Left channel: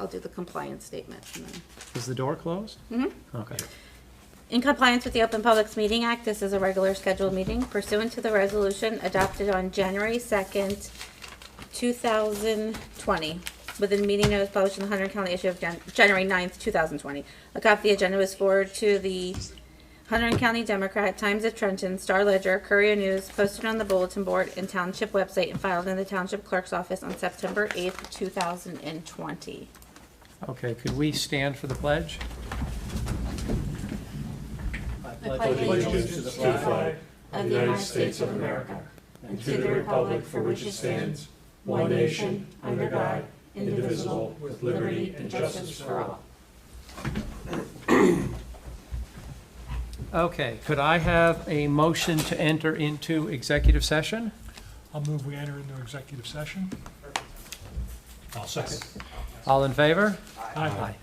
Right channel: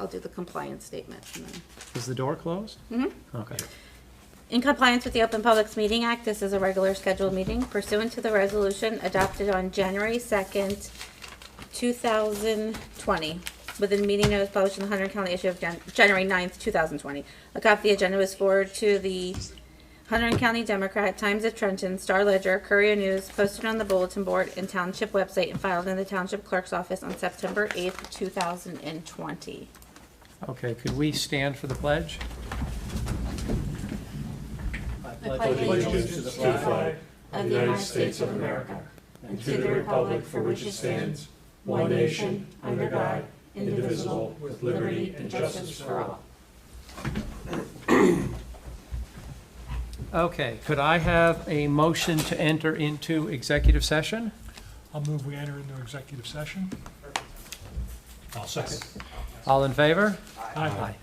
I'll do the compliance statement. And then. Is the door closed? Mm-hmm. Okay. In compliance with the Open Publics Meeting Act, this is a regular scheduled meeting pursuant to the resolution adopted on January 2nd, 2020, within meeting notice published in the Hunter County issue of January 9th, 2020. A copy of the agenda was forwarded to the Hunter County Democrat, Times of Trenton, Star Ledger, Courier News, posted on the bulletin board and township website, and filed in the township clerk's office on September 8th, 2020. Okay, could we stand for the pledge? I pledge allegiance to the flag of the United States of America and to the republic for which it stands, one nation, under God, indivisible, with liberty and justice for all. Okay, could I have a motion to enter into executive session? I'll move we enter into executive session. I'll second. All in favor? Aye.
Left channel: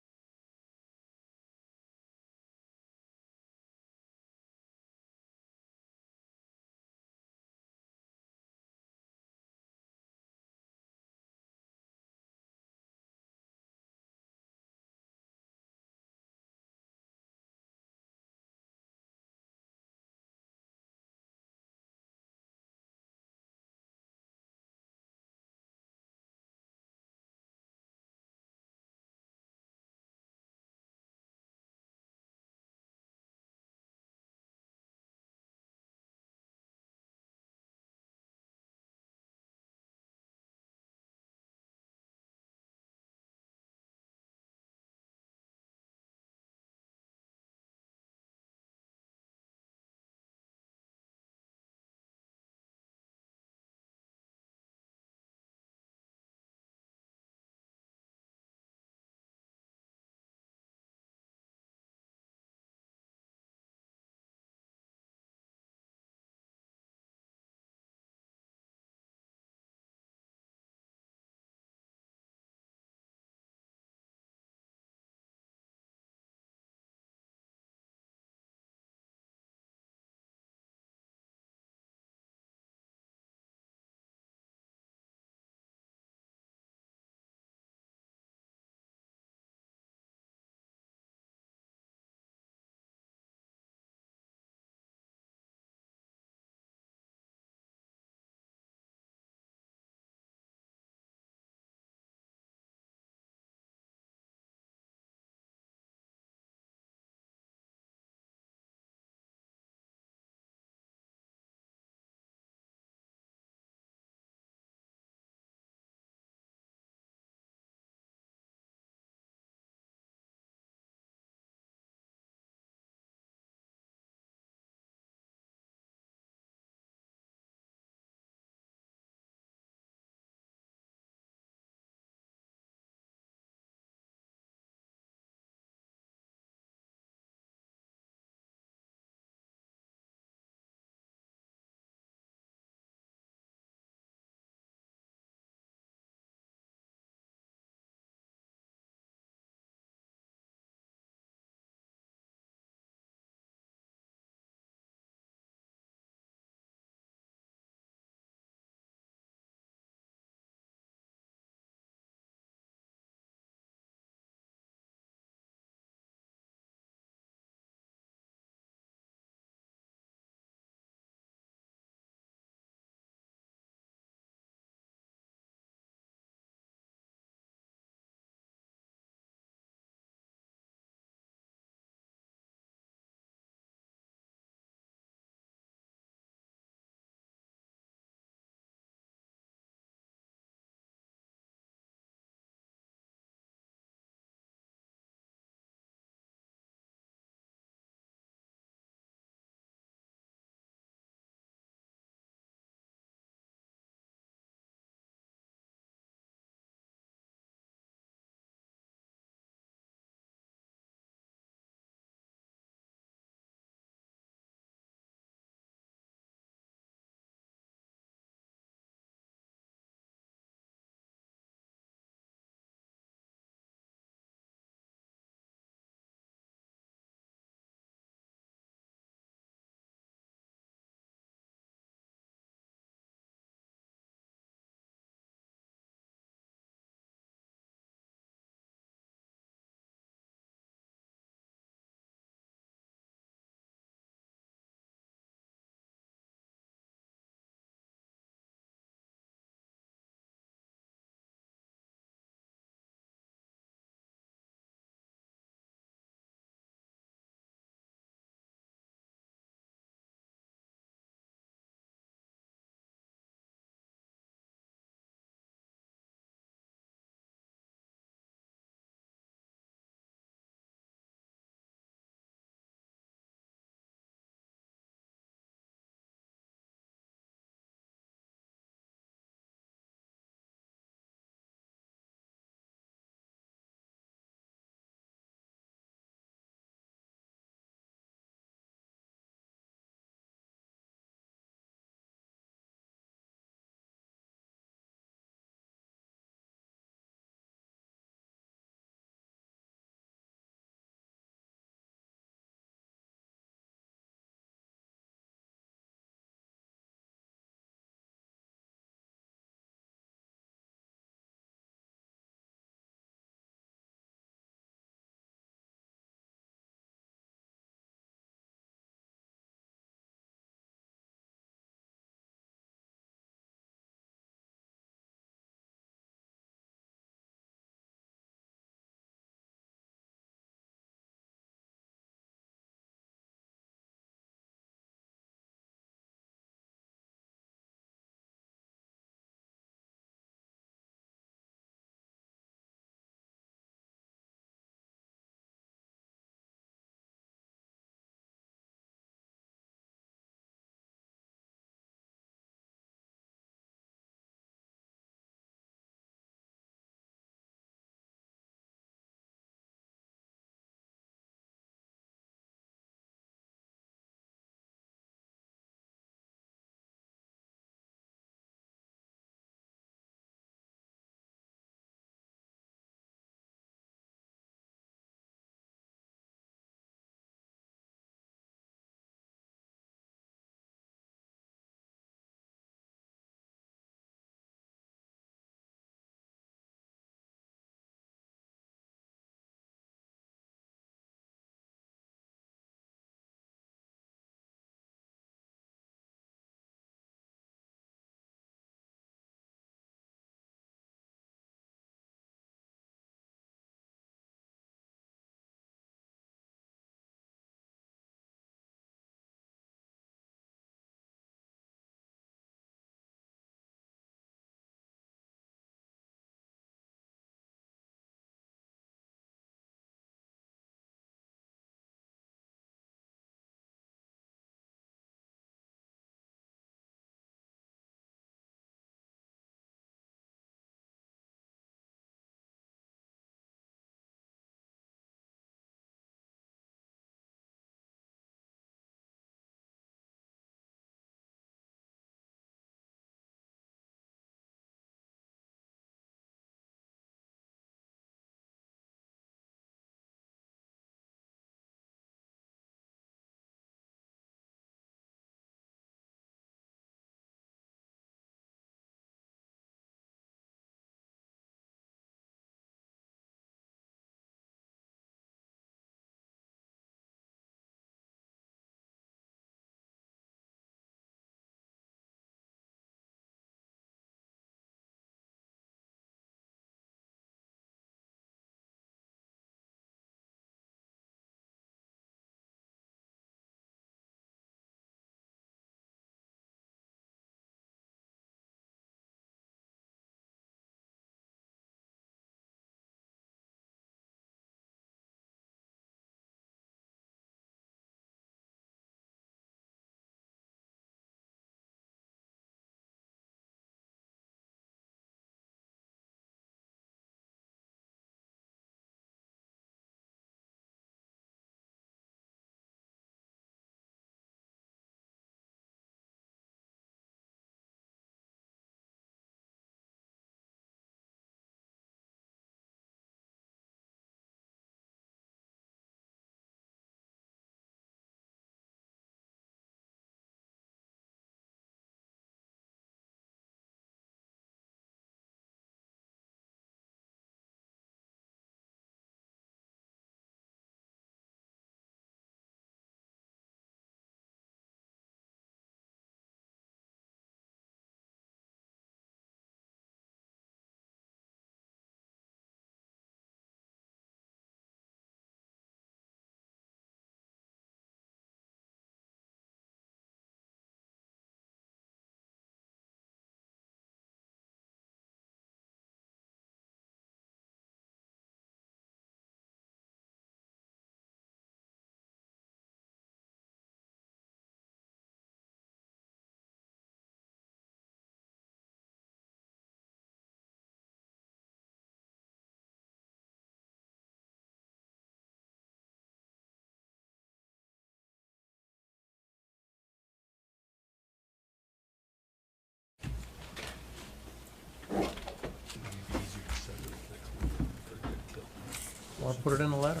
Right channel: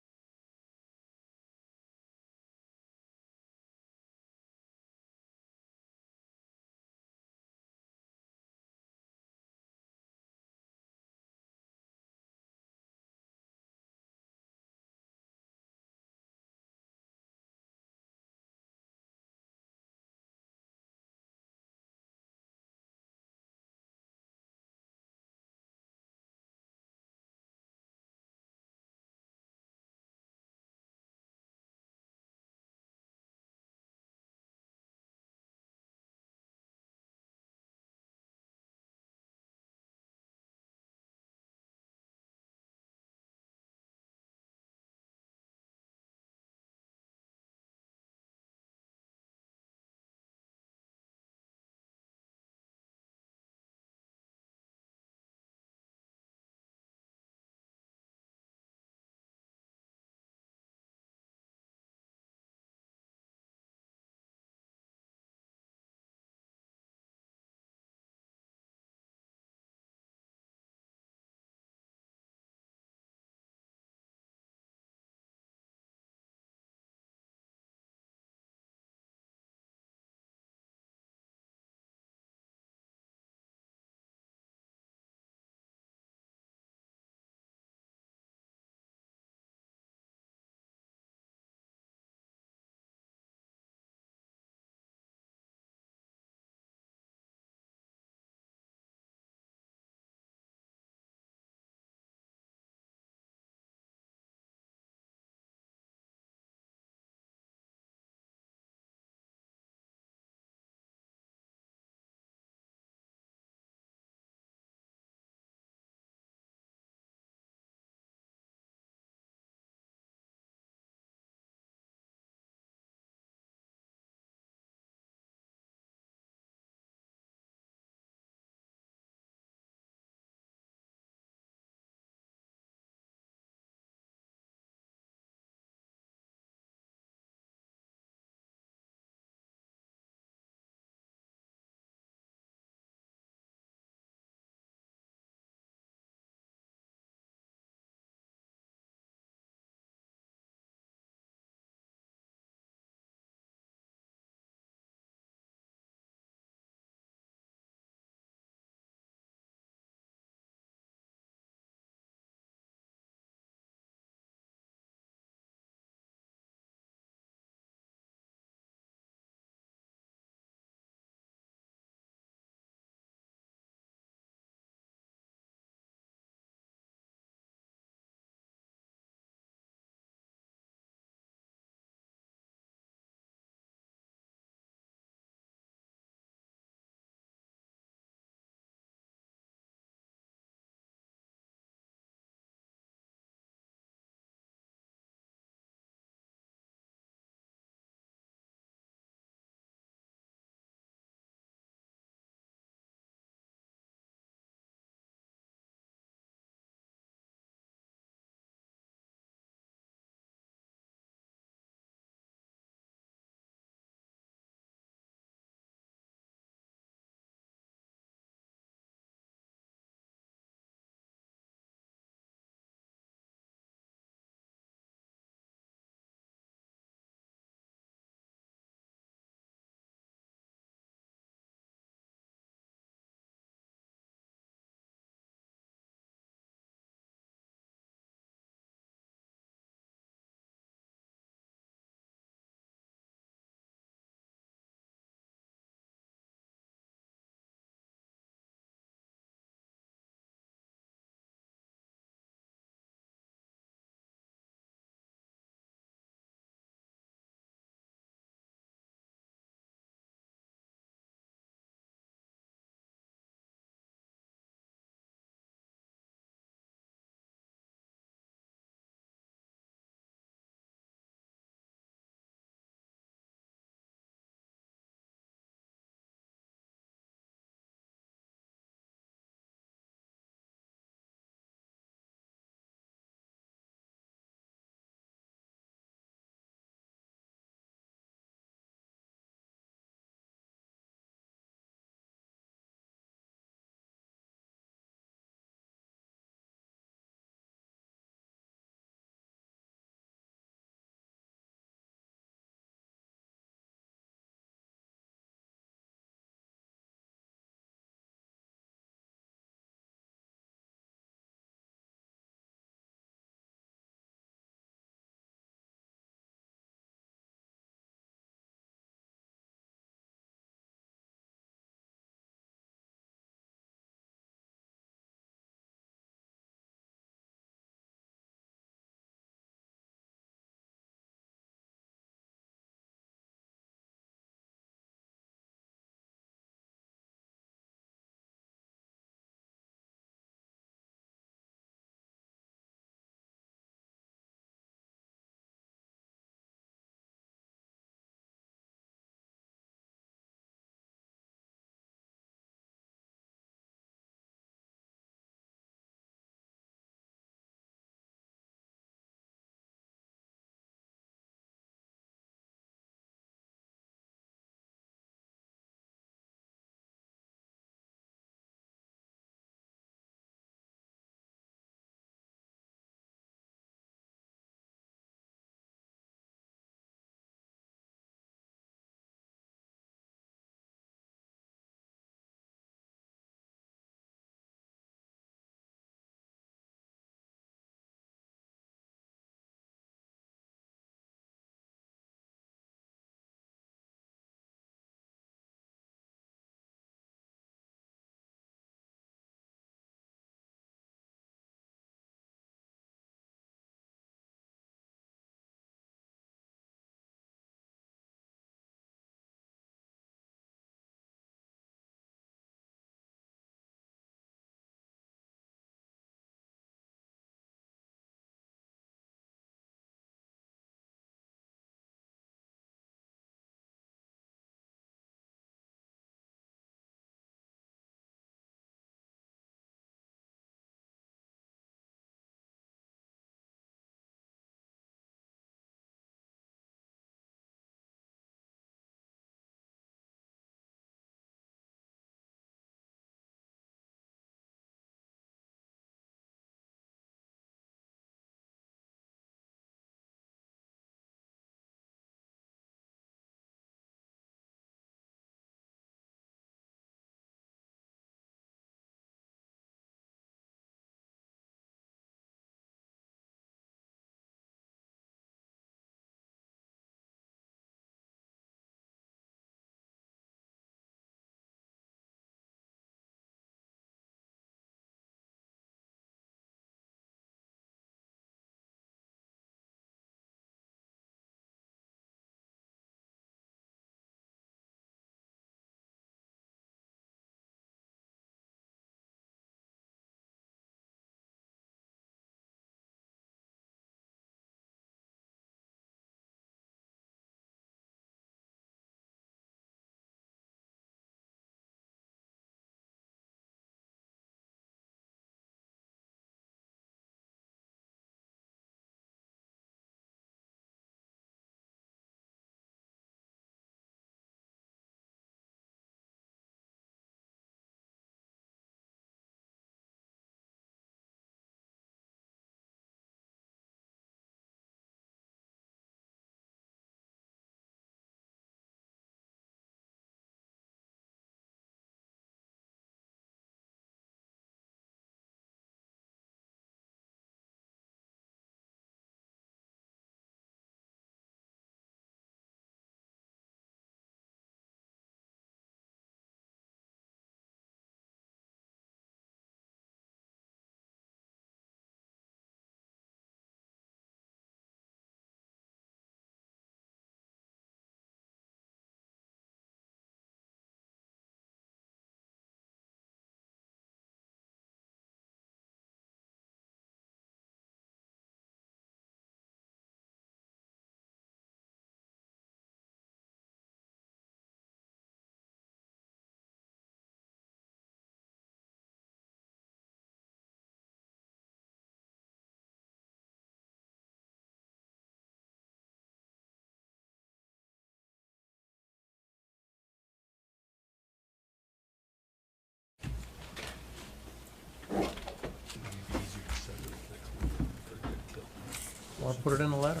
Or put it in a letter,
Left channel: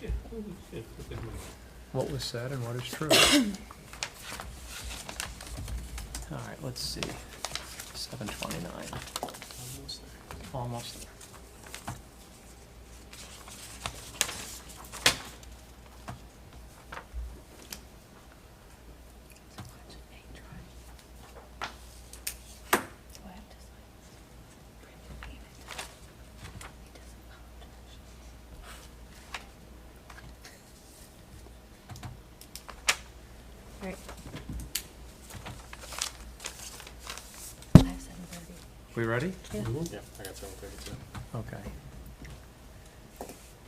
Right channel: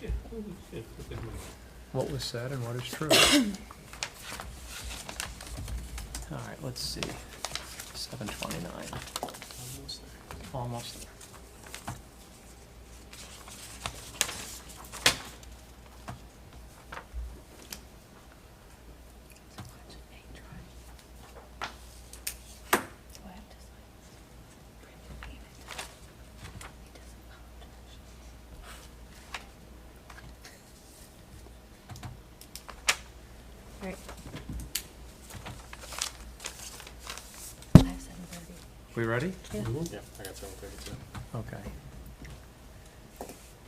Yeah, what they do. what was said and what is true. All right, let's see. 7:29. Almost there. Right. We ready? Yeah. Yeah, I got 7:32. Okay.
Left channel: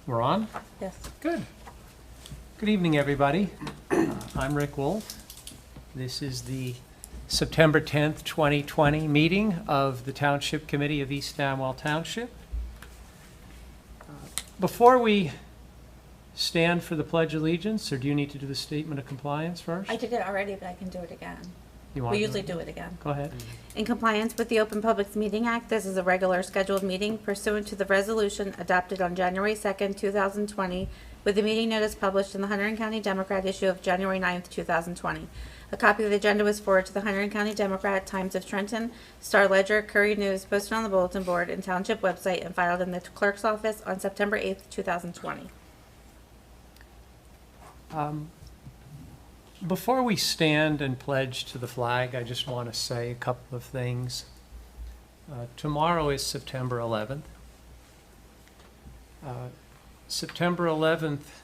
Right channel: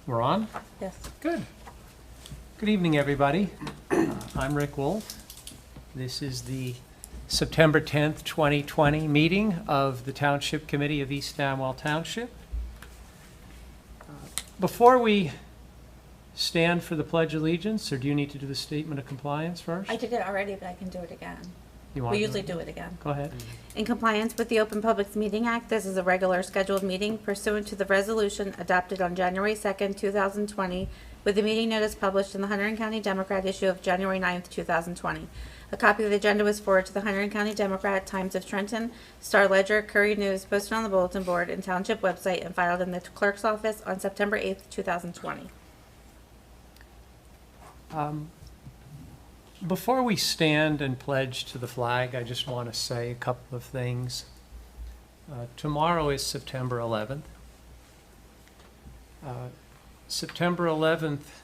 We're on? Yes. Good. Good evening, everybody. I'm Rick Wolf. This is the September 10th, 2020 meeting of the Township Committee of East Amwell Township. Before we stand for the Pledge of Allegiance, or do you need to do the Statement of Compliance first? I did it already, but I can do it again. You want We to usually do it again. Go ahead. In compliance with the Open Public Meeting Act, this is a regular scheduled meeting pursuant to the resolution adopted on January 2nd, 2020, with the meeting notice published in the Hunterdon County Democrat issue of January 9th, 2020. A copy of the agenda was forwarded to the Hunterdon County Democrat, Times of Trenton, Star Ledger, Courier News, posted on the bulletin board and township website, and filed in the clerk's office on September 8th, 2020. Before we stand and pledge to the flag, I just want to say a couple of things. Tomorrow is September 11th. September 11th,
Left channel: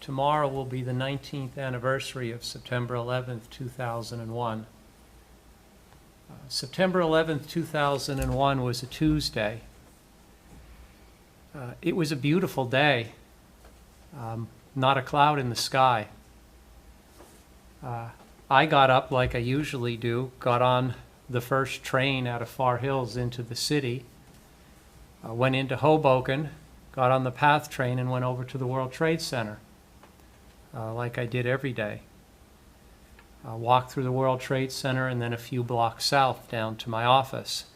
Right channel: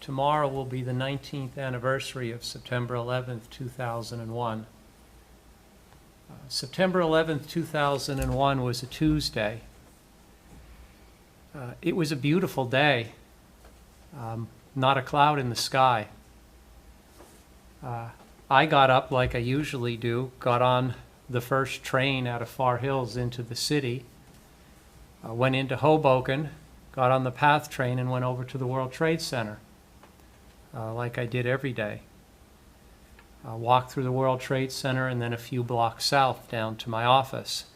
tomorrow will be the 19th anniversary of September 11th, 2001. September 11th, 2001 was a Tuesday. It was a beautiful day, not a cloud in the sky. I got up like I usually do, got on the first train out of Far Hills into the city, went into Hoboken, got on the PATH train and went over to the World Trade Center, like I did every day. Walked through the World Trade Center and then a few blocks south down to my office.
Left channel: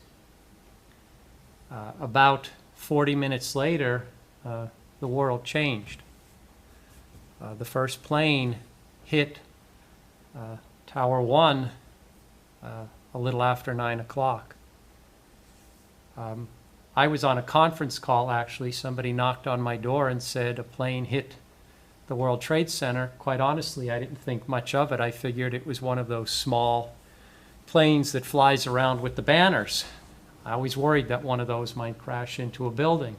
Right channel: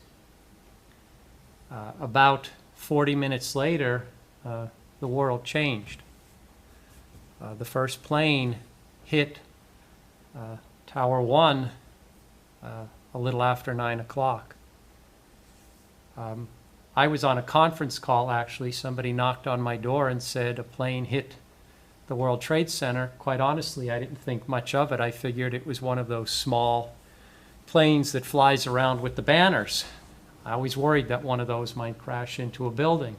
About 40 minutes later, the world changed. The first plane hit Tower 1 a little after 9 o'clock. I was on a conference call, actually. Somebody knocked on my door and said a plane hit the World Trade Center. Quite honestly, I didn't think much of it. I figured it was one of those small planes that flies around with the banners. I always worried that one of those might crash into a building.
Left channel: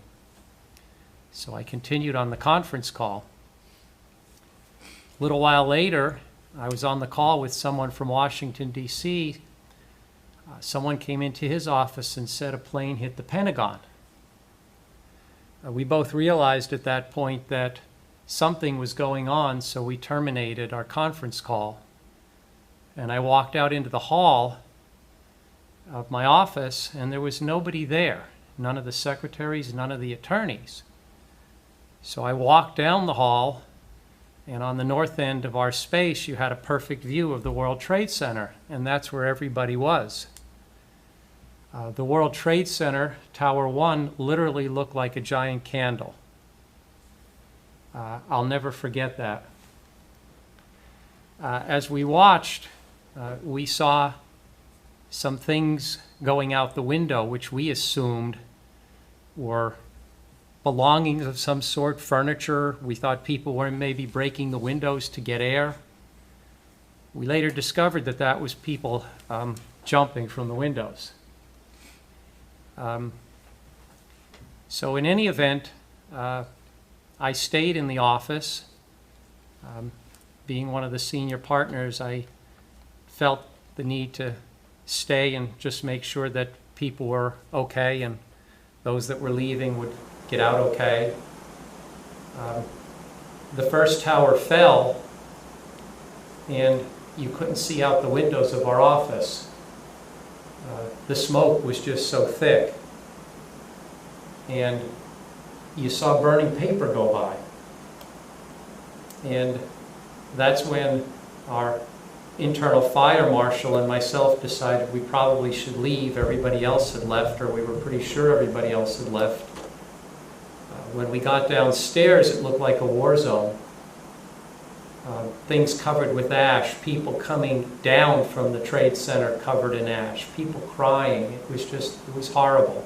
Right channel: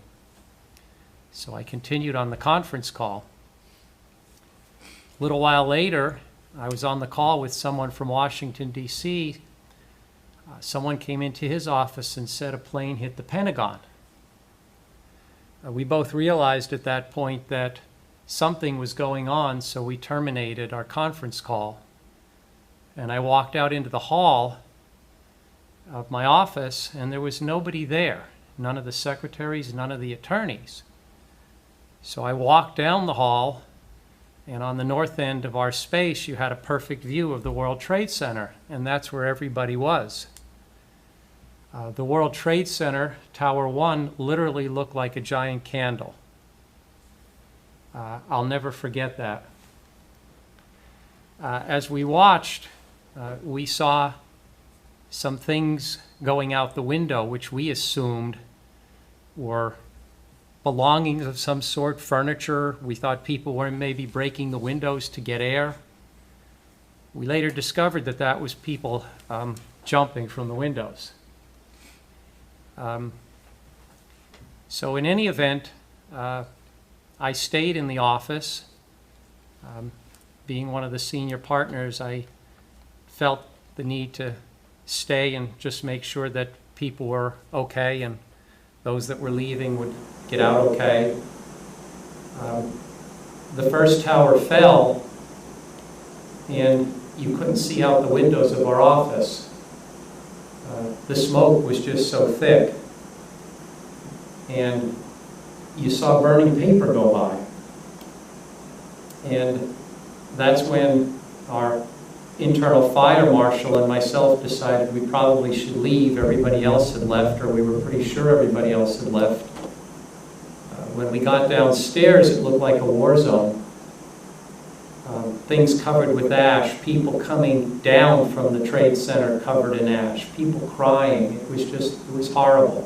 So I continued on the conference call. A little while later, I was on the call with someone from Washington, D.C. Someone came into his office and said a plane hit the Pentagon. We both realized at that point that something was going on, so we terminated our conference call. And I walked out into the hall of my office, and there was nobody there. None of the secretaries, none of the attorneys. So I walked down the hall, and on the north end of our space, you had a perfect view of the World Trade Center, and that's where everybody was. The World Trade Center, Tower 1, literally looked like a giant candle. I'll never forget that. As we watched, we saw some things going out the window, which we assumed were belongings of some sort, furniture. We thought people were maybe breaking the windows to get air. We later discovered that that was people jumping from the windows. So in any event, I stayed in the office. Being one of the senior partners, I felt the need to stay and just make sure that people were okay and those that were leaving would get out okay. The first tower fell, and you couldn't see out the windows of our office. The smoke was just so thick. And you saw burning paper go by. And that's when our internal fire marshal and myself decided we probably should leave. Everybody else had left, or we were pretty sure everybody else had left. When we got downstairs, it looked like a war zone. Things covered with ash, people coming down from the Trade Center covered in ash, people crying. It was horrible.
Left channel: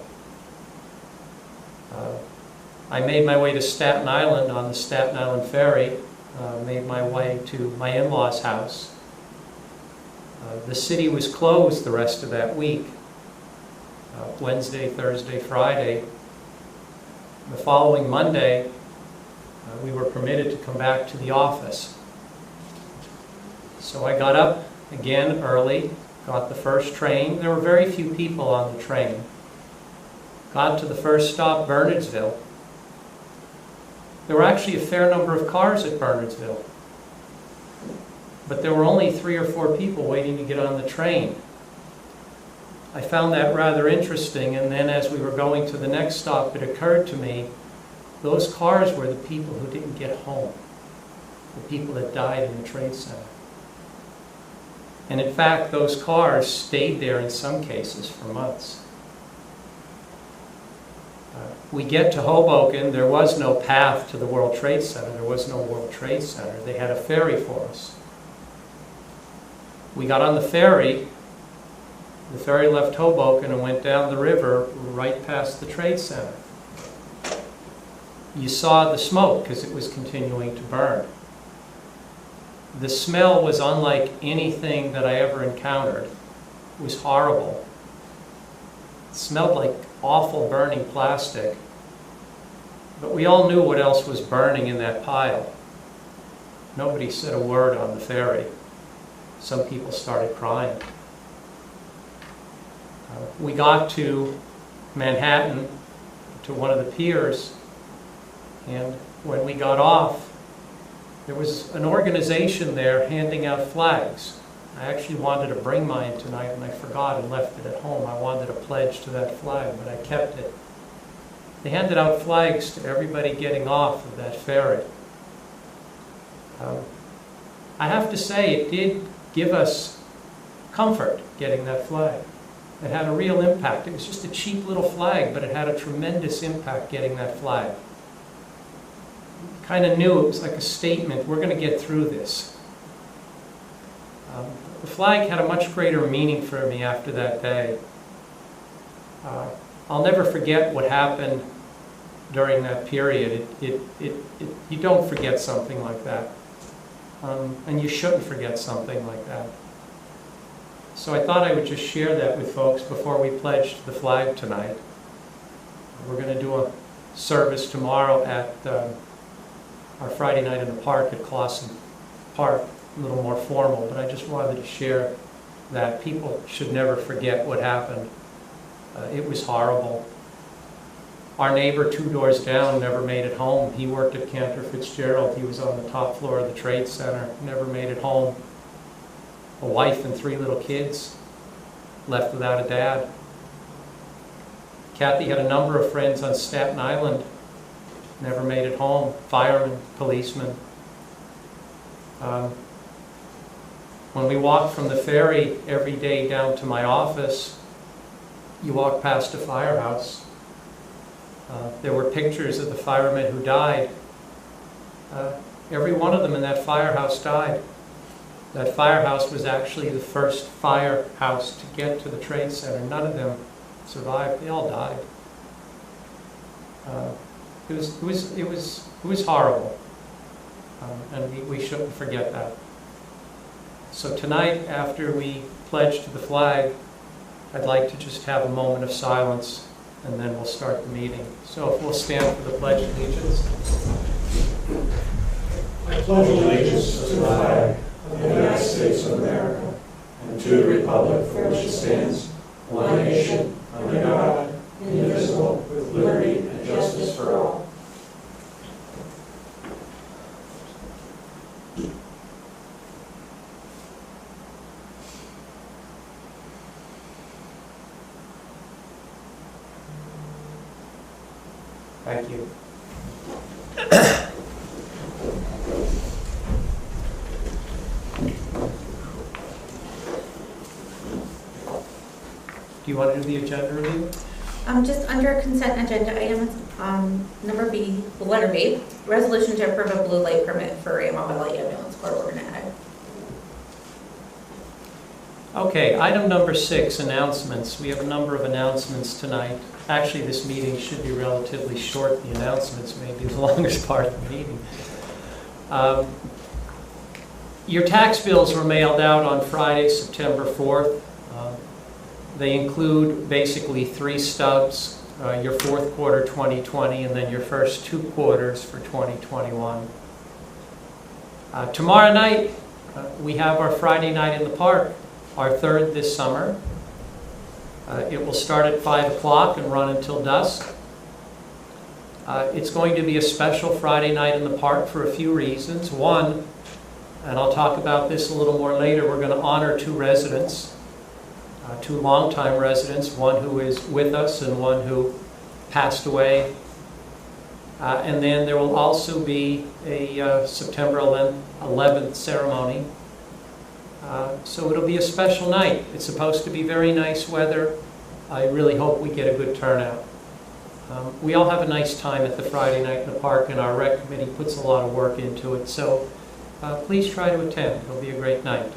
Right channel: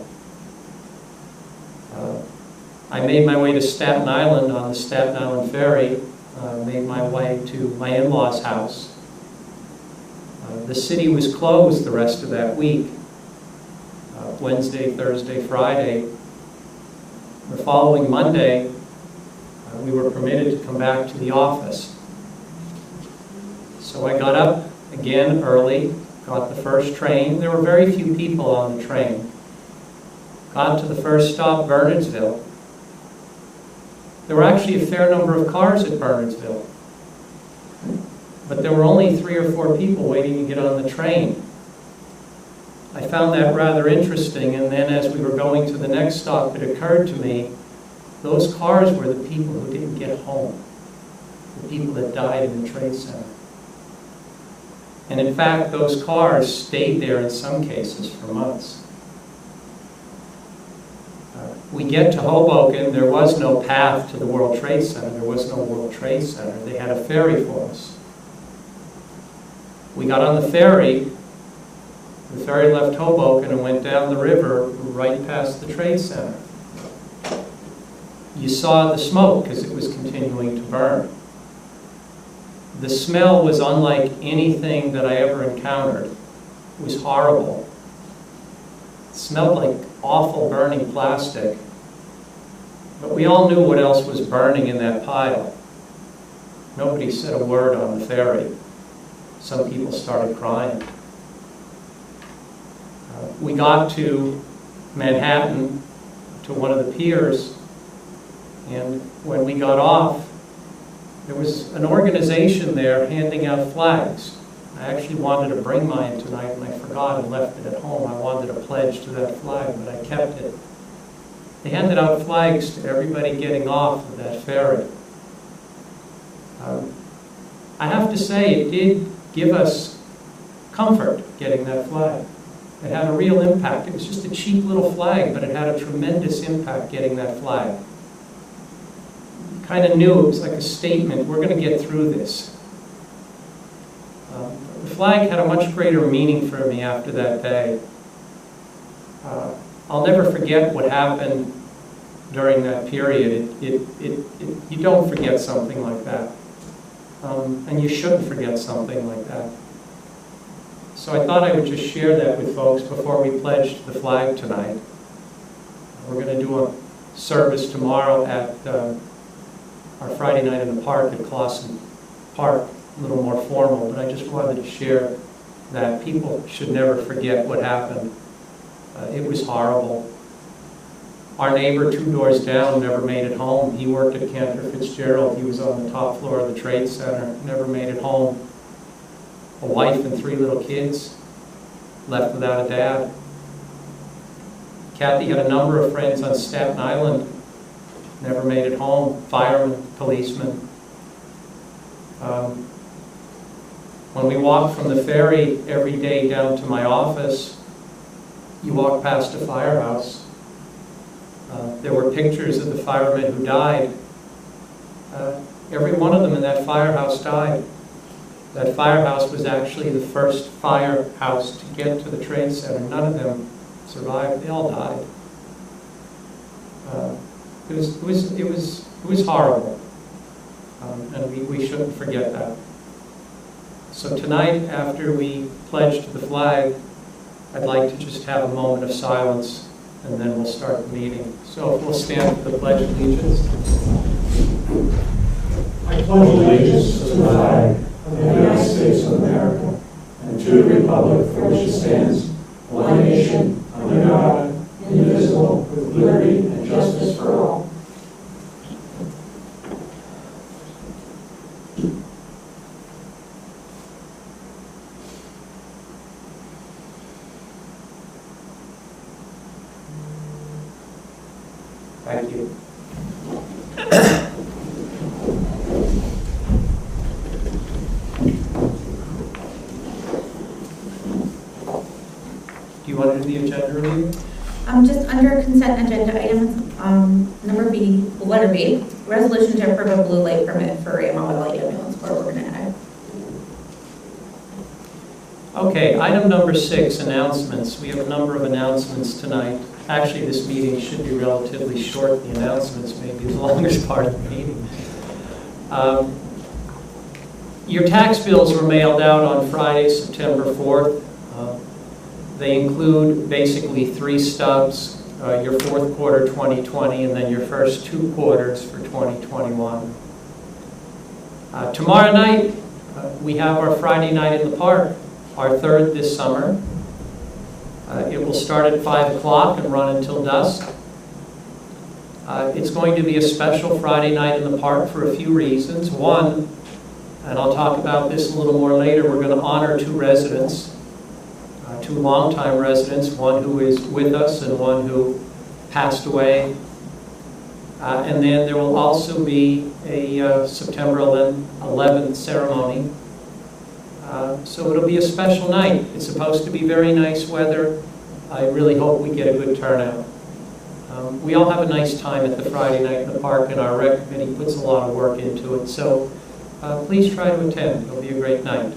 I made my way to Staten Island on the Staten Island Ferry, made my way to my in-laws' house. The city was closed the rest of that week, Wednesday, Thursday, Friday. The following Monday, we were permitted to come back to the office. So I got up again early, got the first train. There were very few people on the train. Got to the first stop, Bernardsville. There were actually a fair number of cars at Bernardsville, but there were only 3 or 4 people waiting to get on the train. I found that rather interesting, and then as we were going to the next stop, it occurred to me, those cars were the people who didn't get home, the people that died in the Trade Center. And in fact, those cars stayed there in some cases for months. We get to Hoboken, there was no path to the World Trade Center, there was no World Trade Center. They had a ferry for us. We got on the ferry left Hoboken and went down the river right past the Trade Center. You saw the smoke because it was continuing to burn. The smell was unlike anything that I ever encountered. It was horrible. It smelled like awful burning plastic. But we all knew what else was burning in that pile. Nobody said a word on the ferry. Some people started crying. We got to Manhattan, to one of the piers, and when we got off, there was an organization there handing out flags. I actually wanted to bring mine tonight, and I forgot and left it at home. I wanted to pledge to that flag, but I kept it. They handed out flags to everybody getting off of that ferry. I have to say, it did give us comfort getting that flag. It had a real impact. It was just a cheap little flag, but it had a tremendous impact getting that flag. You kind of knew it was like a statement, we're going to get through this. The flag had a much greater meaning for me after that day. I'll never forget what happened during that period. You don't forget something like that. And you shouldn't forget something like that. So I thought I would just share that with folks before we pledge the flag tonight. We're going to do a service tomorrow at our Friday night in the park at Clausen Park, a little more formal, but I just wanted to share that people should never forget what happened. It was horrible. Our neighbor 2 doors down never made it home. He worked at Cantor Fitzgerald. He was on the top floor of the Trade Center, never made it home. A wife and 3 little kids, left without a dad. Kathy had a number of friends on Staten Island, never made it home. Firemen, policemen. When we walked from the ferry every day down to my office, you walk past a firehouse. There were pictures of the firemen who died. Every one of them in that firehouse died. That firehouse was actually the first firehouse to get to the Trade Center. None of them survived. They all died. It was horrible, and we shouldn't forget that. So tonight, after we pledge to the flag, I'd like to just have a moment of silence, and then we'll start the meeting. So if we'll stand for the Pledge of Allegiance. I pledge allegiance to the flag of the United States of America and to the republic for which it stands, one nation, under God, indivisible, with liberty and justice for all. Thank you. Do you want to do the agenda review? Just under consent agenda items, number B, letter B, resolution to approve a blue light permit for Amwell Valley Ambulance Corps, we're gonna add. Okay, item number 6, announcements. We have a number of announcements tonight. Actually, this meeting should be relatively short. The announcements may be the longest part of the meeting. Your tax bills were mailed out on Friday, September 4th. They include basically 3 stubs, your fourth quarter 2020 and then your first 2 quarters for 2021. Tomorrow night, we have our Friday night in the park, our 3rd this summer. It will start at 5 o'clock and run until dusk. It's going to be a special Friday night in the park for a few reasons. One, and I'll talk about this a little more later, we're going to honor 2 residents. 2 longtime residents, one who is with us and one who passed away. And then there will also be a September 11th ceremony. So it'll be a special night. It's supposed to be very nice weather. I really hope we get a good turnout. We all have a nice time at the Friday night in the park, and our rec committee puts a lot of work into it. So please try to attend. It'll be a great night.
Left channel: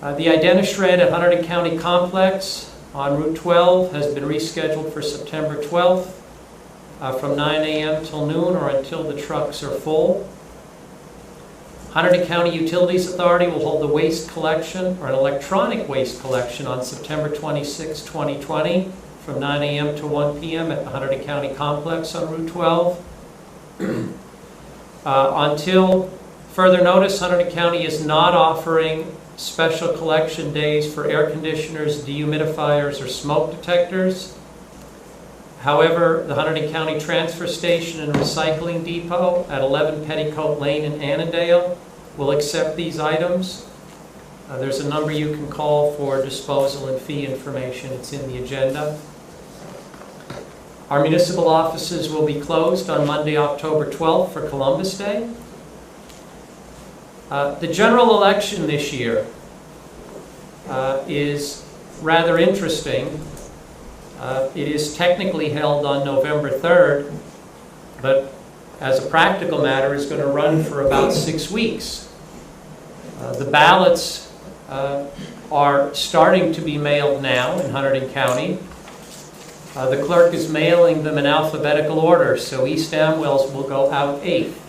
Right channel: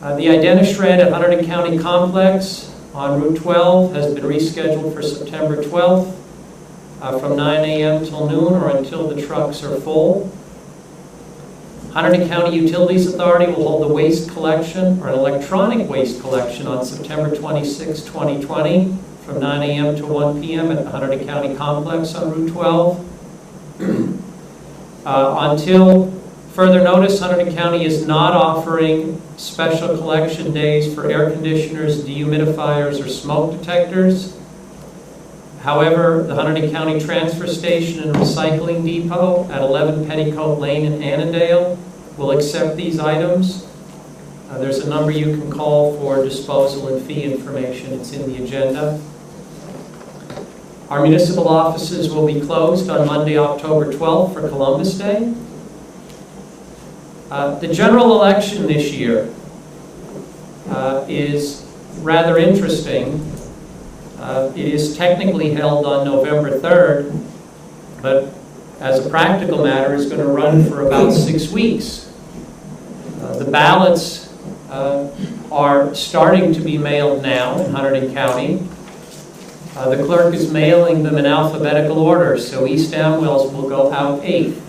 The Identishred at Hunterdon County Complex on Route 12 has been rescheduled for September 12th from 9 a.m. till noon or until the trucks are full. Hunterdon County Utilities Authority will hold the waste collection or an electronic waste collection on September 26, 2020 from 9 a.m. to 1 p.m. at the Hunterdon County Complex on Route 12. Until further notice, Hunterdon County is not offering special collection days for air conditioners, dehumidifiers, or smoke detectors. However, the Hunterdon County Transfer Station and Recycling Depot at 11 Petticoat Lane in Annandale will accept these items. There's a number you can call for disposal and fee information. It's in the agenda. Our municipal offices will be closed on Monday, October 12th for Columbus Day. The general election this year is rather interesting. It is technically held on November 3rd, but as a practical matter is going to run for about 6 weeks. The ballots are starting to be mailed now in Hunterdon County. The clerk is mailing them in alphabetical order, so East Amwell's will go out 8th.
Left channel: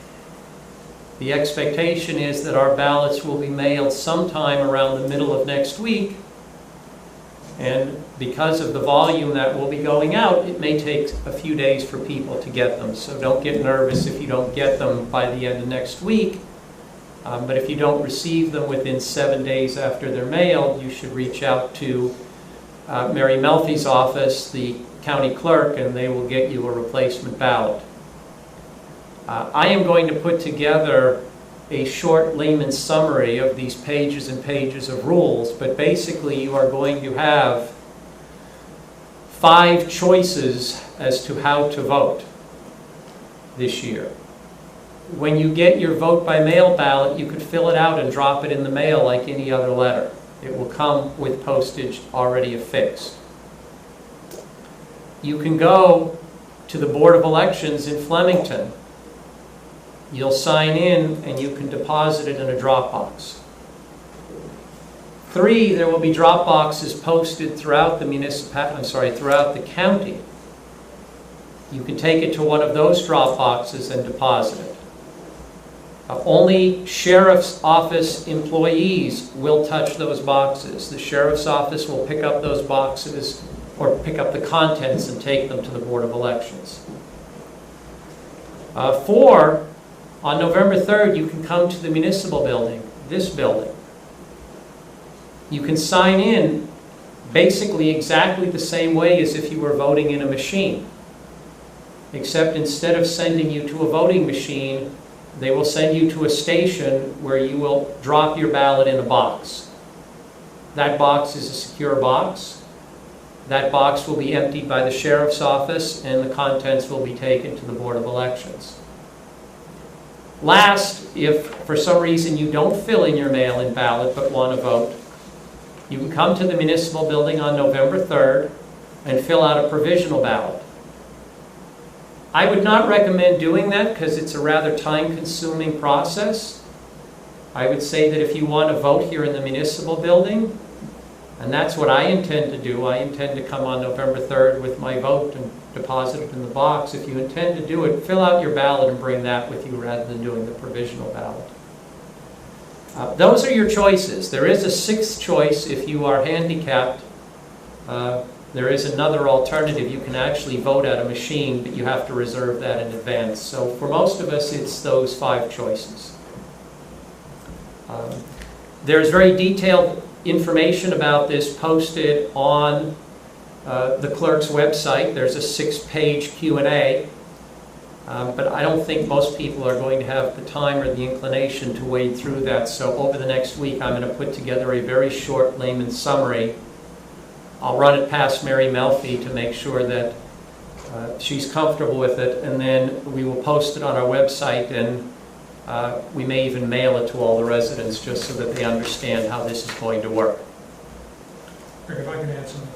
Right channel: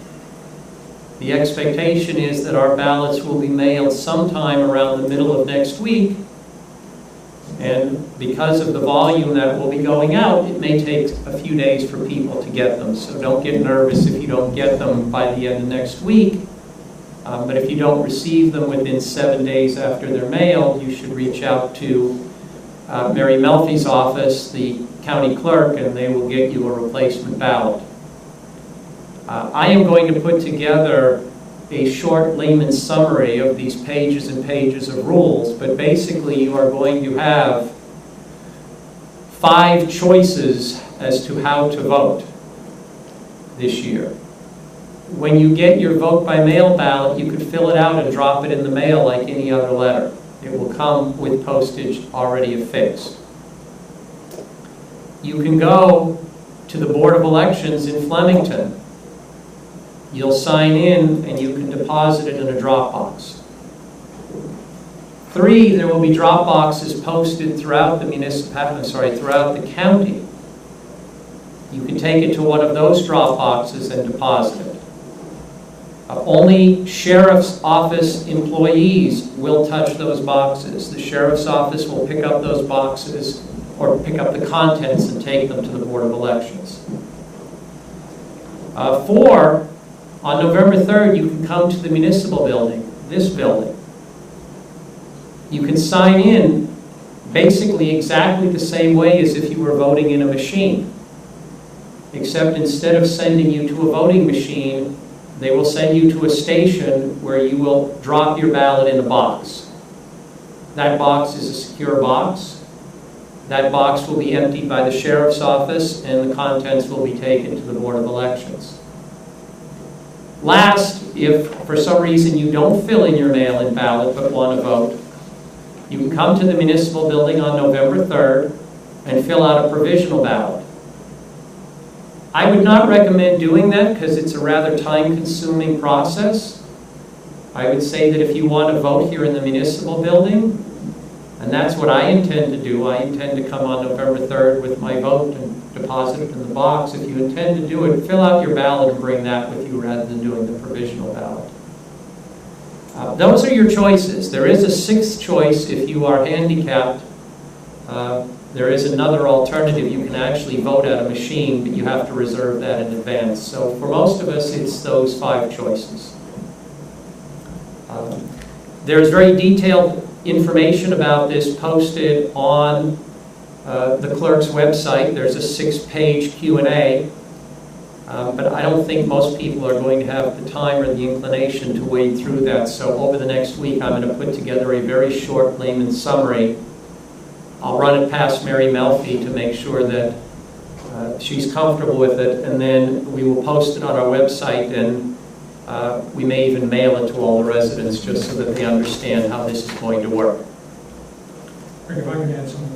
The expectation is that our ballots will be mailed sometime around the middle of next week. And because of the volume that will be going out, it may take a few days for people to get them. So don't get nervous if you don't get them by the end of next week. But if you don't receive them within 7 days after they're mailed, you should reach out to Mary Melfi's office, the county clerk, and they will get you a replacement ballot. I am going to put together a short layman's summary of these pages and pages of rules, but basically you are going to have 5 choices as to how to vote this year. When you get your vote by mail ballot, you could fill it out and drop it in the mail like any other letter. It will come with postage already affixed. You can go to the Board of Elections in Flemington. You'll sign in and you can deposit it in a drop box. 3, there will be drop boxes posted throughout the throughout the county. You can take it to one of those drop boxes and deposit it. Only sheriff's office employees will touch those boxes. The sheriff's office will pick up those boxes or pick up the contents and take them to the Board of Elections. 4, on November 3rd, you can come to the municipal building, this building. You can sign in basically exactly the same way as if you were voting in a machine, except instead of sending you to a voting machine, they will send you to a station where you will drop your ballot in a box. That box is a secure box. That box will be emptied by the sheriff's office and the contents will be taken to the Board of Elections. Last, if for some reason you don't fill in your mail-in ballot but want to vote, you can come to the municipal building on November 3rd. and fill out a provisional ballot. I would not recommend doing that because it's a rather time-consuming process. I would say that if you want to vote here in the municipal building, and that's what I intend to do, I intend to come on November 3rd with my vote and deposit it in the box. If you intend to do it, fill out your ballot and bring that with you rather than doing the provisional ballot. Those are your choices. There is a sixth choice if you are handicapped. There is another alternative. You can actually vote at a machine, but you have to reserve that in advance. So for most of us, it's those 5 choices. There's very detailed information about this posted on the clerk's website. There's a 6-page Q&A, but I don't think most people are going to have the time or the inclination to wade through that. So over the next week, I'm going to put together a very short layman's summary. I'll run it past Mary Melfi to make sure that she's comfortable with it, and then we will post it on our website, and we may even mail it to all the residents just so that they understand how this is going to work. Rick, if I can add something.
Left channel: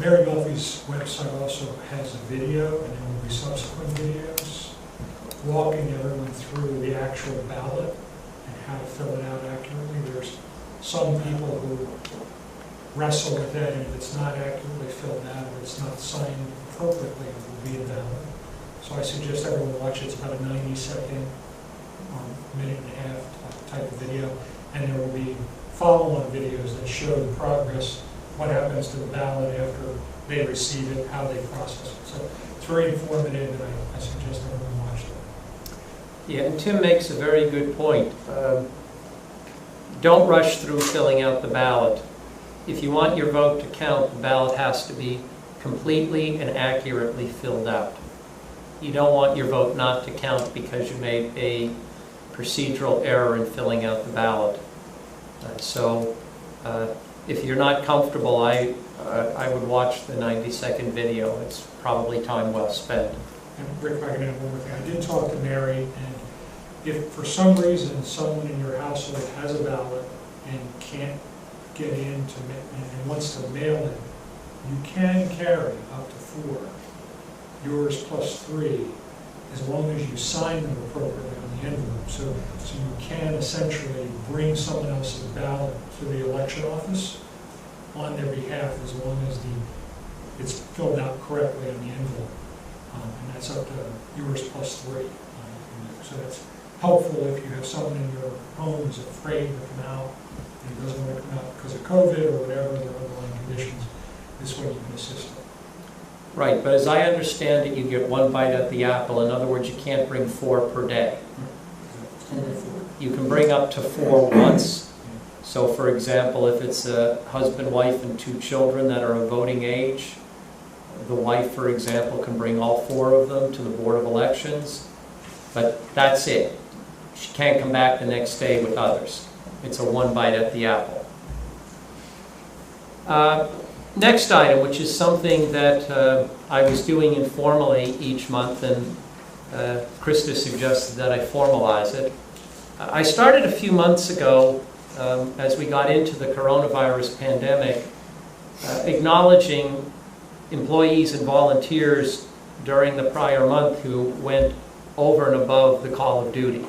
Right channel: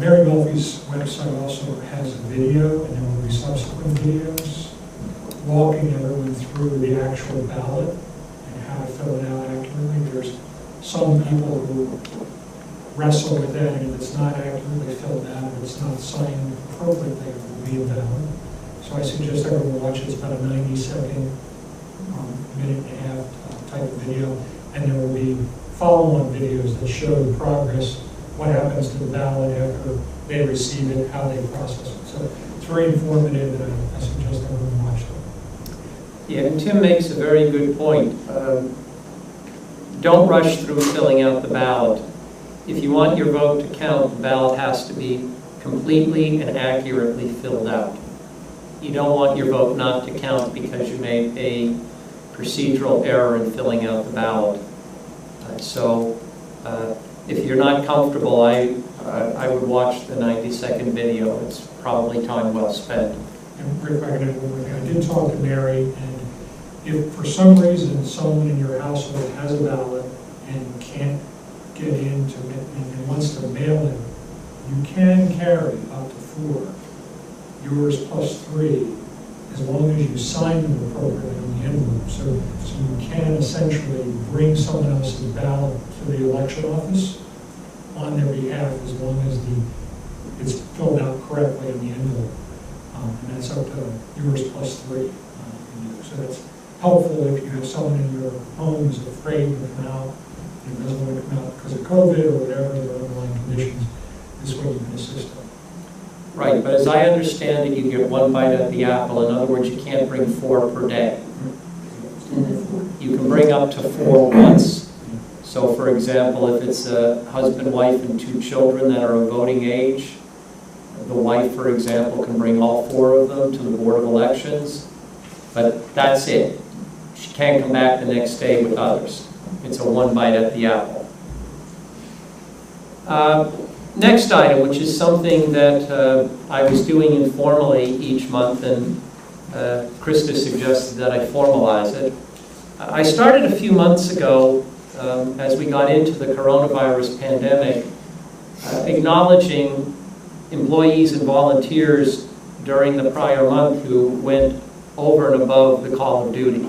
Mary Melfi's website also has a video, and there will be subsequent videos walking everyone through the actual ballot and how to fill it out accurately. There's some people who wrestle with that, and if it's not accurately filled out, if it's not signed appropriately, it will be invalid. So I suggest everyone watch it. It's about a 90-second, minute and a half type of video, and there will be follow-on videos that show the progress, what happens to the ballot after they receive it, how they process it. So it's very informative, and I suggest everyone watch it. Yeah, and Tim makes a very good point. Don't rush through filling out the ballot. If you want your vote to count, the ballot has to be completely and accurately filled out. You don't want your vote not to count because you made a procedural error in filling out the ballot. So if you're not comfortable, I would watch the 90-second video. It's probably time well spent. And Rick, if I can add one more thing. I did talk to Mary, and if for some reason someone in your household has a ballot and can't get in to and wants to mail it, you can carry up to 4, yours plus 3, as long as you sign them appropriately on the envelope. So you can essentially bring someone else's ballot to the election office on their behalf as long as it's filled out correctly on the envelope. And that's up to yours plus 3 you can do. So that's helpful if you have someone in your home who's afraid to come out and doesn't want to come out because of COVID or whatever their underlying conditions. This way you can assist them. Right, but as I understand it, you get 1 bite at the apple. In other words, you can't bring 4 per day. You can bring up to 4 once. So for example, if it's a husband, wife, and 2 children that are of voting age, the wife, for example, can bring all 4 of them to the Board of Elections, but that's it. She can't come back the next day with others. It's a 1 bite at the apple. Next item, which is something that I was doing informally each month, and Krista suggested that I formalize it. I started a few months ago, as we got into the coronavirus pandemic, acknowledging employees and volunteers during the prior month who went over and above the call of duty.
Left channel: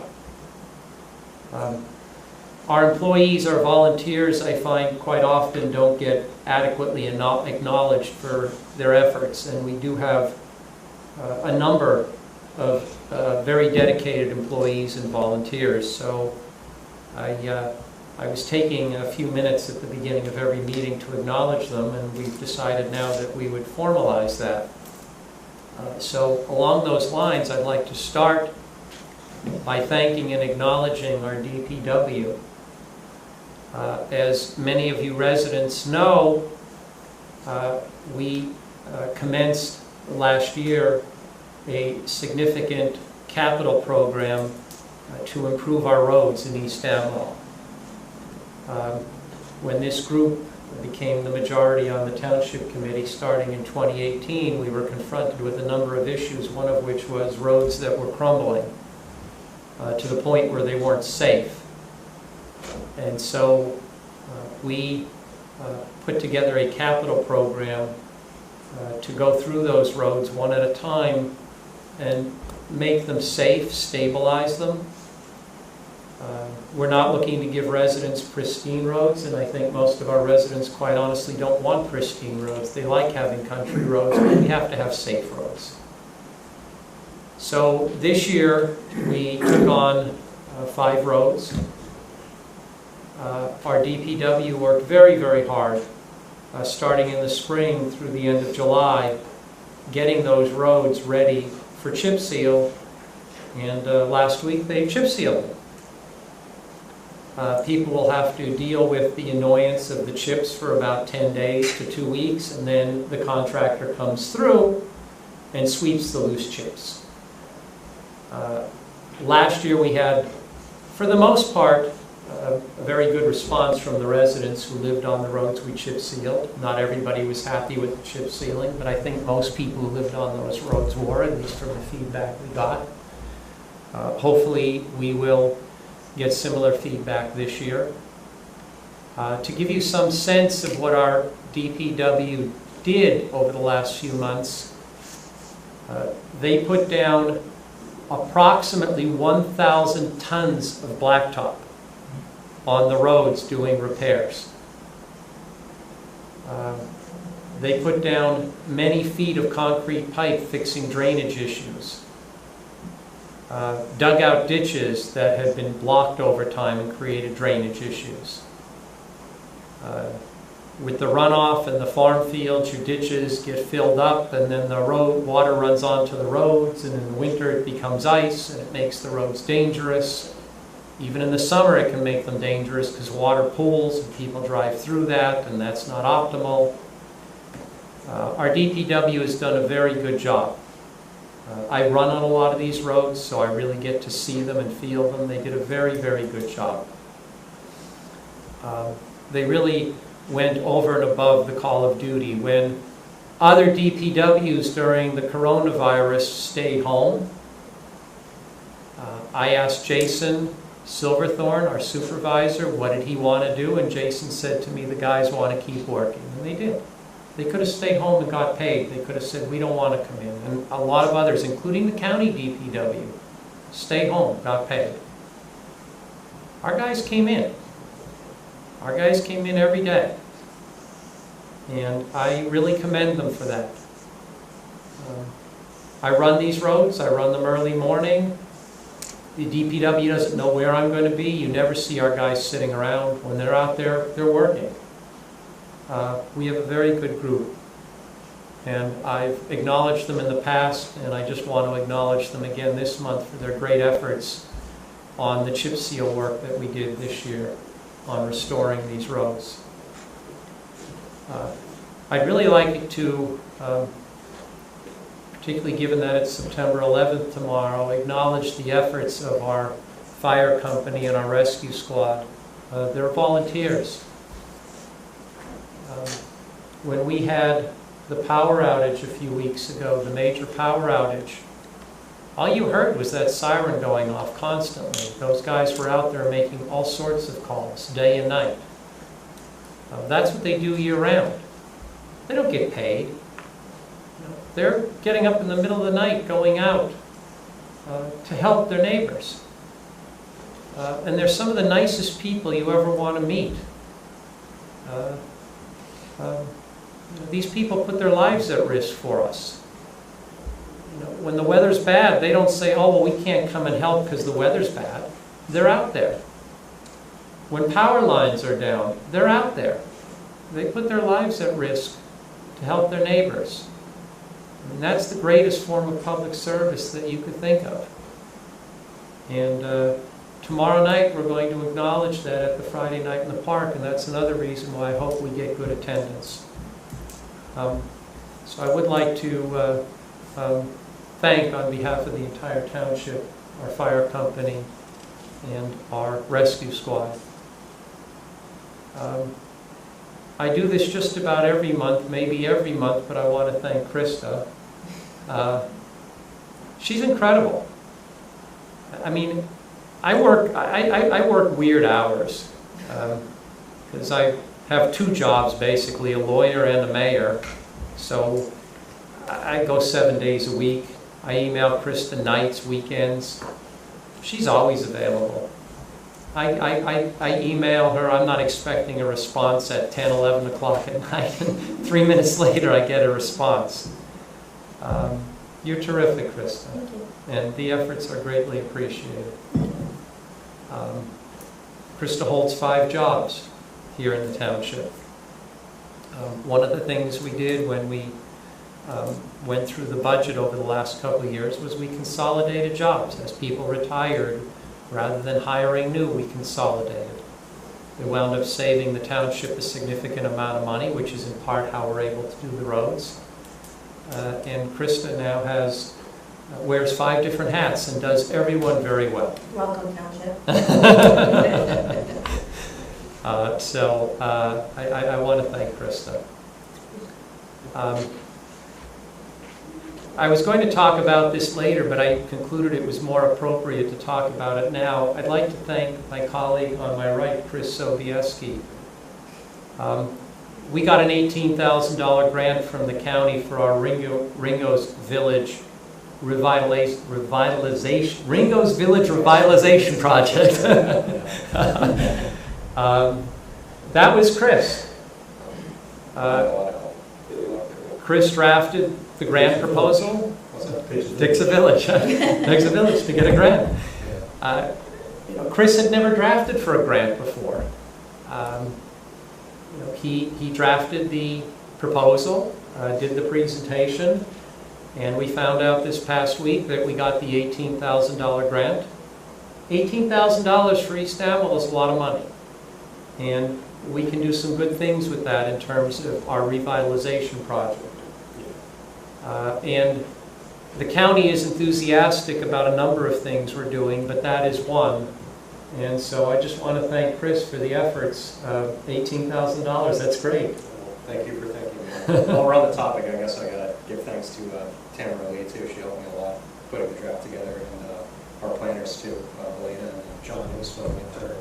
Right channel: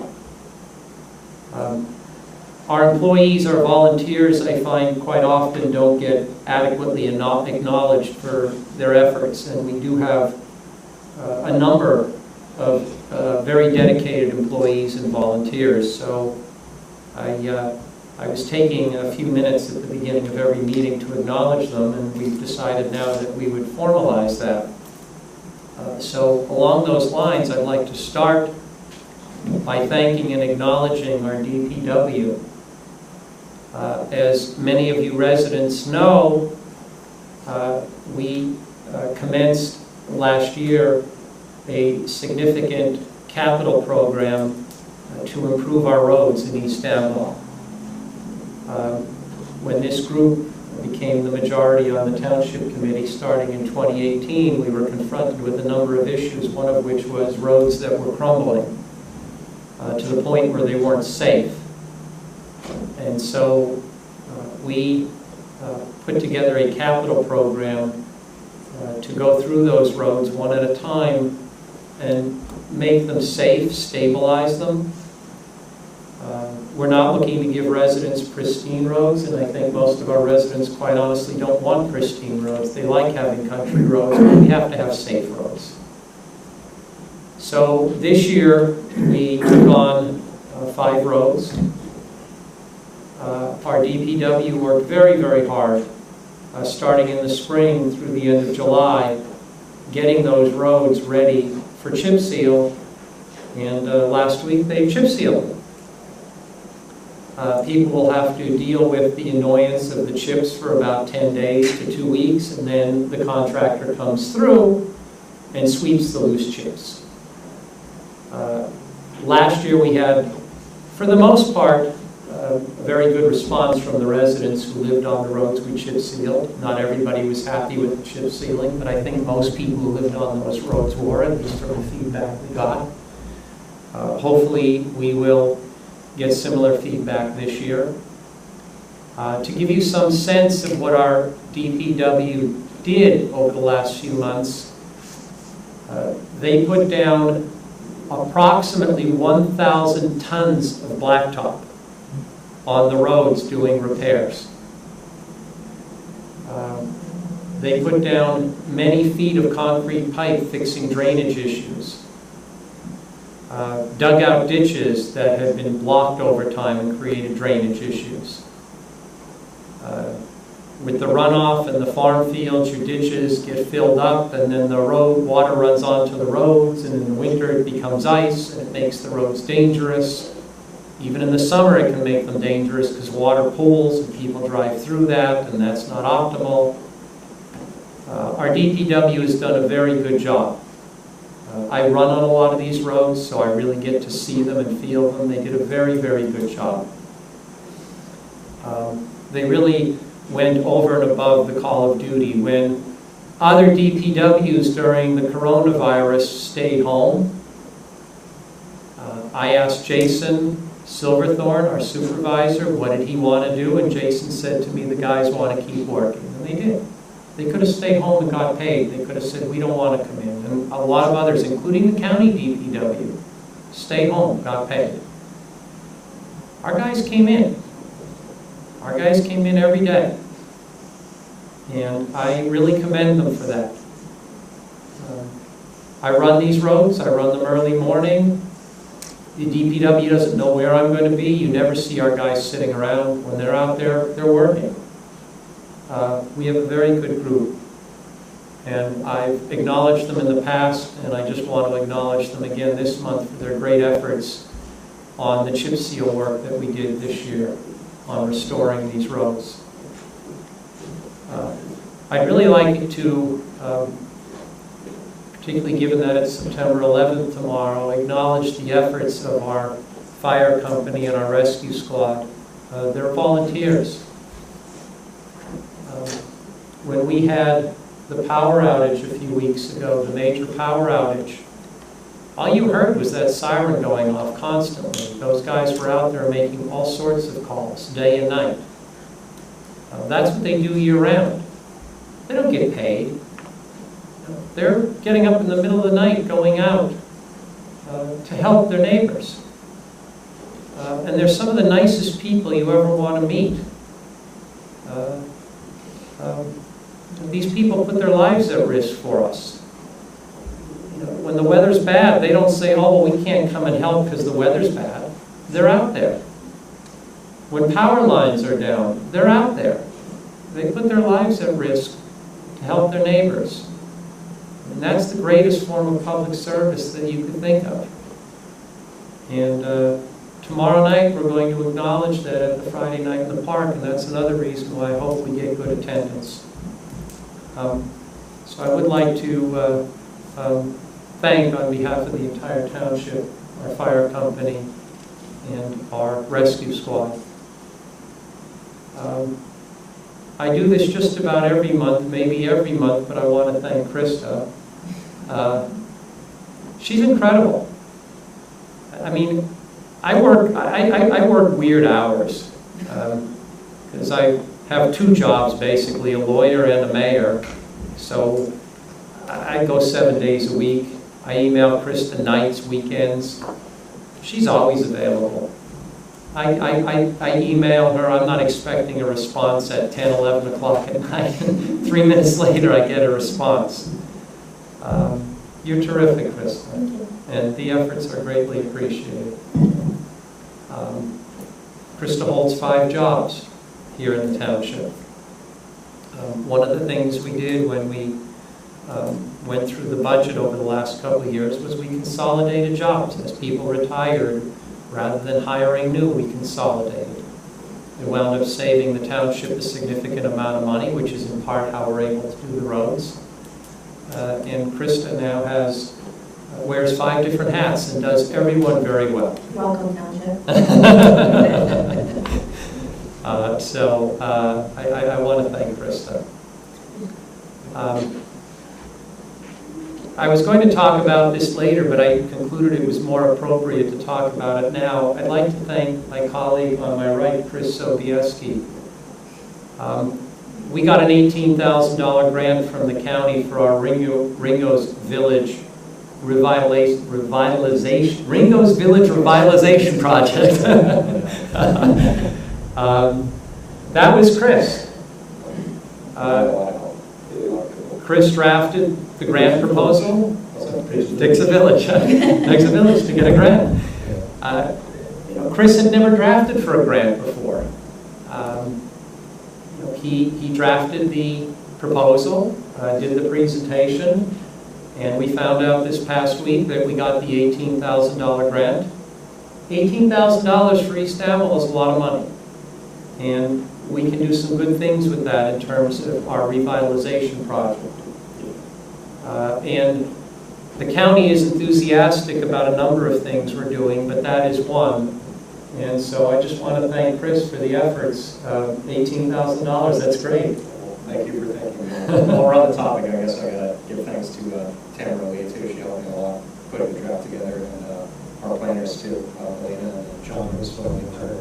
Our employees, our volunteers, I find quite often don't get adequately acknowledged for their efforts, and we do have a number of very dedicated employees and volunteers. So I was taking a few minutes at the beginning of every meeting to acknowledge them, and we've decided now that we would formalize that. So along those lines, I'd like to start by thanking and acknowledging our DPW. As many of you residents know, we commenced last year a significant capital program to improve our roads in East Amwell. When this group became the majority on the Township Committee starting in 2018, we were confronted with a number of issues, one of which was roads that were crumbling to the point where they weren't safe. And so we put together a capital program to go through those roads one at a time and make them safe, stabilize them. We're not looking to give residents pristine roads, and I think most of our residents, quite honestly, don't want pristine roads. They like having country roads, but we have to have safe roads. So this year, we took on 5 roads. Our DPW worked very, very hard, starting in the spring through the end of July, getting those roads ready for chip seal, and last week they chip sealed them. People will have to deal with the annoyance of the chips for about 10 days to 2 weeks, and then the contractor comes through and sweeps the loose chips. Last year we had, for the most part, a very good response from the residents who lived on the roads we chip sealed. Not everybody was happy with the chip sealing, but I think most people who lived on those roads were, at least from the feedback we got. Hopefully we will get similar feedback this year. To give you some sense of what our DPW did over the last few months, they put down approximately 1,000 tons of blacktop on the roads doing repairs. They put down many feet of concrete pipe fixing drainage issues. Dug out ditches that had been blocked over time and created drainage issues. With the runoff and the farm fields, your ditches get filled up, and then the water runs onto the roads, and in the winter it becomes ice and it makes the roads dangerous. Even in the summer it can make them dangerous because water pools and people drive through that, and that's not optimal. Our DPW has done a very good job. I run on a lot of these roads, so I really get to see them and feel them. They did a very, very good job. They really went over and above the call of duty. When other DPWs during the coronavirus stayed home, I asked Jason Silverthorne, our supervisor, what did he want to do, and Jason said to me, the guys want to keep working, and they did. They could have stayed home and got paid. They could have said, we don't want to come in. And a lot of others, including the county DPW, stayed home, got paid. Our guys came in. Our guys came in every day. And I really commend them for that. I run these roads. I run them early morning. The DPW doesn't know where I'm going to be. You never see our guys sitting around. When they're out there, they're working. We have a very good group, and I've acknowledged them in the past, and I just want to acknowledge them again this month for their great efforts on the chip seal work that we did this year on restoring these roads. I'd really like to, particularly given that it's September 11th tomorrow, acknowledge the efforts of our fire company and our rescue squad. They're volunteers. When we had the power outage a few weeks ago, the major power outage, all you heard was that siren going off constantly. Those guys were out there making all sorts of calls, day and night. That's what they do year-round. They don't get paid. They're getting up in the middle of the night, going out to help their neighbors. And they're some of the nicest people you ever want to meet. These people put their lives at risk for us. When the weather's bad, they don't say, oh, well, we can't come and help because the weather's bad. They're out there. When power lines are down, they're out there. They put their lives at risk to help their neighbors. I mean, that's the greatest form of public service that you could think of. And tomorrow night, we're going to acknowledge that at the Friday night in the park, and that's another reason why I hope we get good attendance. So I would like to thank, on behalf of the entire township, our fire company and our rescue squad. I do this just about every month, maybe every month, but I want to thank Krista. She's incredible. I mean, I work weird hours because I have 2 jobs, basically, a lawyer and a mayor. So I go 7 days a week. I email Krista nights, weekends. She's always available. I email her, I'm not expecting a response at 10, 11 o'clock at night. 3 minutes later, I get a response. You're terrific, Krista. Thank you. And the efforts are greatly appreciated. Krista holds 5 jobs here in the township. One of the things we did when we went through the budget over the last couple of years was we consolidated jobs. As people retired, rather than hiring new, we consolidated. It wound up saving the township a significant amount of money, which is in part how we're able to do the roads. And Krista now wears 5 different hats and does everyone very well. Welcome, Township. I want to thank Krista. I was going to talk about this later, but I concluded it was more appropriate to talk about it now. I'd like to thank my colleague on my right, Chris Sobieski. We got an $18,000 grant from the county for our Ringo's Village revitalization. Ringo's Village revitalization project. That was Chris. Chris drafted the grant proposal. Takes a village. Takes a village to get a grant. Chris had never drafted for a grant before. He drafted the proposal, did the presentation, and we found out this past week that we got the $18,000 grant. $18,000 for East Amwell is a lot of money. And we can do some good things with that in terms of our revitalization project. And the county is enthusiastic about a number of things we're doing, but that is one. And so I just want to thank Chris for the efforts. $18,000, that's great. Well, thank you for thanking me. While we're on the topic, I guess I got to give thanks to Tamara Lee, too. She helped me a lot putting the draft together, and our planners, too, Elena and John, who was filming her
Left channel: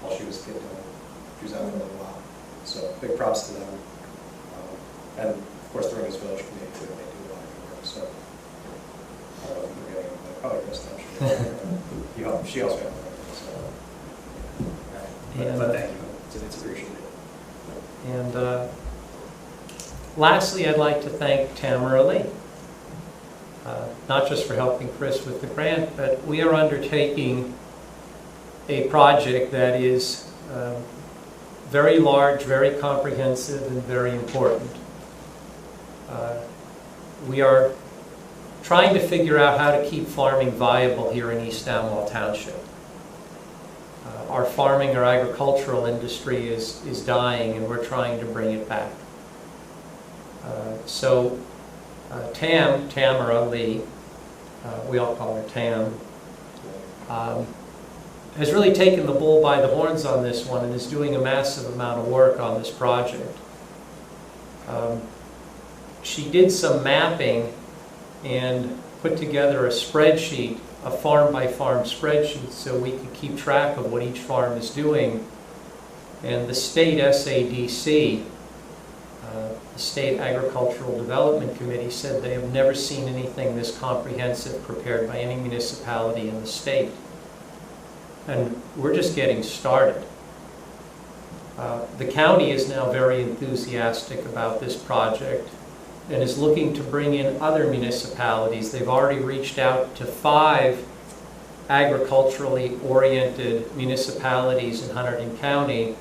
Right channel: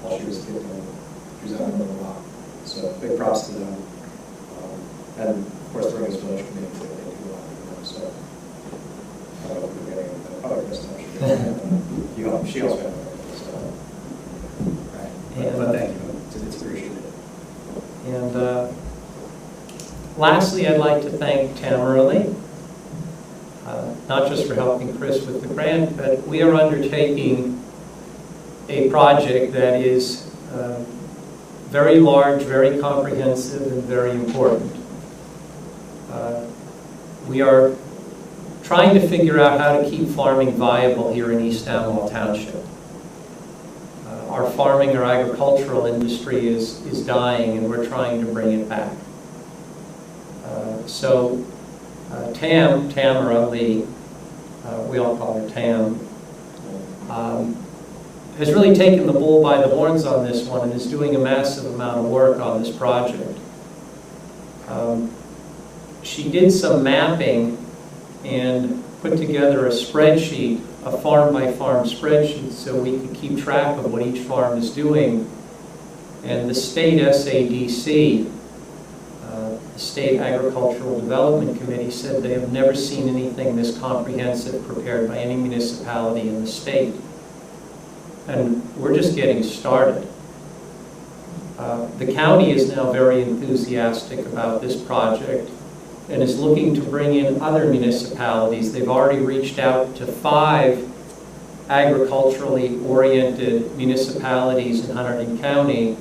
while she was getting she was out for a little while. So big props to them. And, of course, the Ringo's Village Committee, too. They do a lot of good work. So I don't know if I'm forgetting anybody. Probably Kristen, I'm sure. She also had everything. So, right. But thank you. It's appreciated. And lastly, I'd like to thank Tamara Lee. Not just for helping Chris with the grant, but we are undertaking a project that is very large, very comprehensive, and very important. We are trying to figure out how to keep farming viable here in East Amwell Township. Our farming, our agricultural industry is dying, and we're trying to bring it back. Tamara Lee, we all call her Tam, has really taken the bull by the horns on this one and is doing a massive amount of work on this project. She did some mapping and put together a spreadsheet, a farm-by-farm spreadsheet, so we could keep track of what each farm is doing. And the state SADC, the State Agricultural Development Committee, said they have never seen anything this comprehensive prepared by any municipality in the state. And we're just getting started. The county is now very enthusiastic about this project and is looking to bring in other municipalities. They've already reached out to 5 agriculturally oriented municipalities in Hunterdon County.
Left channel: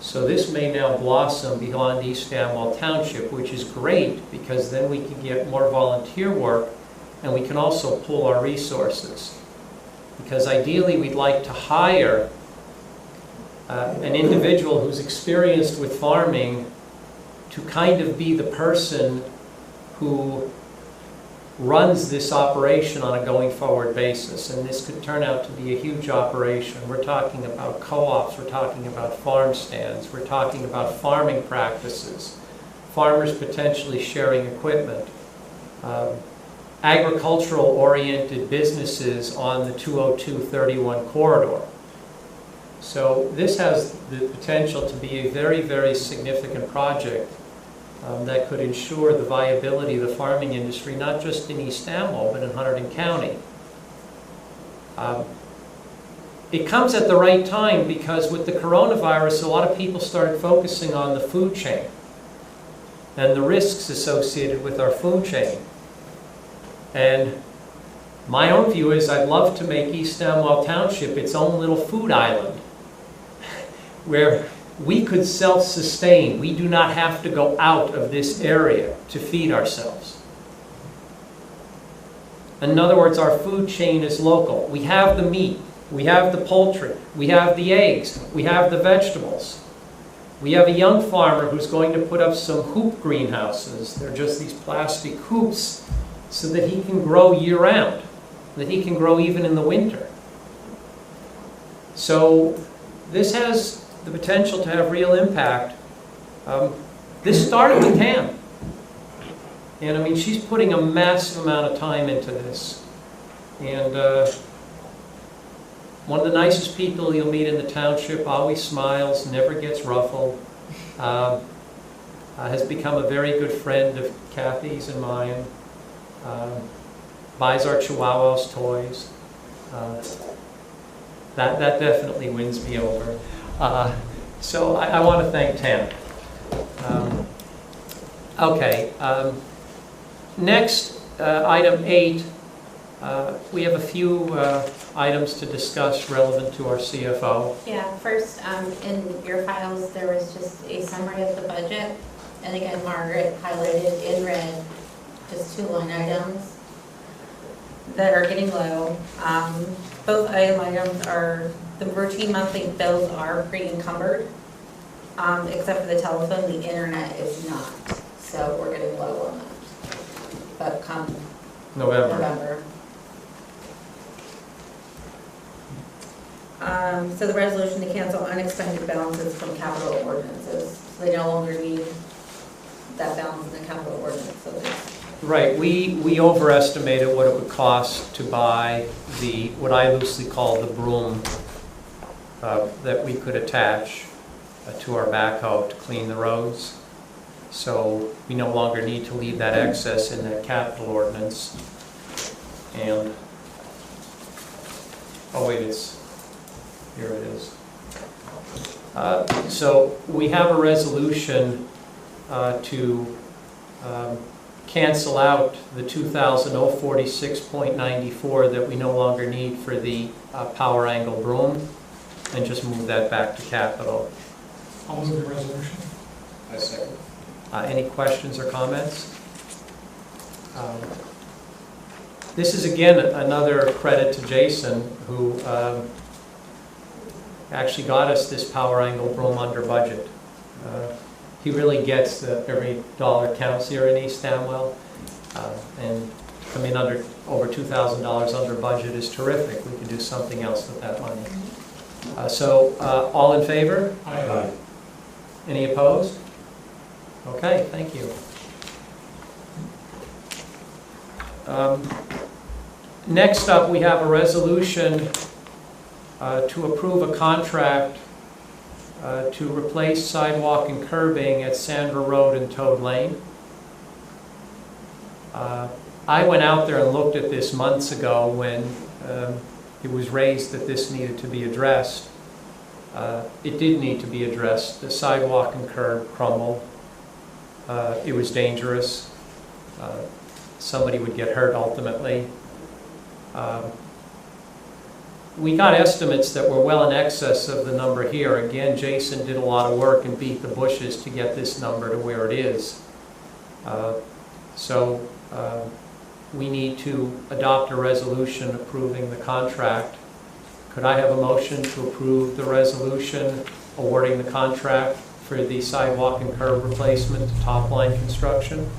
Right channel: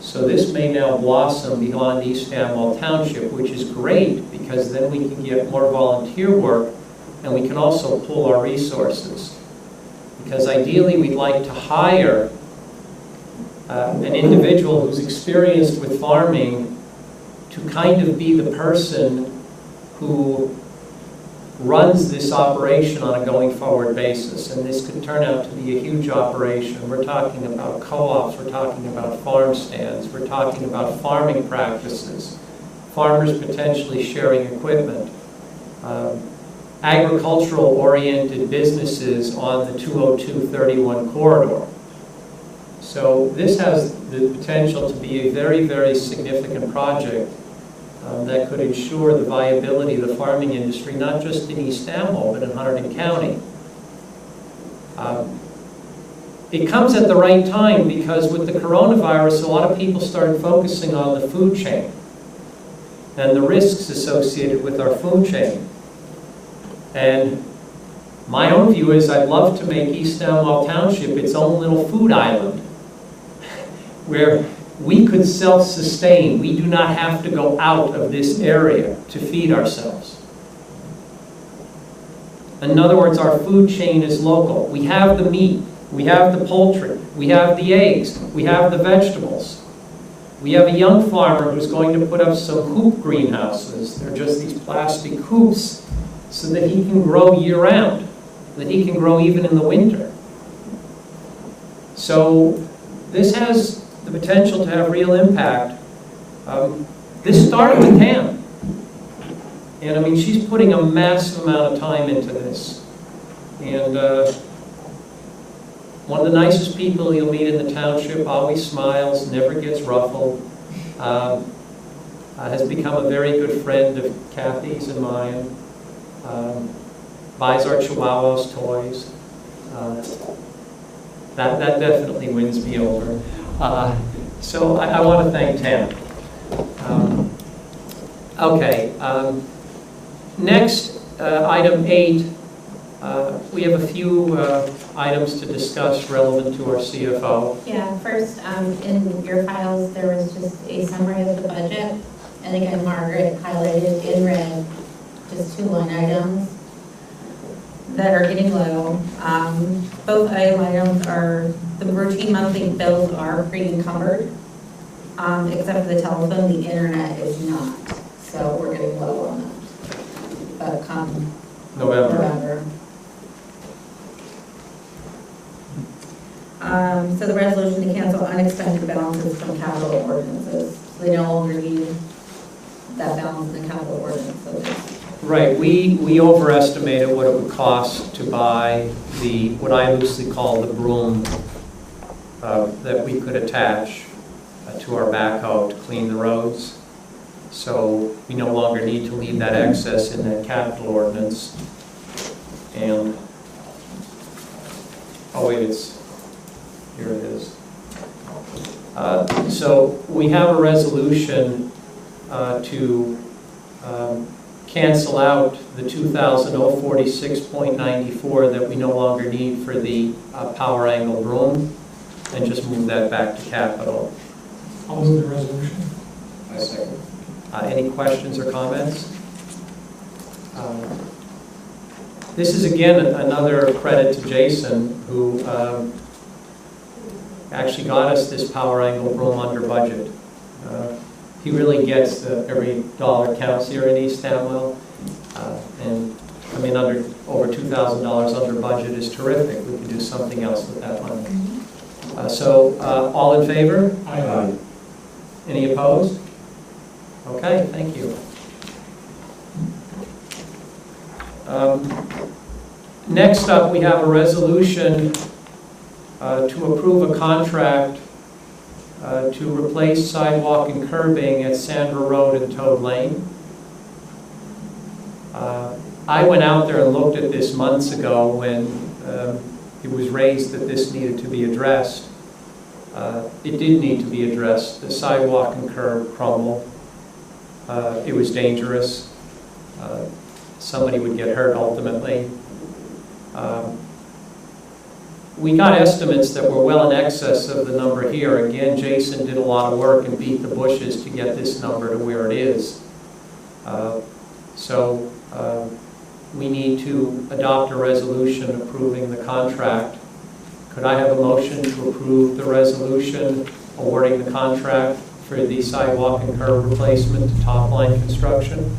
So this may now blossom beyond East Amwell Township, which is great because then we can get more volunteer work and we can also pool our resources. Because ideally we'd like to hire an individual who's experienced with farming to kind of be the person who runs this operation on a going forward basis. And this could turn out to be a huge operation. We're talking about co-ops, we're talking about farm stands, we're talking about farming practices, farmers potentially sharing equipment, agricultural oriented businesses on the 202-31 corridor. So this has the potential to be a very, very significant project. that could ensure the viability of the farming industry, not just in East Amwell, but in Hunterdon County. It comes at the right time because with the coronavirus, a lot of people started focusing on the food chain and the risks associated with our food chain. And my own view is I'd love to make East Amwell Township its own little food island where we could self-sustain. We do not have to go out of this area to feed ourselves. In other words, our food chain is local. We have the meat, we have the poultry, we have the eggs, we have the vegetables. We have a young farmer who's going to put up some hoop greenhouses. They're just these plastic hoops so that he can grow year-round, that he can grow even in the winter. So this has the potential to have real impact. This started with Tam. And I mean, she's putting a massive amount of time into this. And one of the nicest people you'll meet in the township, always smiles, never gets ruffled, has become a very good friend of Kathy's and mine, buys our Chihuahuas toys. That definitely wins me over. So I want to thank Tam. Okay. Next, item 8, we have a few items to discuss relevant to our CFO. Yeah, first, in your files, there was just a summary of the budget. And again, Margaret highlighted in red just 2 line items that are getting low. Both items are, the routine monthly bills are pre-encumbered, except for the telephone. The internet is not. So we're getting low on that. But come November. So the resolution to cancel unexpended balances from capital ordinances. So they no longer need that balance in the capital ordinance. So right, we overestimated what it would cost to buy the, what I loosely call the broom that we could attach to our backhoe to clean the roads. So we no longer need to leave that excess in that capital ordinance. And, oh wait, here it is. So we have a resolution to cancel out the 2000-046.94 that we no longer need for the power angle broom and just move that back to capital. I'll move the resolution. I second. Any questions or comments? This is again another credit to Jason, who actually got us this power angle broom under budget. He really gets that every dollar counts here in East Amwell, and come in under over $2,000 under budget is terrific. We could do something else with that money. So all in favor? Aye. Any opposed? Okay, thank you. Next up, we have a resolution to approve a contract to replace sidewalk and curbing at Sandra Road and Toad Lane. I went out there and looked at this months ago when it was raised that this needed to be addressed. It did need to be addressed. The sidewalk and curb crumbled. It was dangerous. Somebody would get hurt ultimately. We got estimates that were well in excess of the number here. Again, Jason did a lot of work and beat the bushes to get this number to where it is. So we need to adopt a resolution approving the contract. Could I have a motion to approve the resolution awarding the contract for the sidewalk and curb replacement to Top Line Construction?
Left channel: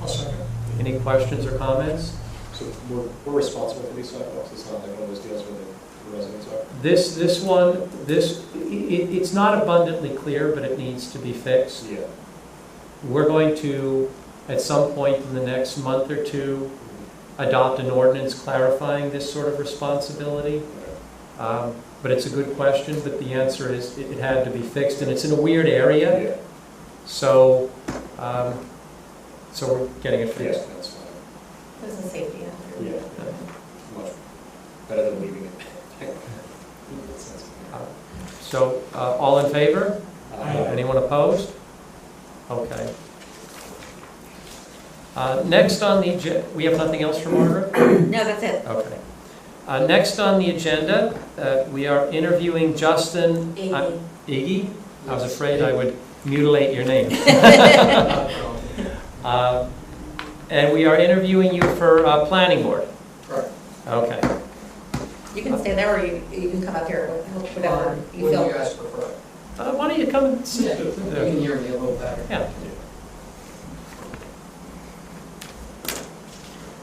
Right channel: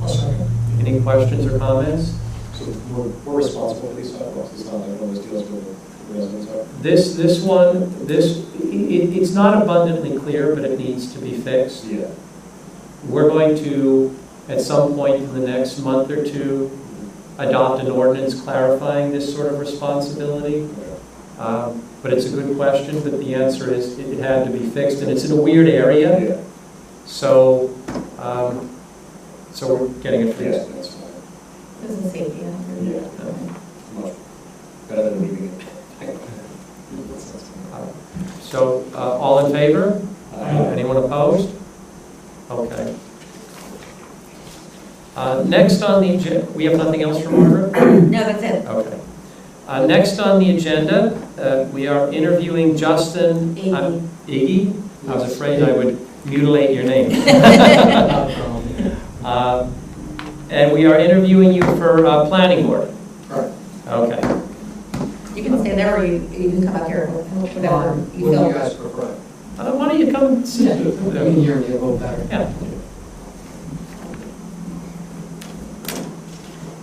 I'll second. Any questions or comments? So we're responsible for these sidewalks? It's not like one of those deals where the residents are? It's not abundantly clear, but it needs to be fixed. Yeah. We're going to, at some point in the next month or two, adopt an ordinance clarifying this sort of responsibility. Okay. But it's a good question, but the answer is it had to be fixed, and it's in a weird area. So, so we're getting it Yeah, fixed. that's fine. There's a safety hazard. Yeah, much better than leaving it. That sounds good. So, all in favor? Aye. Anyone opposed? Okay. Next on the agenda, we have nothing else for Margaret? No, that's it. Okay. Next on the agenda, we are interviewing Justin. Iggy. Iggy? I was afraid I would mutilate your name. And we are interviewing you for planning board. Right. Okay. You can stay there, or you can come up here, whatever you What feel. do you guys prefer? Why don't you come and sit You there? can hear me a little better. Yeah.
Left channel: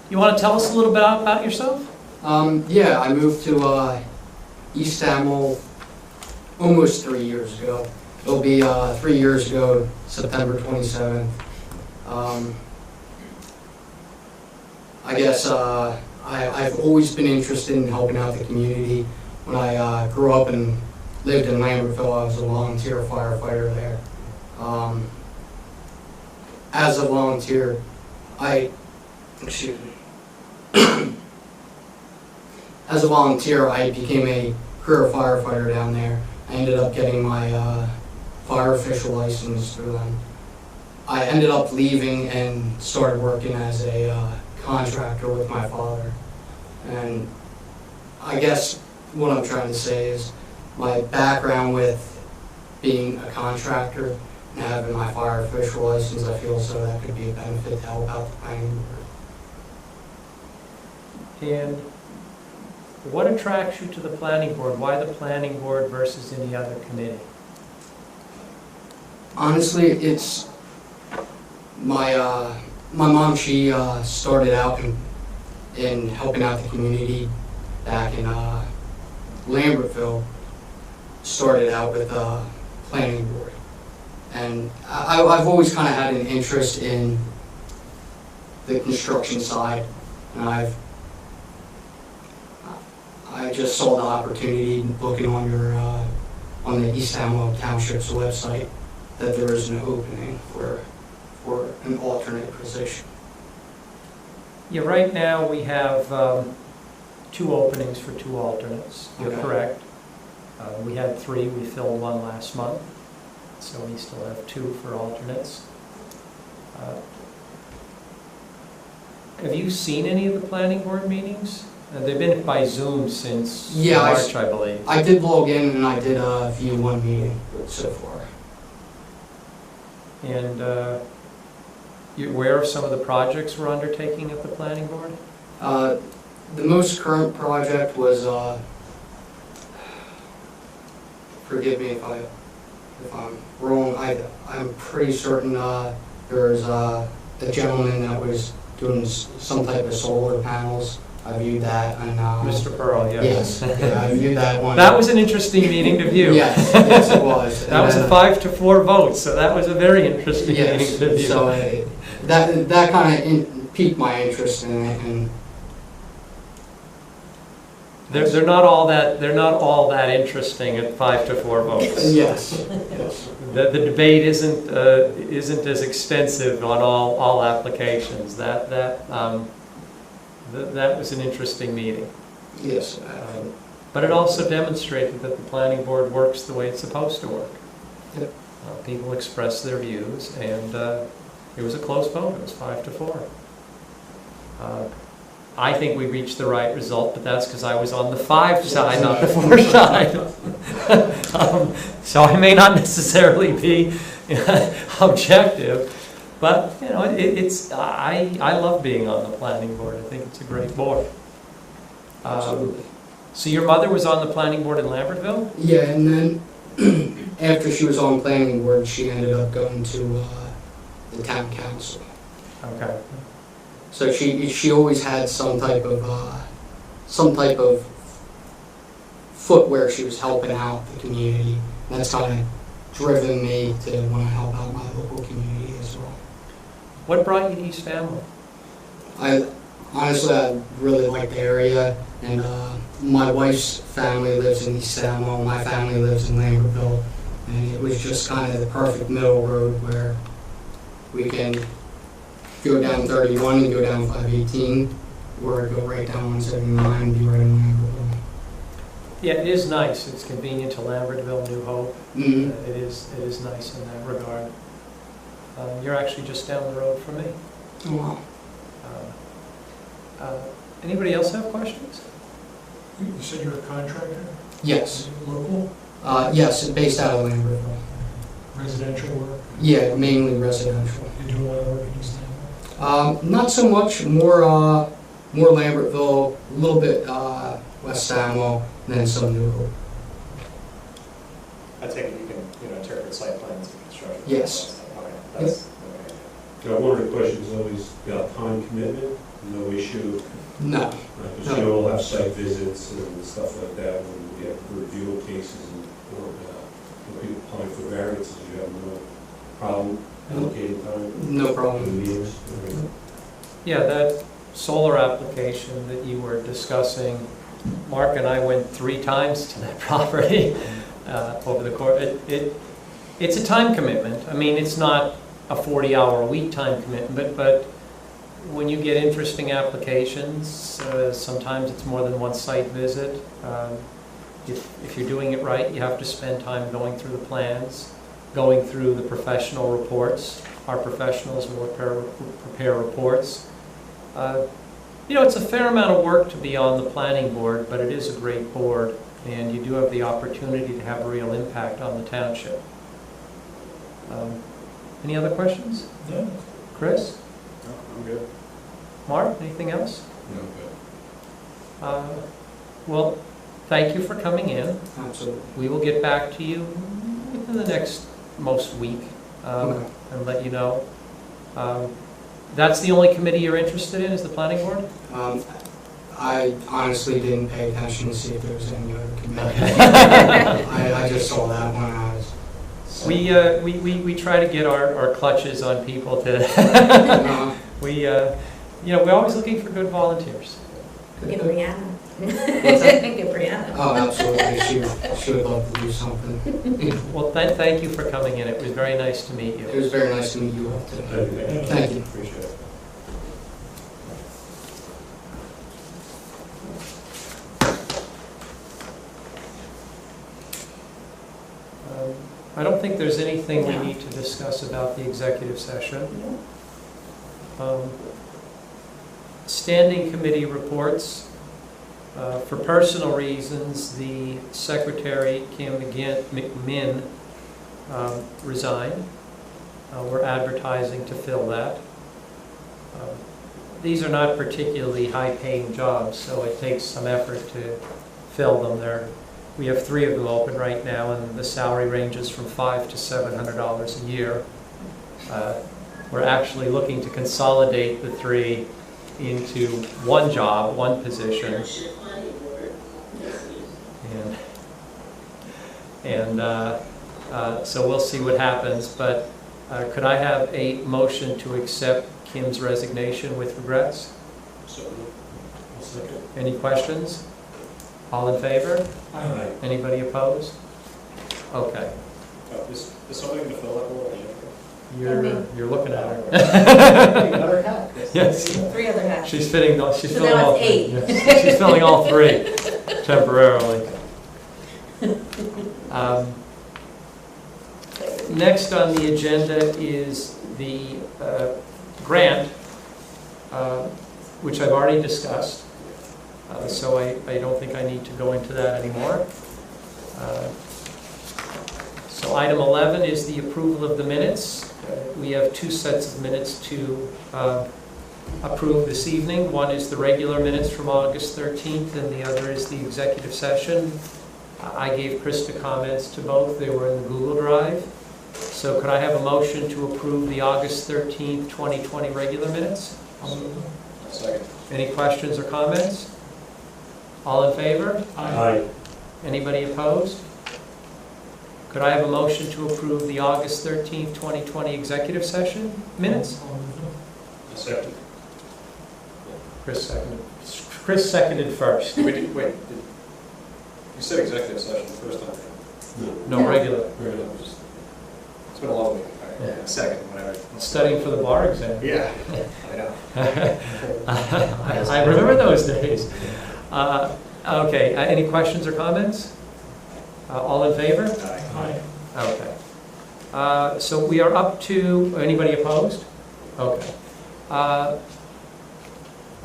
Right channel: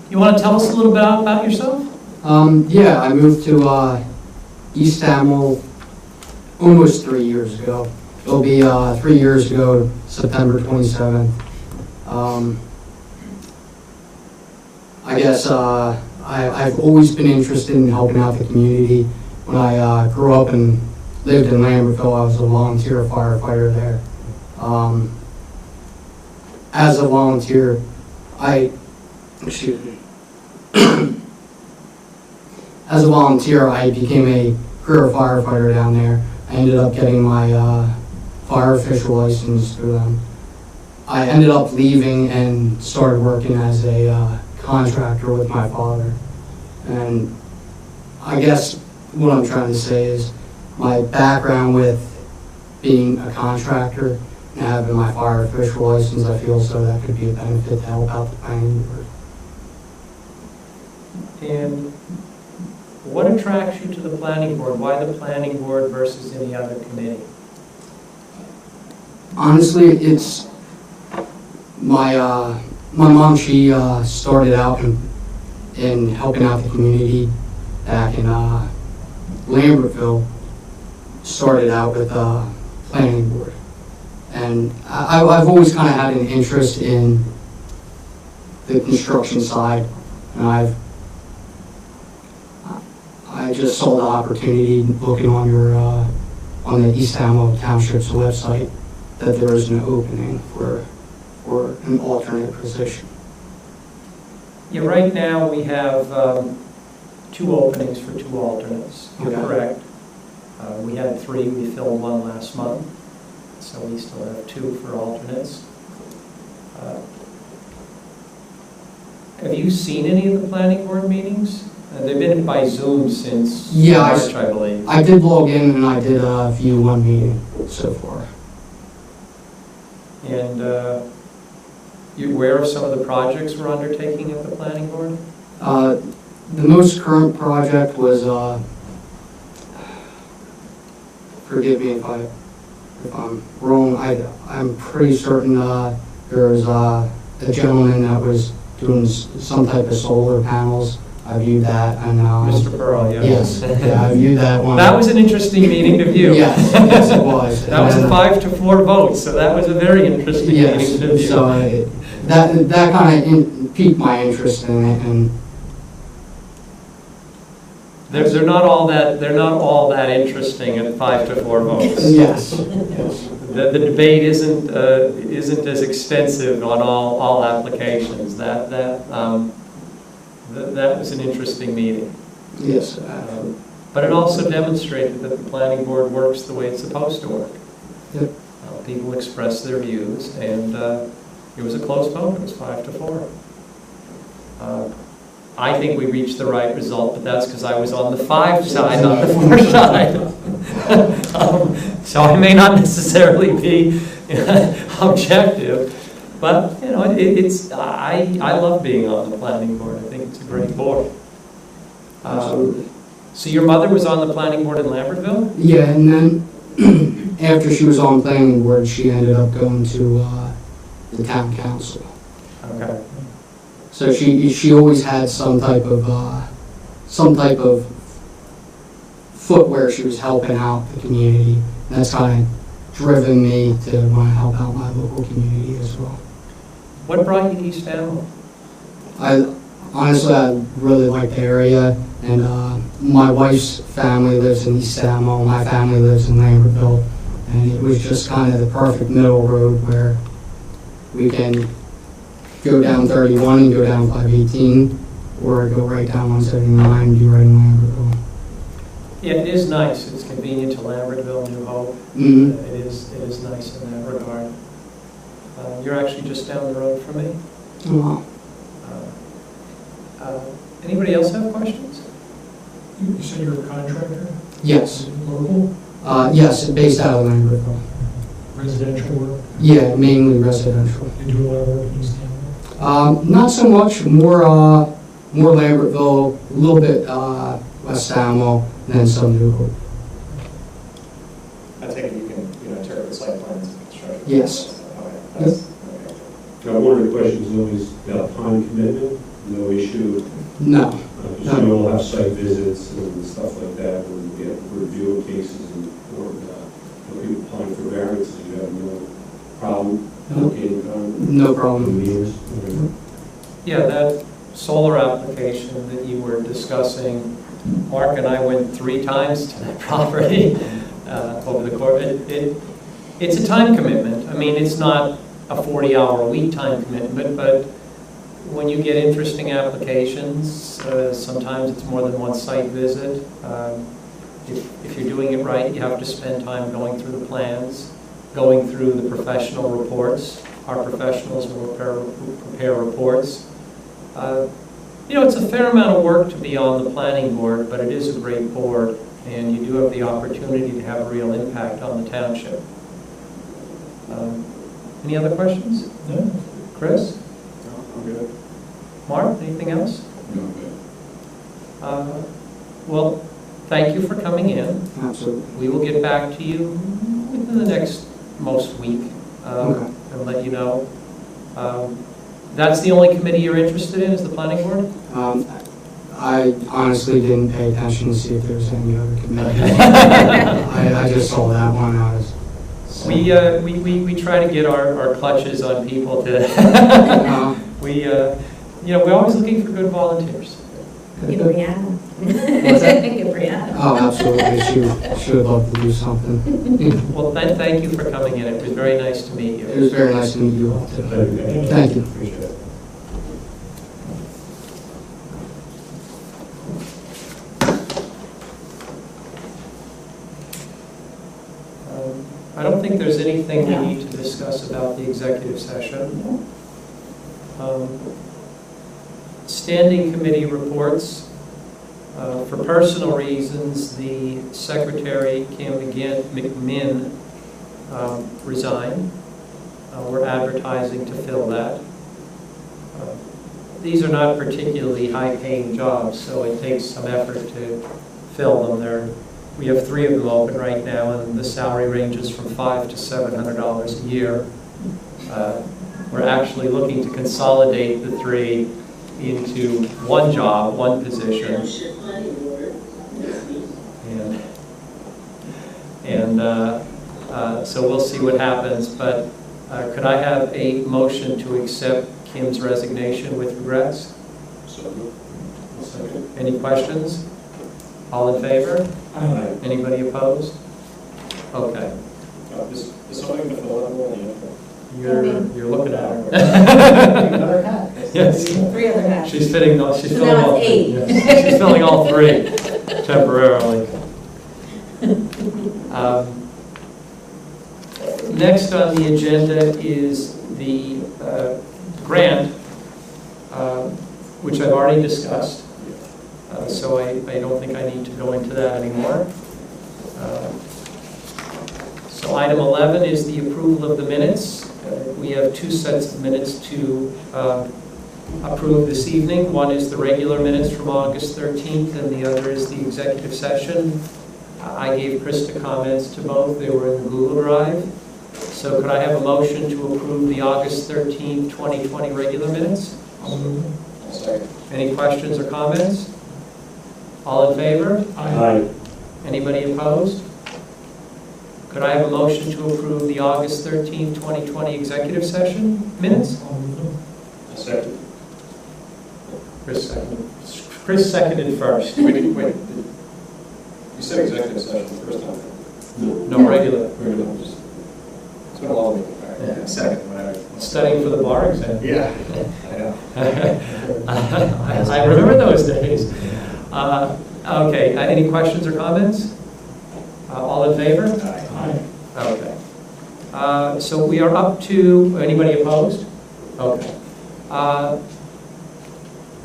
You want to tell us a little bit about yourself? Yeah, I moved to East Amwell almost 3 years ago. It'll be 3 years ago, September 27th. I guess I've always been interested in helping out the community. When I grew up and lived in Lambertville, I was a volunteer firefighter there. As a volunteer, as a volunteer, I became a career firefighter down there. I ended up getting my fire official license through them. I ended up leaving and started working as a contractor with my father. And I guess what I'm trying to say is my background with being a contractor and having my fire official license, I feel so that could be a benefit to help out the planning board. And what attracts you to the planning board? Why the planning board versus any other committee? Honestly, it's my mom. She started out in helping out the community back in Lambertville. Started out with planning board, and I've always kind of had an interest in the construction side, and I just saw the opportunity looking on on the East Amwell Township's website that there was an opening for an alternate position. Yeah, right now we have 2 openings for 2 alternates. You're Okay. correct. We had 3, we filled 1 last month, so we still have 2 for alternates. Have you seen any of the planning board meetings? They've been by Zoom since Yeah, March, I believe. I did log in and I did view one meeting so far. And you aware of some of the projects we're undertaking at the planning board? The most current project was, forgive me if I'm wrong, I'm pretty certain there's a gentleman that was doing some type of solar panels. I viewed that and Mr. Pearl, yes. yes, yeah, I viewed that one. That was an interesting meeting to view. Yes, it was. That was a 5-4 vote, so that was a very interesting Yes, meeting to view. so that kind of piqued my interest in it, and They're not all that interesting at 5-4 votes. yes. The debate isn't as extensive on all applications. That was an interesting meeting. Yes, But it also demonstrated that the planning board works the way it's supposed to work. Yep. People express their views, and it was a close vote. It was 5-4. I think we reached the right result, but that's because I was on the 5 side, not the 4 side. So I may not necessarily be objective, but you know, I love being on the planning board. I think it's a great board. absolutely. So your mother was on the planning board in Lambertville? Yeah, and then after she was on planning board, she ended up going to the town council. Okay. So she always had some type of foot where she was helping out the community. And that's kind of driven me to want to help out my local community as well. What brought you to East Amwell? I really like the area, and my wife's family lives in East Amwell, my family lives in Lambertville, And it was just kind of the perfect middle road where we can go down 31 and go down 518, or go right down 179 and be right in Lambertville. Yeah, it is nice. It's convenient to Lambertville, New Hope. Mhm. It is nice in that regard. You're actually just down the road from me. Oh, wow. Anybody else have questions? You said you're a contractor? Yes. Is it local, Yes, it's based out of Lambertville. residential work? Yeah, mainly residential. You do a lot of work in East Amwell? Not so much, more Lambertville, a little bit West Amwell, and then some New Hope. I take it you can, interpret site plans and construction. Yes. Okay, that's, okay. Now, one of the questions is always about time commitment, no issue, No. because you all have site visits and stuff like that, when you have review of cases and, or, people applying for variances, you have no problem allocating time? No problem. Meetings? Yeah, that solar application that you were discussing, Mark and I went 3 times to that property over the course. It's a time commitment. I mean, it's not a 40-hour-a-week time commitment, but when you get interesting applications, sometimes it's more than one site visit. If you're doing it right, you have to spend time going through the plans, going through the professional reports. Our professionals will prepare reports. It's a fair amount of work to be on the planning board, but it is a great board, and you do have the opportunity to have a real impact on the township. Any other questions? No. Chris? No, I'm good. Mark, anything else? No, good. Well, thank you for coming in. Absolutely. We will get back to you within the next most week Okay. and let you know. That's the only committee you're interested in, is the planning board? I honestly didn't pay attention to see if there was any other committee. I just saw that one. We try to get our clutches on people to, we're always looking for good volunteers. Get Brianna. What's that? Get Brianna. Oh, absolutely. She would love to do something. Well, thank you for coming in. It was very nice to meet you. It was very nice to meet you all, too. Thank you. Thank you. Appreciate it. I don't think there's anything we No. need to discuss about the executive session. Standing committee reports. For personal reasons, the secretary, Kim McMinn, resigned. We're advertising to fill that. These are not particularly high-paying jobs, so it takes some effort to fill them. We have 3 of them open right now, and the salary ranges from $500 to $700 a year. We're actually looking to consolidate the 3 into one job, one position. So we'll see what happens, but could I have a motion to accept Kim's resignation with regrets? So, I'll second. Any questions? All in favor? Aye. Anybody opposed? Okay. Is somebody going to fill that role in the interim? You're looking at her. Another hat. Yes. 3 other hats. She's filling all now 3. it's 8. Yes, she's filling all 3 temporarily. Next on the agenda is the grant, which I've already discussed. So I don't think I need to go into that anymore. So item 11 is the approval of the minutes. We have 2 sets of minutes to approve this evening. One is the regular minutes from August 13th, and the other is the executive session. I gave Krista comments to both. They were in the Google Drive. So could I have a motion to approve the August 13th, 2020 regular minutes? I'll move them. I'll second. Any questions or comments? All in favor? Aye. Anybody opposed? Could I have a motion to approve the August 13th, 2020 executive session minutes? I'll move them. I'll second. Chris seconded. Chris seconded first. You said executive session the first time. No, regular. Regular. It's been a long week. All right, yeah, second, whatever. Studying for the bar exam. Yeah, I know. I remember those days. Okay, any questions or comments? All in favor? Aye. Aye. Okay. So we are up to, anybody opposed? Okay.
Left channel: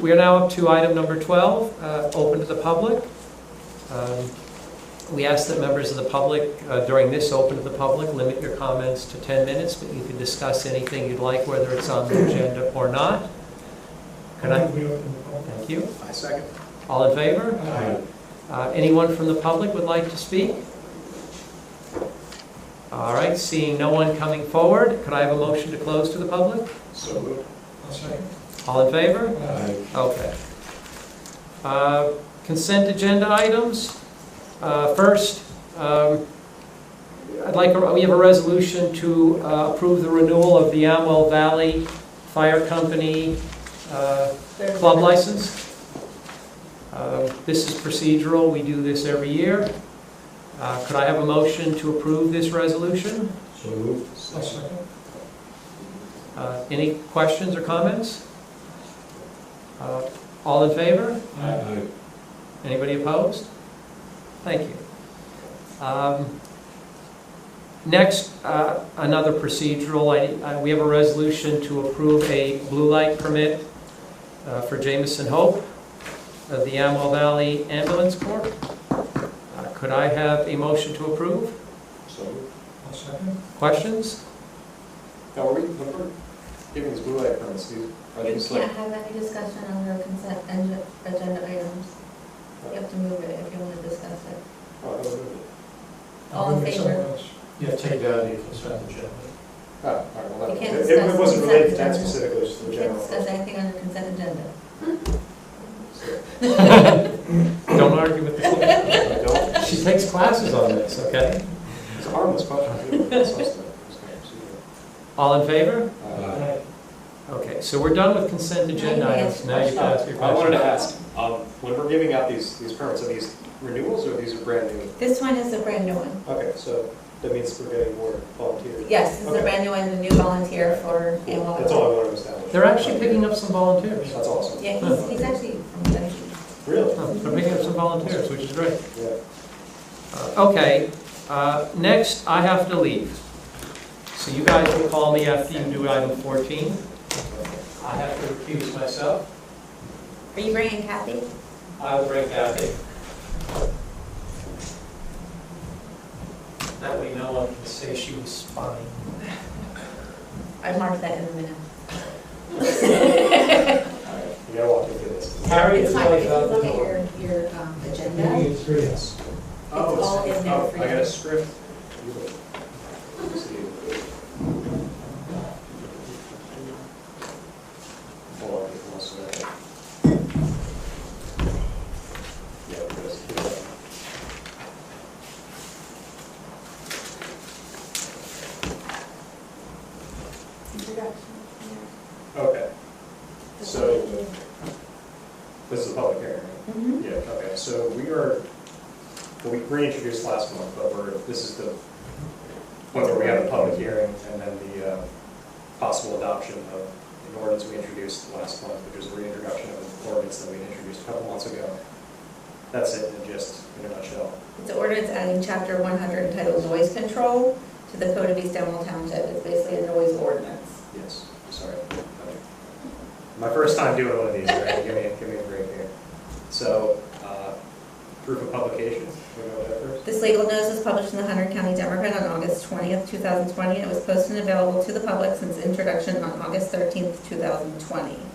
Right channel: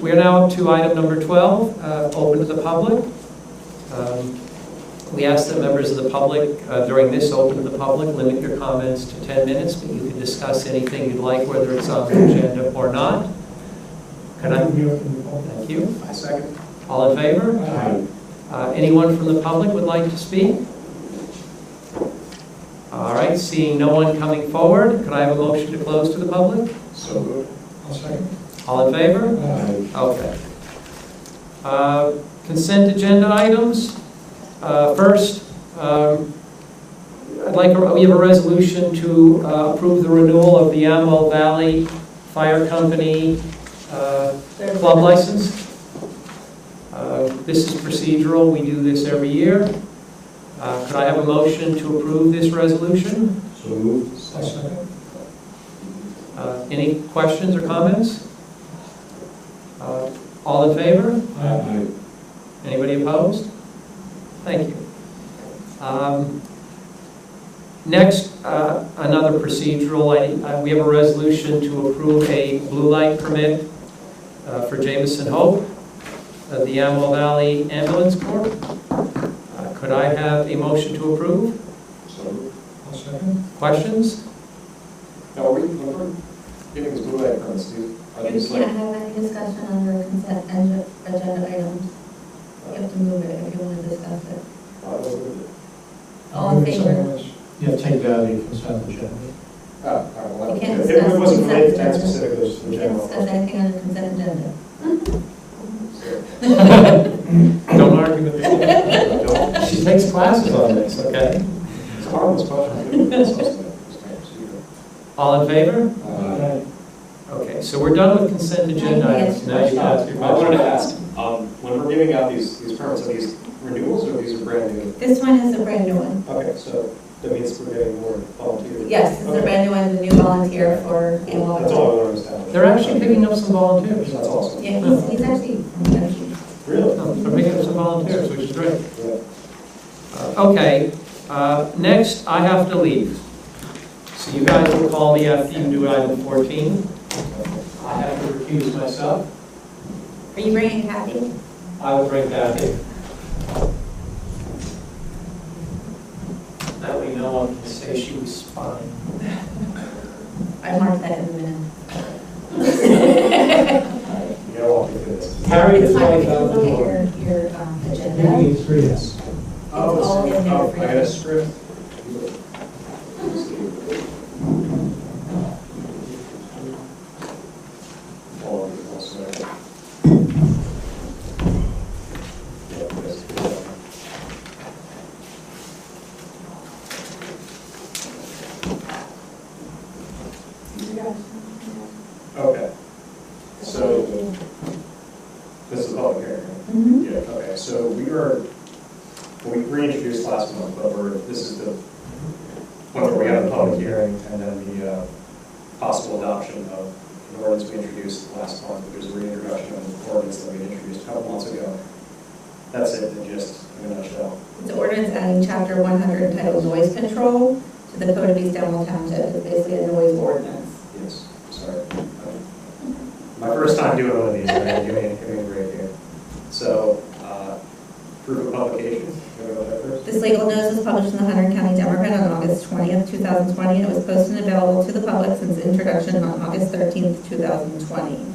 We are now up to item number 12, open to the public. We ask that members of the public, during this open to the public, limit your comments to 10 minutes, but you can discuss anything you'd like, whether it's on the agenda or not. Can I? We open the public. Thank you. I second. All in favor? Aye. Anyone from the public would like to speak? All right, seeing no one coming forward, could I have a motion to close to the public? So moved. I'll second. All in favor? Aye. Okay. Consent agenda items. First, we have a resolution to approve the renewal of the Amwell Valley Fire Company club license. This is procedural. We do this every year. Could I have a motion to approve this resolution? So moved. I'll second. Any questions or comments? All in favor? Aye. Anybody opposed? Thank you. Next, another procedural, we have a resolution to approve a blue light permit for Jameson Hope of the Amwell Valley Ambulance Corps. Could I have a motion to approve? So moved. I'll second. Questions? Now, when we're giving these blue light permits, are You these can't like? have any discussion under consent agenda items. You have to move it if you want to discuss it. Oh, I thought we moved it. All in Move it somewhere favor? else. You have to take it out of the consent agenda. Oh, all right, well, You that, can't it discuss wasn't consent related to that agenda. specifically, just the You can't general. discuss anything under consent agenda. Don't argue with the clerk. Don't. She takes classes on this, okay? It's a harmless question. It's substantive, it's kind of procedural. All in favor? Aye. Okay, so we're done with consent agenda Now you can items. ask Now you can ask your I question. wanted to ask, when we're giving out these permits, are these renewals or these are brand new? This one is a brand new one. Okay, so that means we're getting more volunteers. Yes, this is a Okay. brand new one, a new volunteer for Amwell. That's all I wanted to establish. They're actually picking up some volunteers. That's awesome. Yeah, he's actually from Tennessee. Really? Oh, they're picking up some volunteers, which is great. Yeah. Okay, next, I have to leave. So you guys will call me after you do item 14. I have to recuse myself. Are you bringing Kathy? I will bring Kathy. That way no one can say she was spying. I marked that in the minute. All right, you gotta walk me through this. Harry It's is fine, always if you on look the at door. your agenda, Yes. Oh, It's all in there for I you. got a script. Beautiful. Let's see. All of these also. Yeah, Chris. introduction. Okay, so this is a public hearing, right? Mm-hmm. Yeah, okay, so well, we reintroduced last month, but this is the point where we have the public hearing and then the possible adoption of an ordinance we introduced last month, which was the reintroduction of an ordinance that we had introduced a couple months ago. That's it, in a nutshell. It's an ordinance adding chapter 100 entitled Noise Control to the Code of East Amwell Township. It's basically a noise ordinance. Yes, sorry. My first time doing one of these, all right? Give me a break here. So, proof of publication, we go there first? This legal notice was published in the Hunter County Democrat on August 20th, 2020, and it was posted and available to the public since introduction on August 13th, 2020.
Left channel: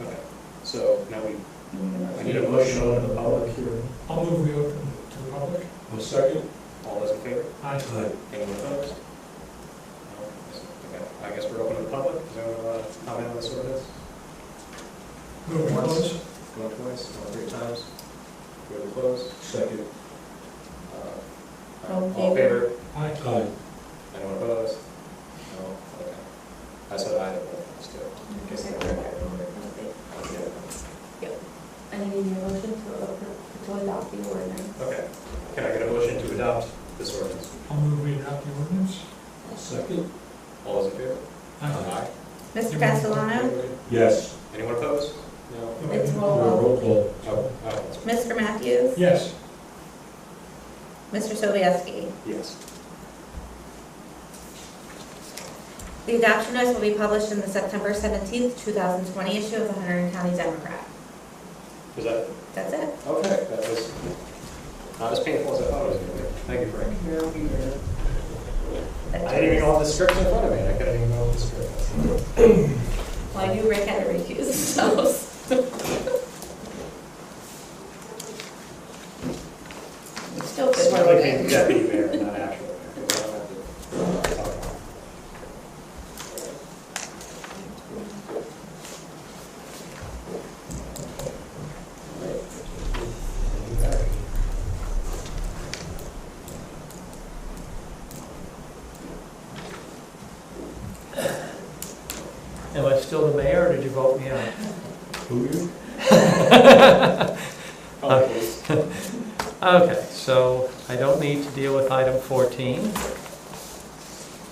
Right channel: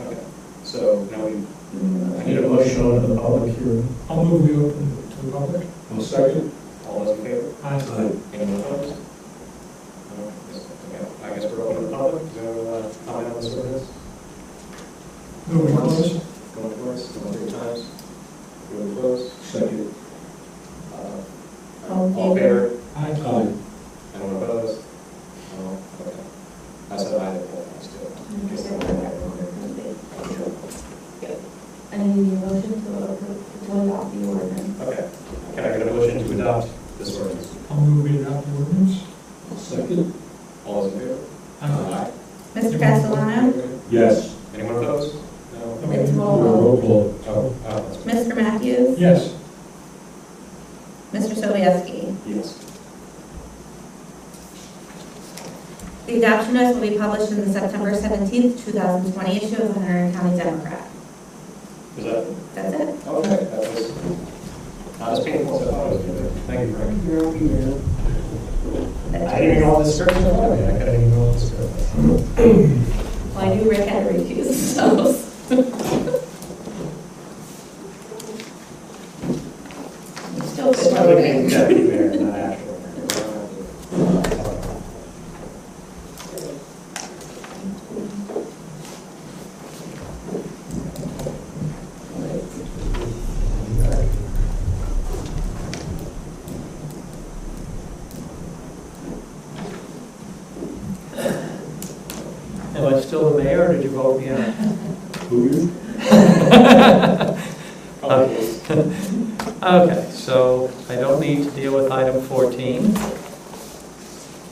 Okay, so now You need a I need a motion open to the public. I'll move we open to the public. I'll second. All those in favor? Aye. Anyone opposed? No? Okay, I guess we're open to the public. Does anyone want to comment on this ordinance? Move we Once. close. Going twice, going three times? Going to close? Second. All in All in favor? Aye. Anyone opposed? No? Okay. I said aye to both of us too. in case they were okay. Yeah. Yep. And I need a motion to approve, to adopt the ordinance. Okay. Can I get a motion to adopt this ordinance? I'll move we adopt the ordinance. I'll second. All those in favor? Aye. Mr. Castellano? Yes. Anyone opposed? No? It's roll call. Roll call. Oh, that's right. Mr. Matthews? Yes. Mr. Sobieski? Yes. The adoption notice will be published in the September 17th, 2020 issue of the Hunter County Democrat. Is that, That's it. okay, that was not as painful as I thought it was going to be. Thank you, Frank. I didn't even go on the script in front of me. I couldn't even go on the script. Well, I knew Rick had to recuse himself. You still That's could why I vote like being in. deputy mayor, not actual mayor, because I don't have to talk about it. Am I still the mayor, or did you vote me out? Who you? Call the police. Okay, so I don't need to deal with item 14.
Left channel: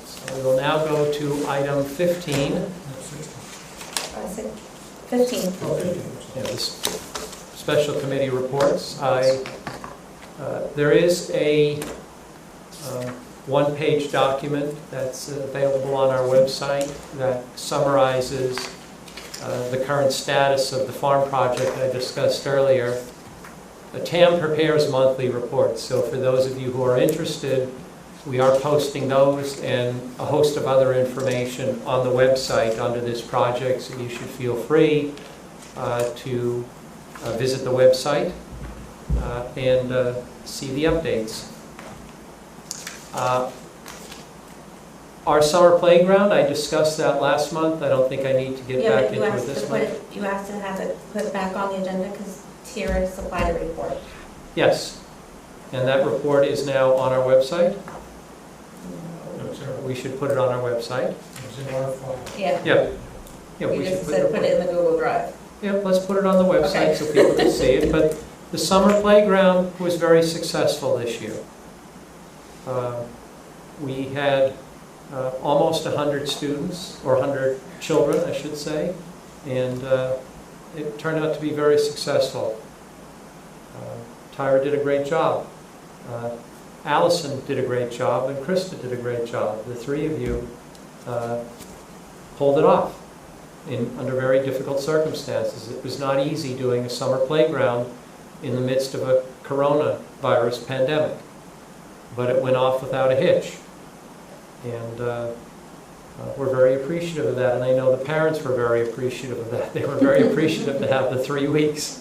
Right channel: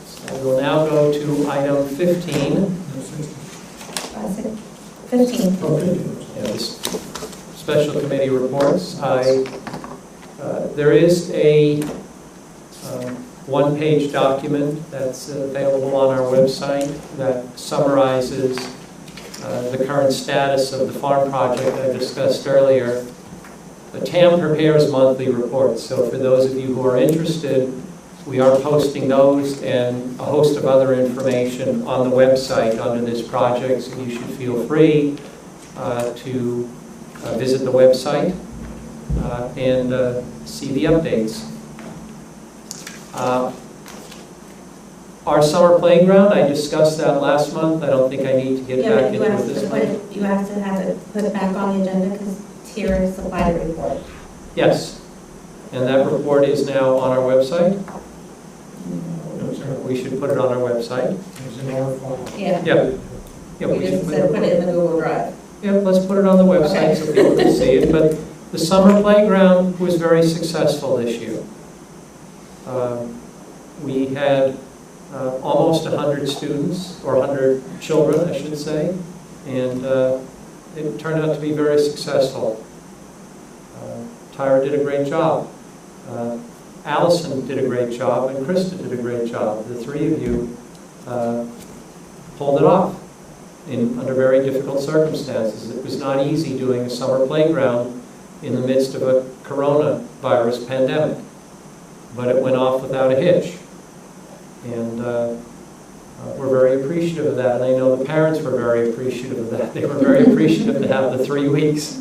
So we will now go to item 15. No, 16. 15. Oh, 15, I'm sorry. Yeah, this special committee reports. There is a one-page document that's available on our website that summarizes the current status of the farm project I discussed earlier. The TAM prepares monthly reports, so for those of you who are interested, we are posting those and a host of other information on the website under this project, so you should feel free to visit the website and see the updates. Our summer playground, I discussed that last month. I don't think I need to get Yeah, back but you into it asked this to put month. it, you asked to have it put back on the agenda because Tira supplied a report. Yes, and that report is now on our website. I'm sorry. We should put it on our website. It's in our file. Yeah. Yeah. Yeah, You we should just put said it. put it in the Google Drive. Yeah, let's put it on the website Okay. so people can see it. But the summer playground was very successful this year. We had almost 100 students, or 100 children, I should say, and it turned out to be very successful. Tyra did a great job. Allison did a great job, and Krista did a great job. The three of you pulled it off under very difficult circumstances. It was not easy doing a summer playground in the midst of a coronavirus pandemic, but it went off without a hitch. And we're very appreciative of that, and I know the parents were very appreciative of that. They were very appreciative to have the 3 weeks.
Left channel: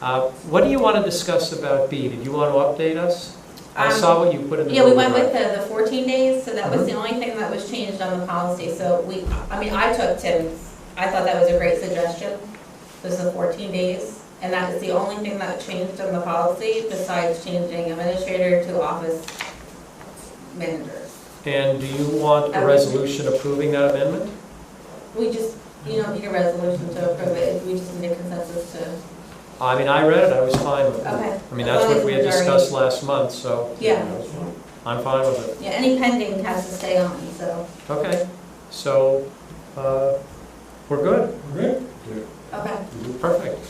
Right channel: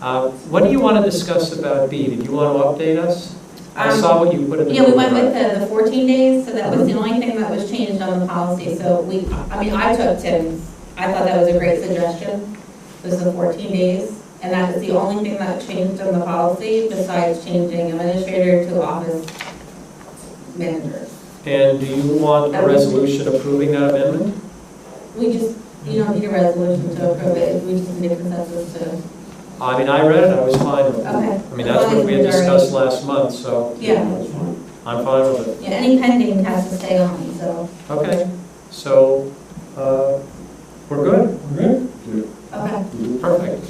What do you want to discuss about B? Did you want to update us? I saw what you put in the Yeah, we Google went Drive. with the 14 days, so that was the only thing that was changed on the policy. So I took Tim's, I thought that was a great suggestion, was the 14 days. And that is the only thing that changed on the policy besides changing administrator to office manager. And do you want a That would- resolution approving that amendment? We just, you don't need a resolution to approve it, we just need a consensus to, I mean, I read it, I was fine with it. okay. I mean, As that's long what as we had the majority- discussed last month, so Yeah, That's fine. I'm fine with it. yeah, any pending has to stay on, so, Okay, so we're good. We're good? okay. Perfect.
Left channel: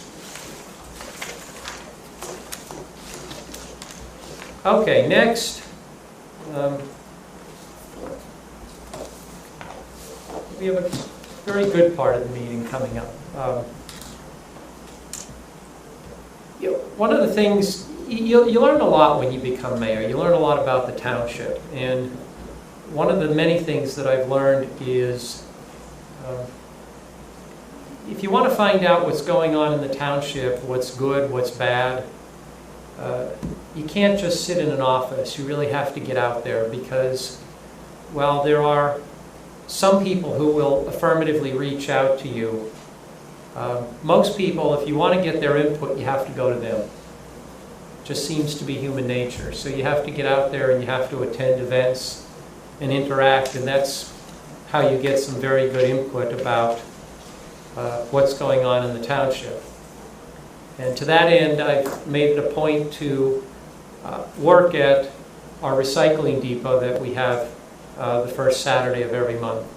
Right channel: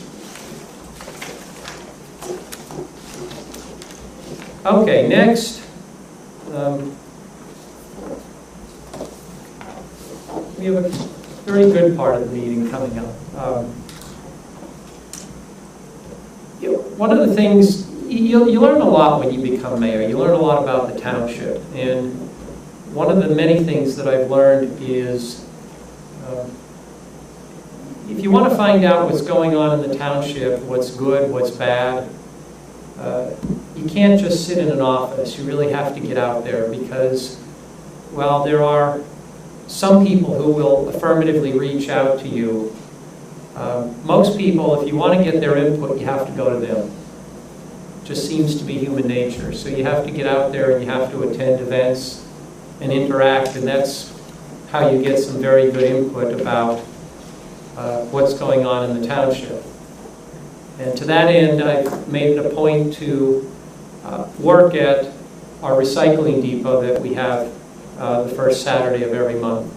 Okay, next. We have a very good part of the meeting coming up. One of the things, you learn a lot when you become mayor. You learn a lot about the township. And one of the many things that I've learned is if you want to find out what's going on in the township, what's good, what's bad, you can't just sit in an office. You really have to get out there because, well, there are some people who will affirmatively reach out to you. Most people, if you want to get their input, you have to go to them. Just seems to be human nature. So you have to get out there and you have to attend events and interact, and that's how you get some very good input about what's going on in the township. And to that end, I've made it a point to work at our recycling depot that we have the first Saturday of every month.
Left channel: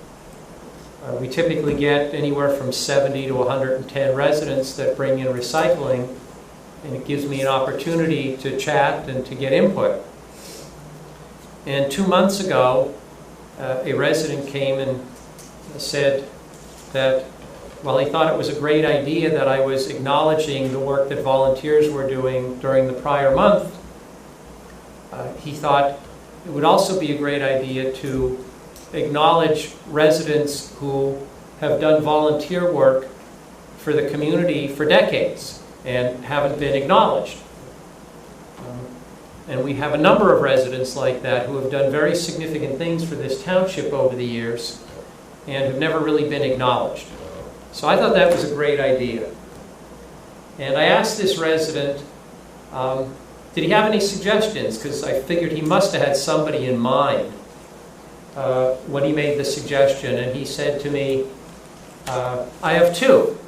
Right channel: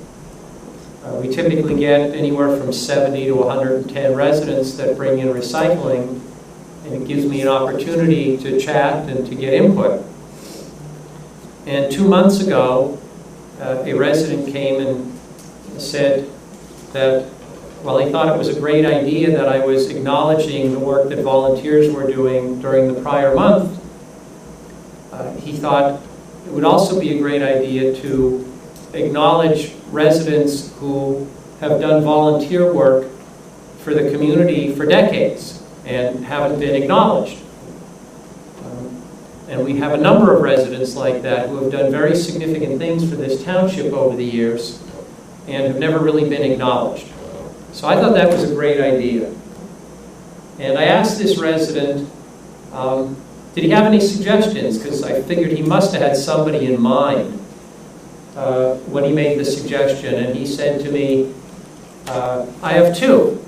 We typically get anywhere from 70 to 110 residents that bring in recycling, and it gives me an opportunity to chat and to get input. And 2 months ago, a resident came and said that, well, he thought it was a great idea that I was acknowledging the work that volunteers were doing during the prior month. He thought it would also be a great idea to acknowledge residents who have done volunteer work for the community for decades and haven't been acknowledged. And we have a number of residents like that who have done very significant things for this township over the years and have never really been acknowledged. So I thought that was a great idea. And I asked this resident, did he have any suggestions? Because I figured he must have had somebody in mind when he made the suggestion. And he said to me, I have two,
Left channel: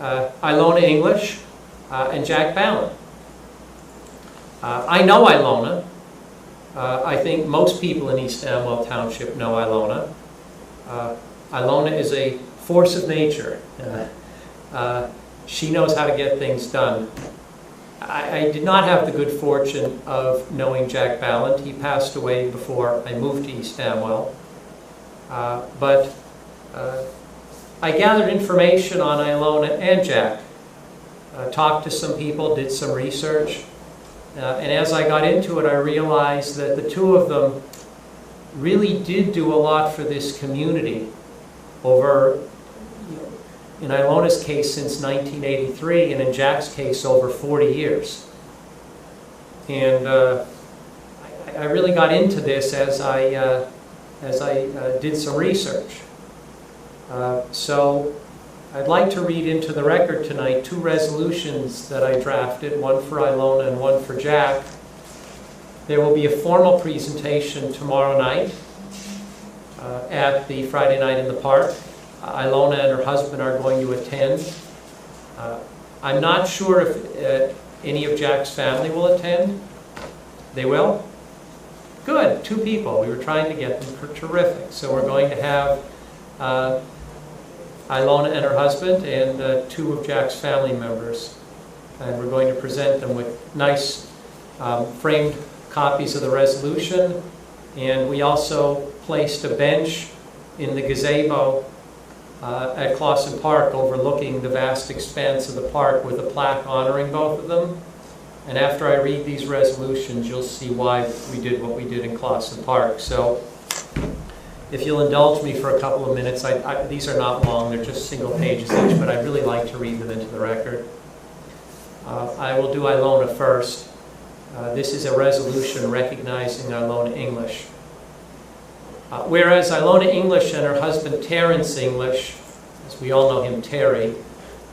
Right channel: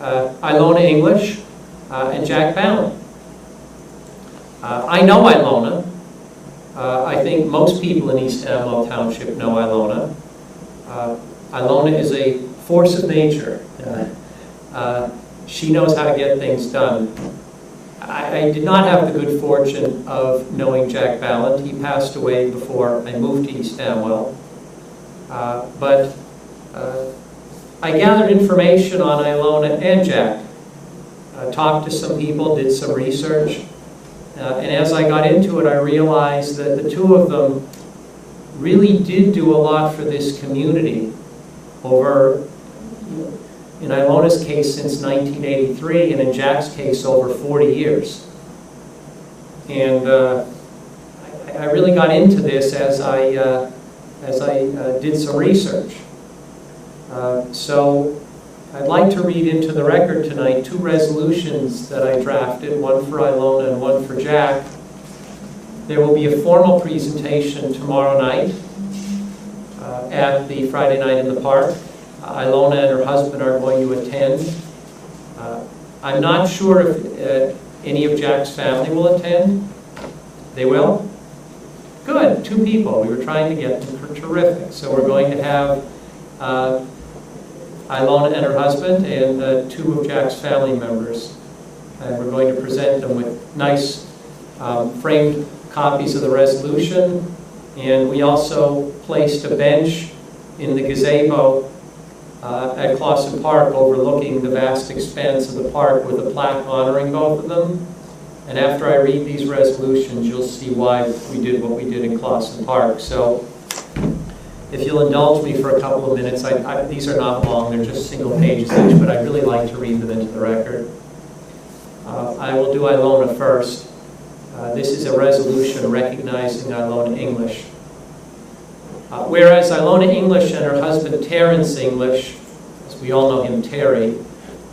Ilona English and Jack Ballin. I know Ilona. I think most people in East Amwell Township know Ilona. Ilona is a force of nature. She knows how to get things done. I did not have the good fortune of knowing Jack Ballant. He passed away before I moved to East Amwell. But I gathered information on Ilona and Jack, talked to some people, did some research. And as I got into it, I realized that the two of them really did do a lot for this community over, in Ilona's case, since 1983, and in Jack's case, over 40 years. And I really got into this as I did some research. So I'd like to read into the record tonight two resolutions that I drafted, one for Ilona and one for Jack. There will be a formal presentation tomorrow night at the Friday Night in the Park. Ilona and her husband are going to attend. I'm not sure if any of Jack's family will attend. They will? Good, 2 people. We were trying to get them. Terrific. So we're going to have Ilona and her husband and 2 of Jack's family members. And we're going to present them with nice framed copies of the resolution. And we also placed a bench in the gazebo at Clausen Park overlooking the vast expanse of the park with a plaque honoring both of them. And after I read these resolutions, you'll see why we did what we did in Clausen Park. So if you'll indulge me for a couple of minutes, these are not long, they're just single pages each, but I'd really like to read them into the record. I will do Ilona first. This is a resolution recognizing Ilona English. Whereas Ilona English and her husband Terrence English, as we all know him Terry,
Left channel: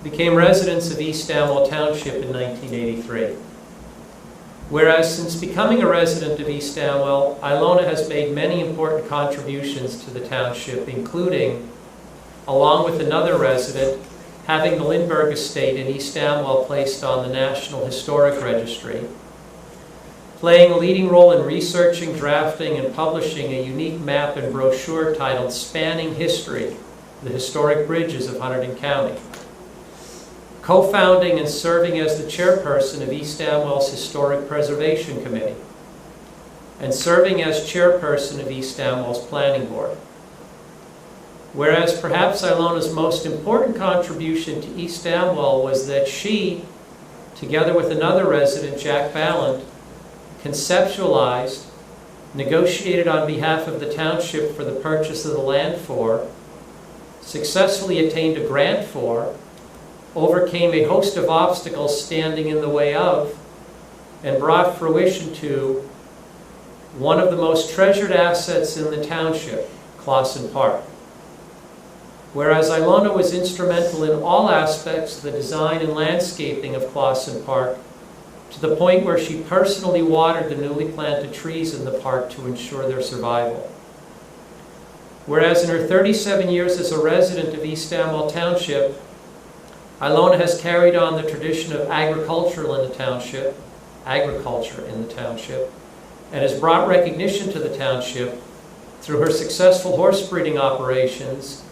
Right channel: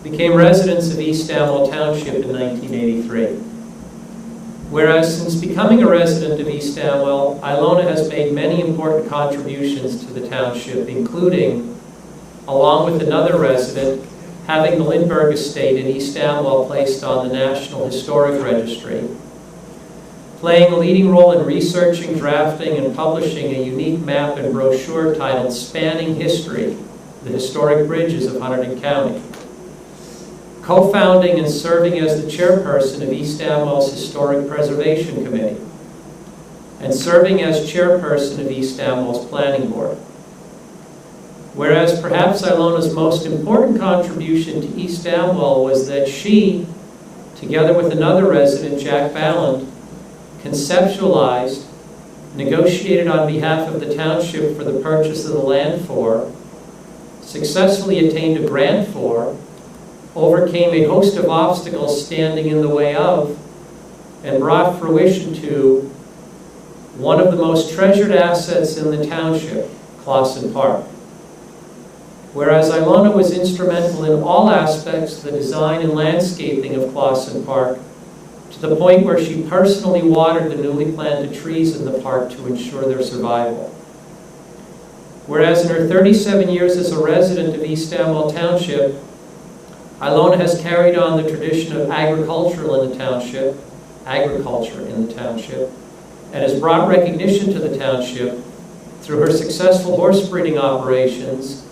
became residents of East Amwell Township in 1983. Whereas since becoming a resident of East Amwell, Ilona has made many important contributions to the township, including, along with another resident, having the Lindbergh Estate in East Amwell placed on the National Historic Registry, playing a leading role in researching, drafting, and publishing a unique map and brochure titled Spanning History, the Historic Bridges of Hunterdon County, co-founding and serving as the chairperson of East Amwell's Historic Preservation Committee, and serving as chairperson of East Amwell's Planning Board. Whereas perhaps Ilona's most important contribution to East Amwell was that she, together with another resident, Jack Ballant, conceptualized, negotiated on behalf of the township for the purchase of the land for, successfully attained a grant for, overcame a host of obstacles standing in the way of, and brought fruition to one of the most treasured assets in the township, Clausen Park. Whereas Ilona was instrumental in all aspects of the design and landscaping of Clausen Park, to the point where she personally watered the newly planted trees in the park to ensure their survival. Whereas in her 37 years as a resident of East Amwell Township, Ilona has carried on the tradition of agriculture in the township, and has brought recognition to the township through her successful horse breeding operations,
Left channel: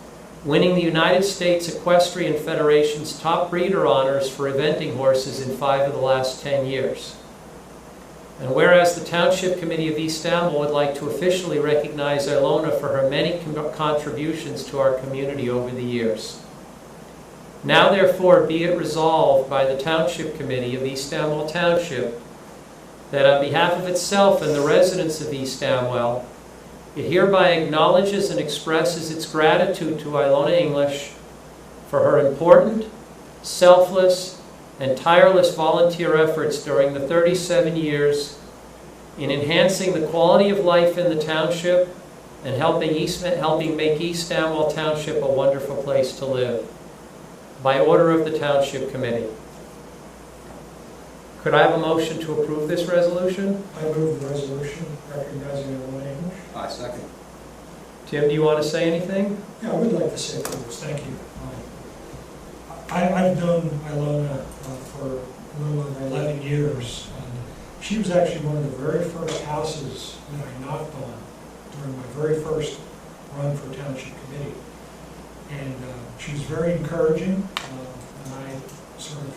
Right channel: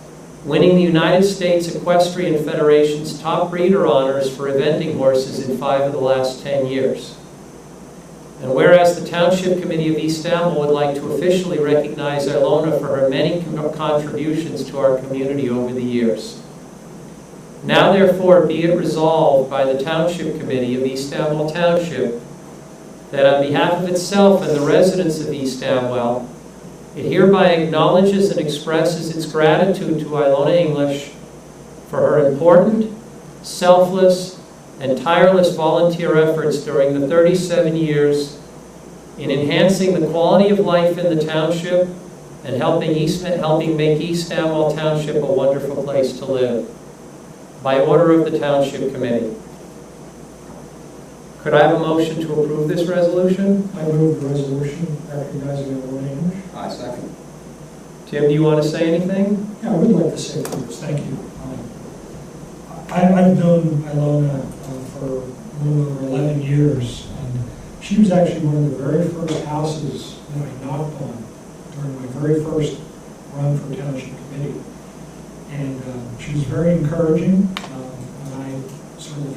winning the United States Equestrian Federation's top breeder honors for eventing horses in 5 of the last 10 years. And whereas the Township Committee of East Amwell would like to officially recognize Ilona for her many contributions to our community over the years. Now therefore be it resolved by the Township Committee of East Amwell Township that on behalf of itself and the residents of East Amwell, it hereby acknowledges and expresses its gratitude to Ilona English for her important, selfless, and tireless volunteer efforts during the 37 years in enhancing the quality of life in the township and helping make East Amwell Township a wonderful place to live. By order of the Township Committee. Could I have a motion to approve this resolution? I move the resolution recognizing Ilona English. I second. Tim, do you want to say anything? Yeah, I would like to say a few words. Thank you. I've known Ilona for a little over 11 years, and she was actually one of the very first houses that I knocked on during my very first run for Township Committee. And she was very encouraging when I sort of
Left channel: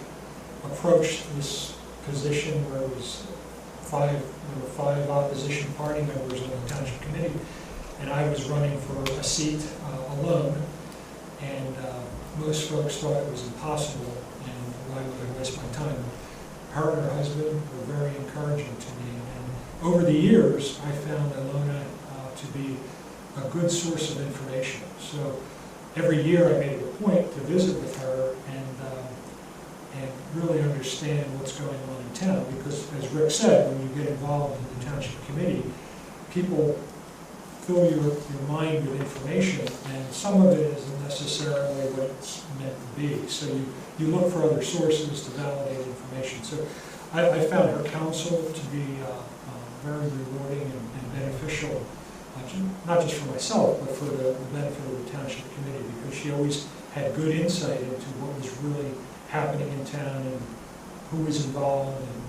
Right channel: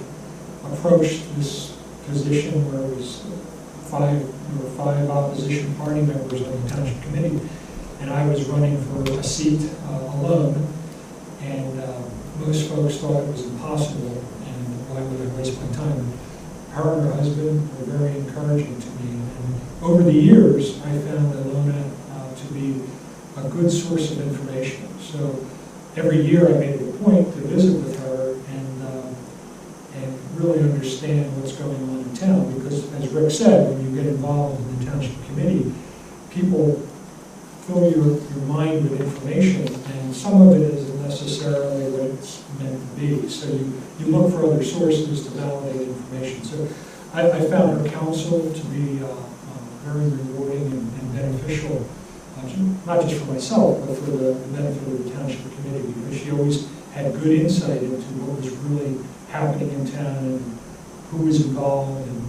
approached this position where it was there were 5 opposition party members on the Township Committee, and I was running for a seat alone. And most folks thought it was impossible, and why would I waste my time? Her and her husband were very encouraging to me, and over the years, I found Ilona to be a good source of information. So every year, I made it a point to visit with her and really understand what's going on in town, because as Rick said, when you get involved in the Township Committee, people fill your mind with information, and some of it isn't necessarily what it's meant to be. So you look for other sources to validate information. So I found her counsel to be very rewarding and beneficial, not just for myself, but for the benefit of the Township Committee, because she always had good insight into what was really happening in town and who was involved and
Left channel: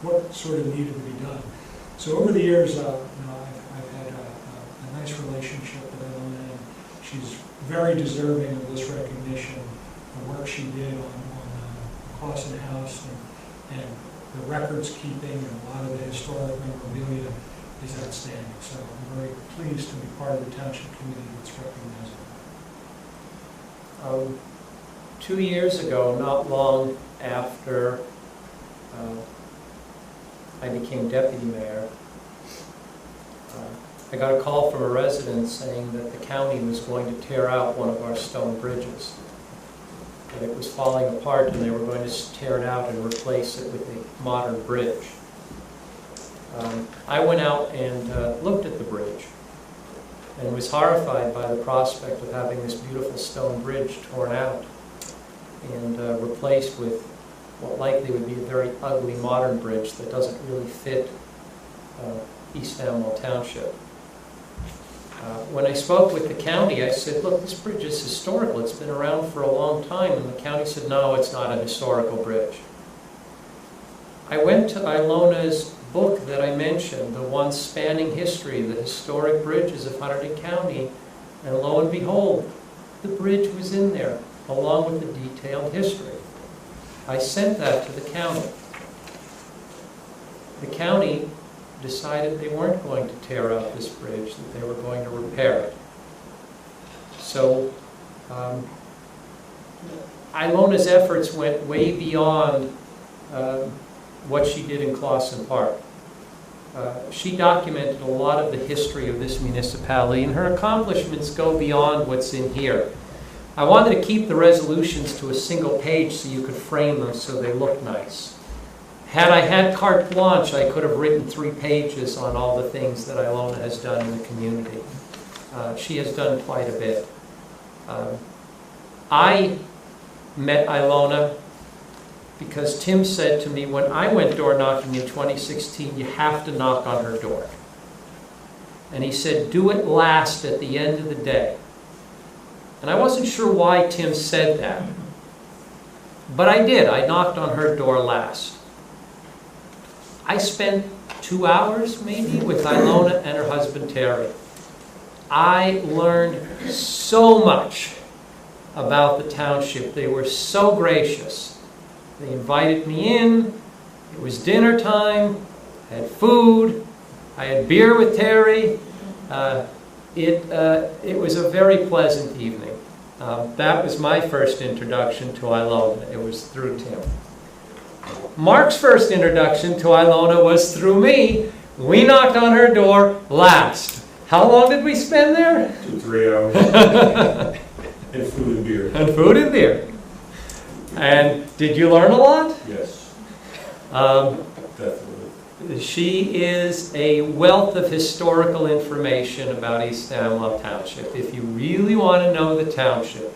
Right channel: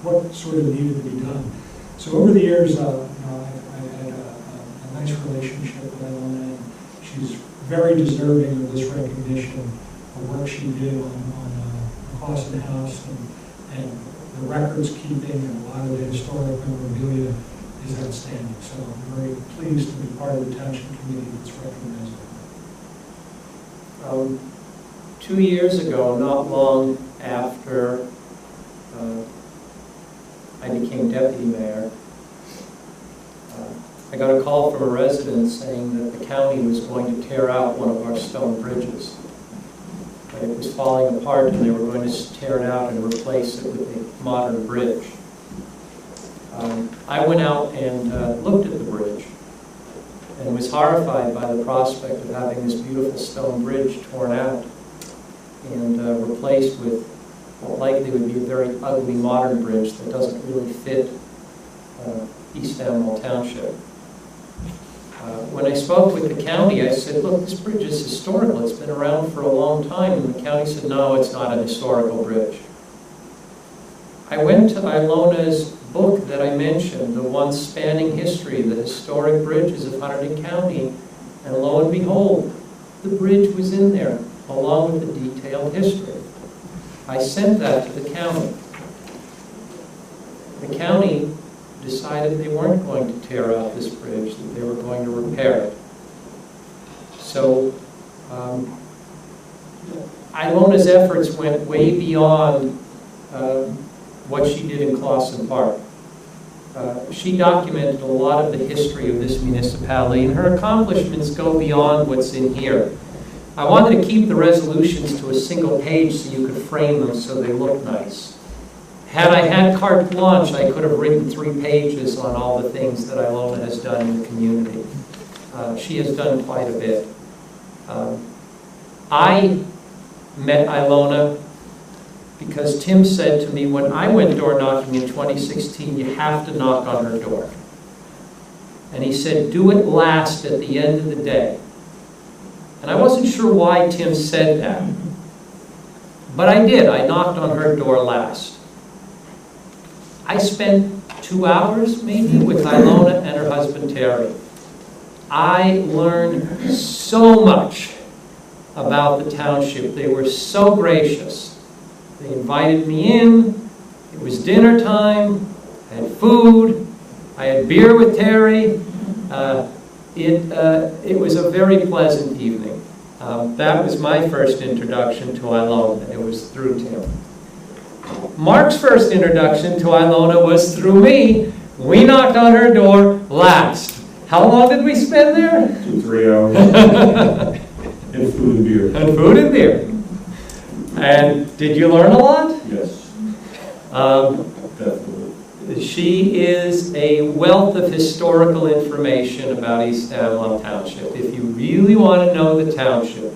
what sort of needed to be done. So over the years, I've had a nice relationship with Ilona, and she's very deserving of this recognition. The work she did on the Clausen House and the records keeping and a lot of the historic memorabilia is outstanding. So I'm very pleased to be part of the Township Committee that's recognizing her. 2 years ago, not long after I became deputy mayor, I got a call from a resident saying that the county was going to tear out one of our stone bridges, that it was falling apart and they were going to tear it out and replace it with a modern bridge. I went out and looked at the bridge and was horrified by the prospect of having this beautiful stone bridge torn out and replaced with what likely would be a very ugly modern bridge that doesn't really fit East Amwell Township. When I spoke with the county, I said, look, this bridge is historical. It's been around for a long time. And the county said, no, it's not an historical bridge. I went to Ilona's book that I mentioned, the one spanning history, the historic bridges of Hunterdon County, and lo and behold, the bridge was in there, along with the detailed history. I sent that to the county. The county decided they weren't going to tear out this bridge, that they were going to repair it. So Ilona's efforts went way beyond what she did in Clausen Park. She documented a lot of the history of this municipality, and her accomplishments go beyond what's in here. I wanted to keep the resolutions to a single page so you could frame them so they look nice. Had I had carte blanche, I could have written 3 pages on all the things that Ilona has done in the community. She has done quite a bit. I met Ilona because Tim said to me, when I went door knocking in 2016, you have to knock on her door. And he said, do it last at the end of the day. And I wasn't sure why Tim said that. But I did. I knocked on her door last. I spent 2 hours maybe with Ilona and her husband Terry. I learned so much about the township. They were so gracious. They invited me in. It was dinner time. I had food. I had beer with Terry. It was a very pleasant evening. That was my first introduction to Ilona. It was through Tim. Mark's first introduction to Ilona was through me. We knocked on her door last. How long did we spend there? 2-3 hours. And food and beer. And food and beer. And did you learn a lot? Yes, definitely. She is a wealth of historical information about East Amwell Township. If you really want to know the township,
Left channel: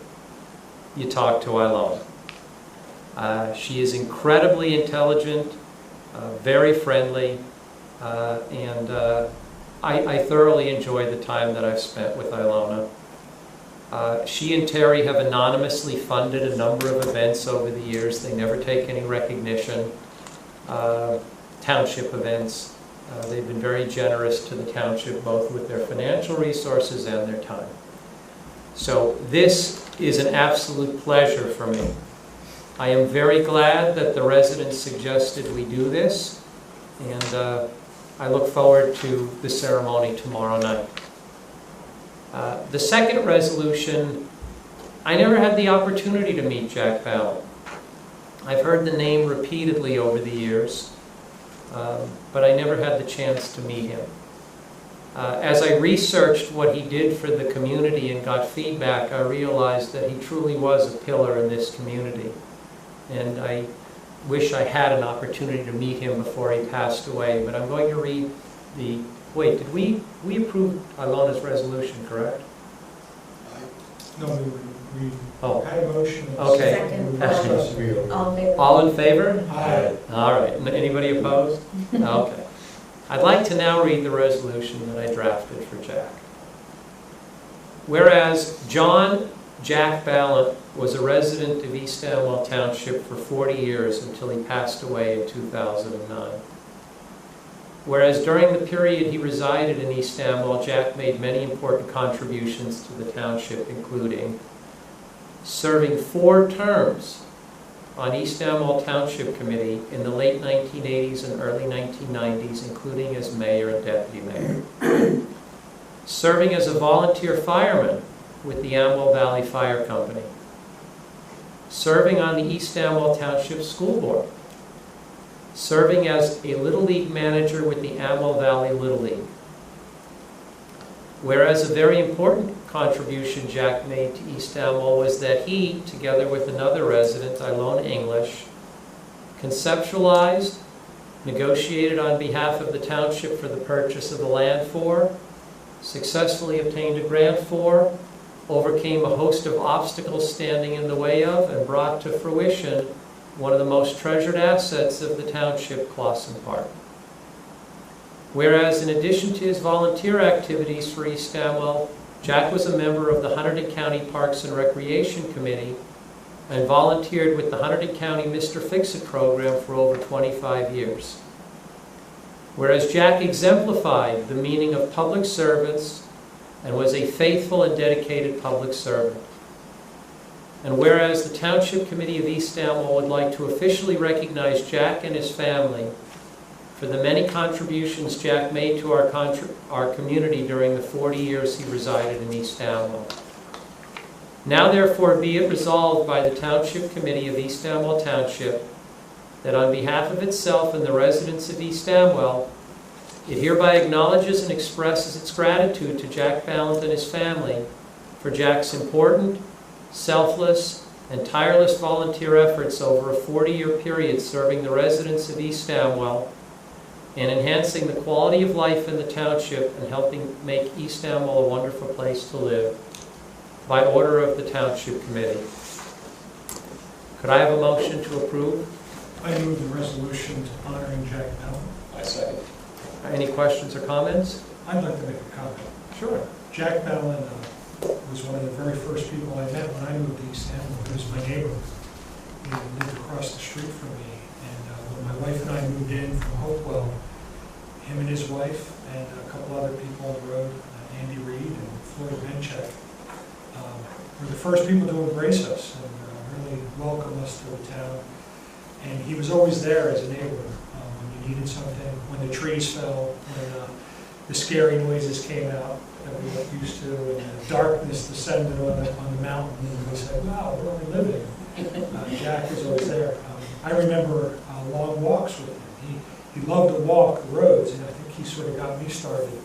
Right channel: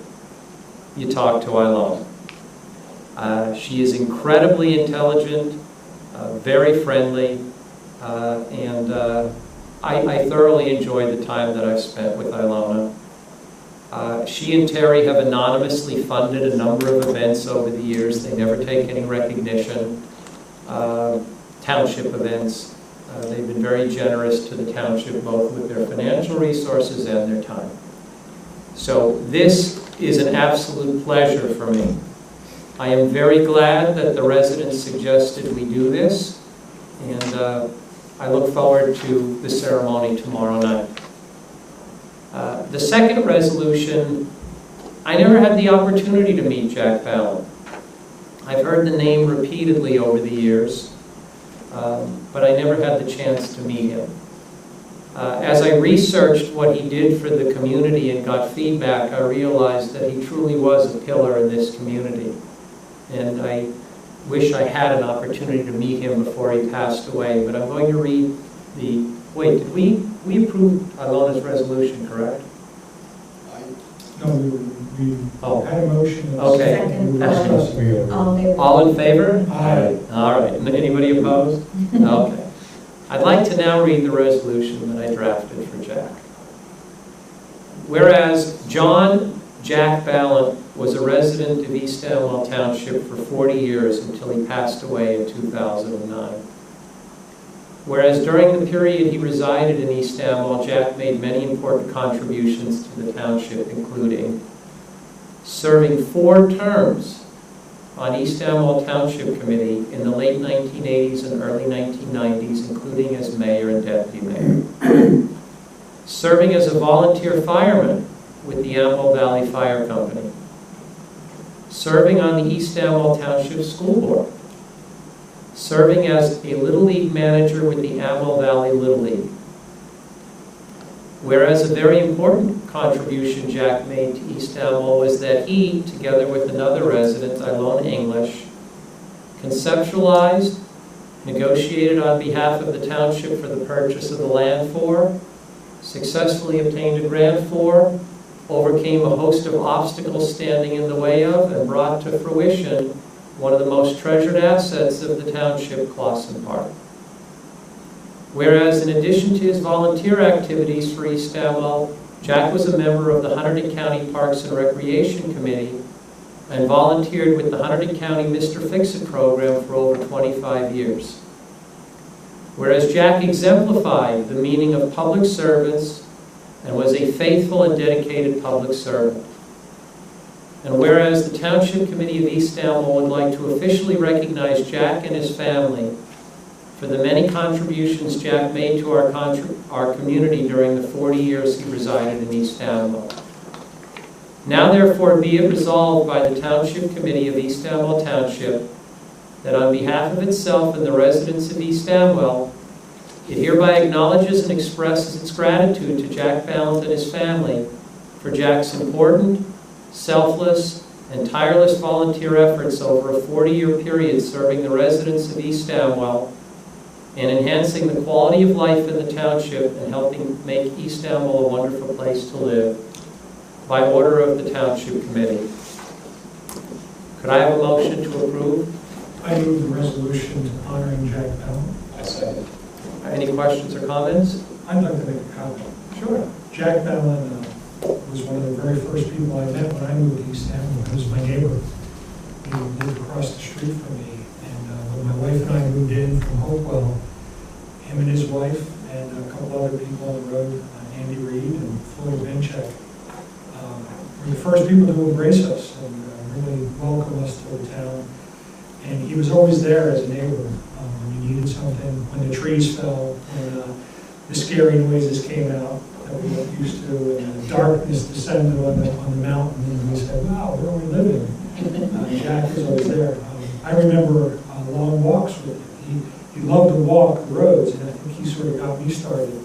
you talk to Ilona. She is incredibly intelligent, very friendly, and I thoroughly enjoyed the time that I've spent with Ilona. She and Terry have anonymously funded a number of events over the years. They never take any recognition. Township events. They've been very generous to the township, both with their financial resources and their time. So this is an absolute pleasure for me. I am very glad that the residents suggested we do this, and I look forward to the ceremony tomorrow night. The second resolution, I never had the opportunity to meet Jack Ballin. I've heard the name repeatedly over the years, but I never had the chance to meet him. As I researched what he did for the community and got feedback, I realized that he truly was a pillar in this community. And I wish I had an opportunity to meet him before he passed away. But I'm going to read the... Wait, did we approve Ilona's resolution, correct? No, we had a motion. Okay. Second. We were discussing. All in favor? Aye. All right. Anybody opposed? Okay. I'd like to now read the resolution that I drafted for Jack. Whereas John Jack Ballin was a resident of East Amwell Township for 40 years until he passed away in 2009. Whereas during the period he resided in East Amwell, Jack made many important contributions to the township, including serving 4 terms on East Amwell Township Committee in the late 1980s and early 1990s, including as mayor and deputy mayor. Serving as a volunteer fireman with the Amwell Valley Fire Company. Serving on the East Amwell Township School Board. Serving as a Little League manager with the Amwell Valley Little League. Whereas a very important contribution Jack made to East Amwell was that he, together with another resident, Ilona English, conceptualized, negotiated on behalf of the township for the purchase of the land for, successfully obtained a grant for, overcame a host of obstacles standing in the way of, and brought to fruition one of the most treasured assets of the township, Clawson Park. Whereas in addition to his volunteer activities for East Amwell, Jack was a member of the Hunterdon County Parks and Recreation Committee and volunteered with the Hunterdon County Mr. Fix-It program for over 25 years. Whereas Jack exemplified the meaning of public service and was a faithful and dedicated public servant. And whereas the Township Committee of East Amwell would like to officially recognize Jack and his family for the many contributions Jack made to our community during the 40 years he resided in East Amwell. Now therefore be it resolved by the Township Committee of East Amwell Township that on behalf of itself and the residents of East Amwell, it hereby acknowledges and expresses its gratitude to Jack Ballant and his family for Jack's important, selfless, and tireless volunteer efforts over a 40-year period serving the residents of East Amwell and enhancing the quality of life in the township and helping make East Amwell a wonderful place to live by order of the Township Committee. Could I have a motion to approve? I move the resolution honoring Jack Ballin. I second it. Any questions or comments? I'd like to make a comment. Sure. Jack Ballin was one of the very first people I met when I moved to East Amwell. He was my neighbor. He lived across the street from me. And when when my wife and I moved in from Hopewell, him and his wife and a couple other people on the road, Andy Reed and Floyd Benchek, were the first people to embrace us and really welcome us to the town. And he was always there as a neighbor when you needed something, when the trees fell, when the scary noises came out that we weren't used to, and the darkness descended on the mountain, and we said, wow, where are we living? Jack was always there. I remember long walks with him. He loved to walk the roads, and I think he sort of got me started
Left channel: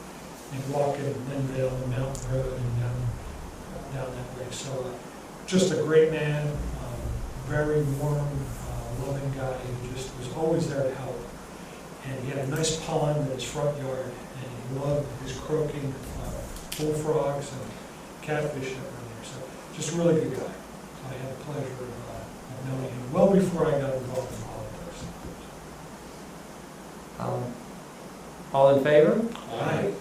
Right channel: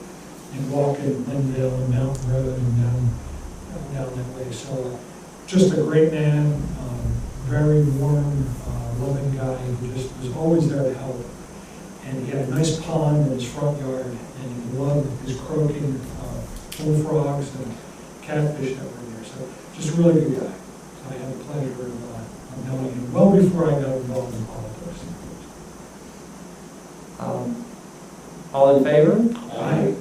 in walking Linville and Mountain Road and down that way. So just a great man, very warm, loving guy who just was always there to help. And he had a nice pond in his front yard, and he loved his croaking bullfrogs and catfish that were in there. So just a really good guy. So I had the pleasure of knowing him well before I got involved in politics. All in favor? Aye.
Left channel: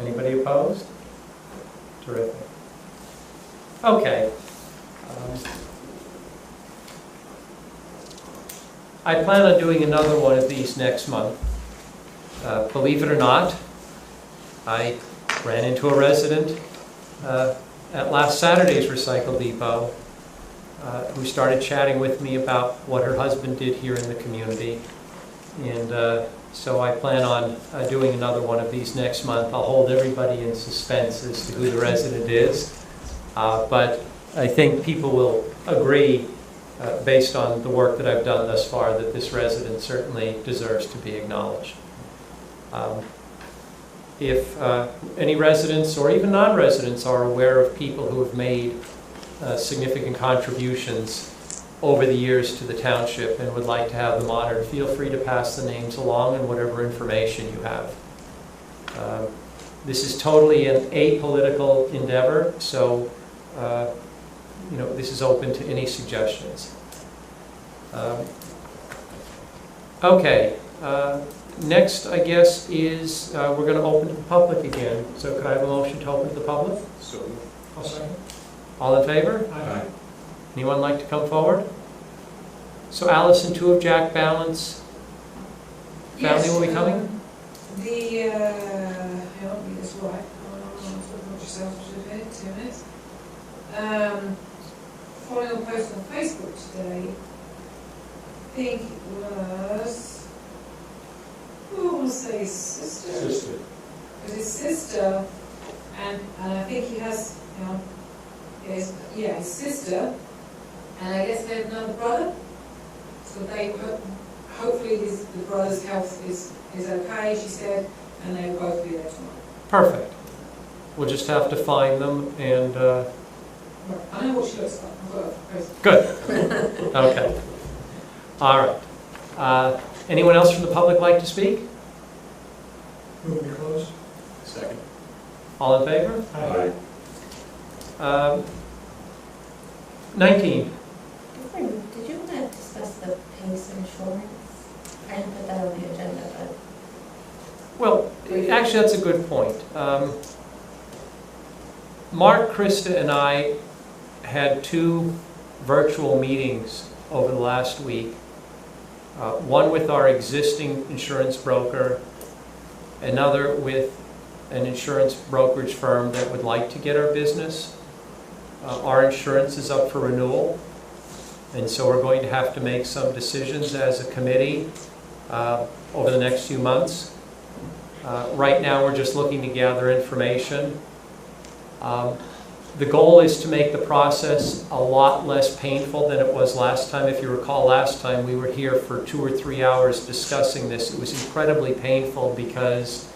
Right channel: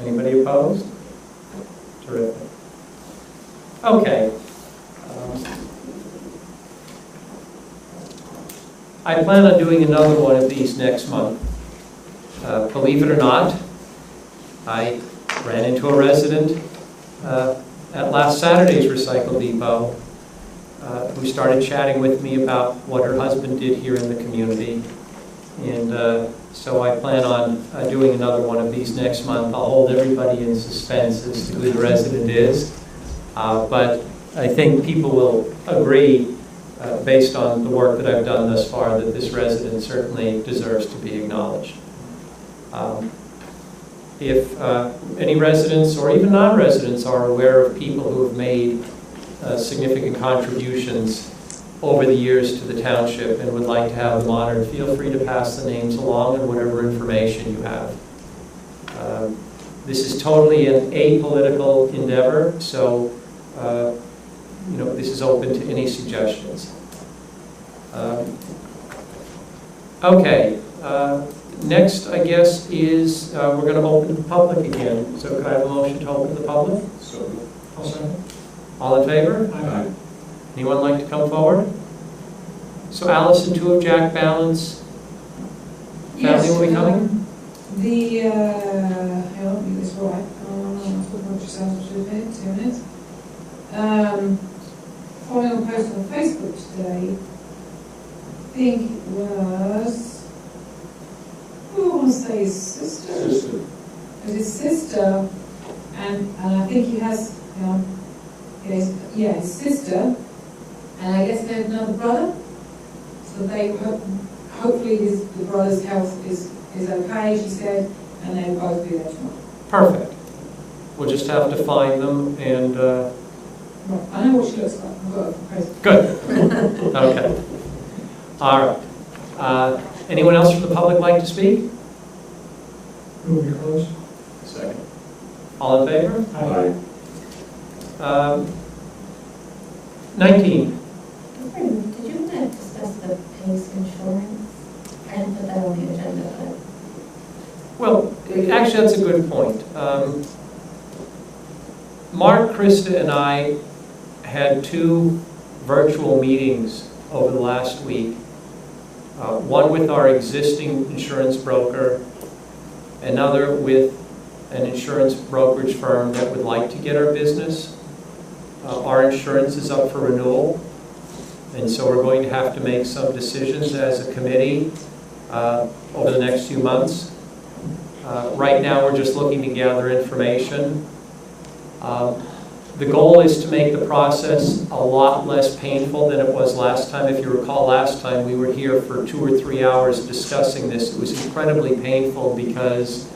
Anybody opposed? Terrific. Okay. I plan on doing another one of these next month. Believe it or not, I ran into a resident at last Saturday's Recycle Depot who started chatting with me about what her husband did here in the community. And so I plan on doing another one of these next month. I'll hold everybody in suspense as to who the resident is. But I think people will agree, based on the work that I've done thus far, that this resident certainly deserves to be acknowledged. If any residents or even non-residents are aware of people who have made significant contributions over the years to the township and would like to have them honored, feel free to pass the names along and whatever information you have. This is totally an apolitical endeavor, so this is open to any suggestions. Okay. Next, I guess, is we're going to open to the public again. So could I have a motion to open to the public? So moved. I'll second. All in favor? Aye. Anyone like to come forward? So Alice and two of Jack Balance family will be coming? I don't think this right. Talk about yourself for 2 minutes. Following a post on Facebook today, I think it was, I want to say his sister. It was his sister, and I think he has, his sister, and I guess they have another brother. So they hopefully the brother's health is okay, she said, and they'll both be there tomorrow. Perfect. We'll just have to find them and... Right, I know what she looks like. I've got her post. Good. Okay. All right. Anyone else from the public like to speak? Move we close. Second. All in favor? Aye. 19. Did you want to discuss the PACE insurance? I didn't put that on the agenda, but... Well, actually, that's a good point. Mark, Krista, and I had 2 virtual meetings over the last week. One with our existing insurance broker, another with an insurance brokerage firm that would like to get our business. Our insurance is up for renewal, and so we're going to have to make some decisions as a committee over the next few months. Right now, we're just looking to gather information. The goal is to make the process a lot less painful than it was last time. If you recall, last time we were here for 2 or 3 hours discussing this. It was incredibly painful because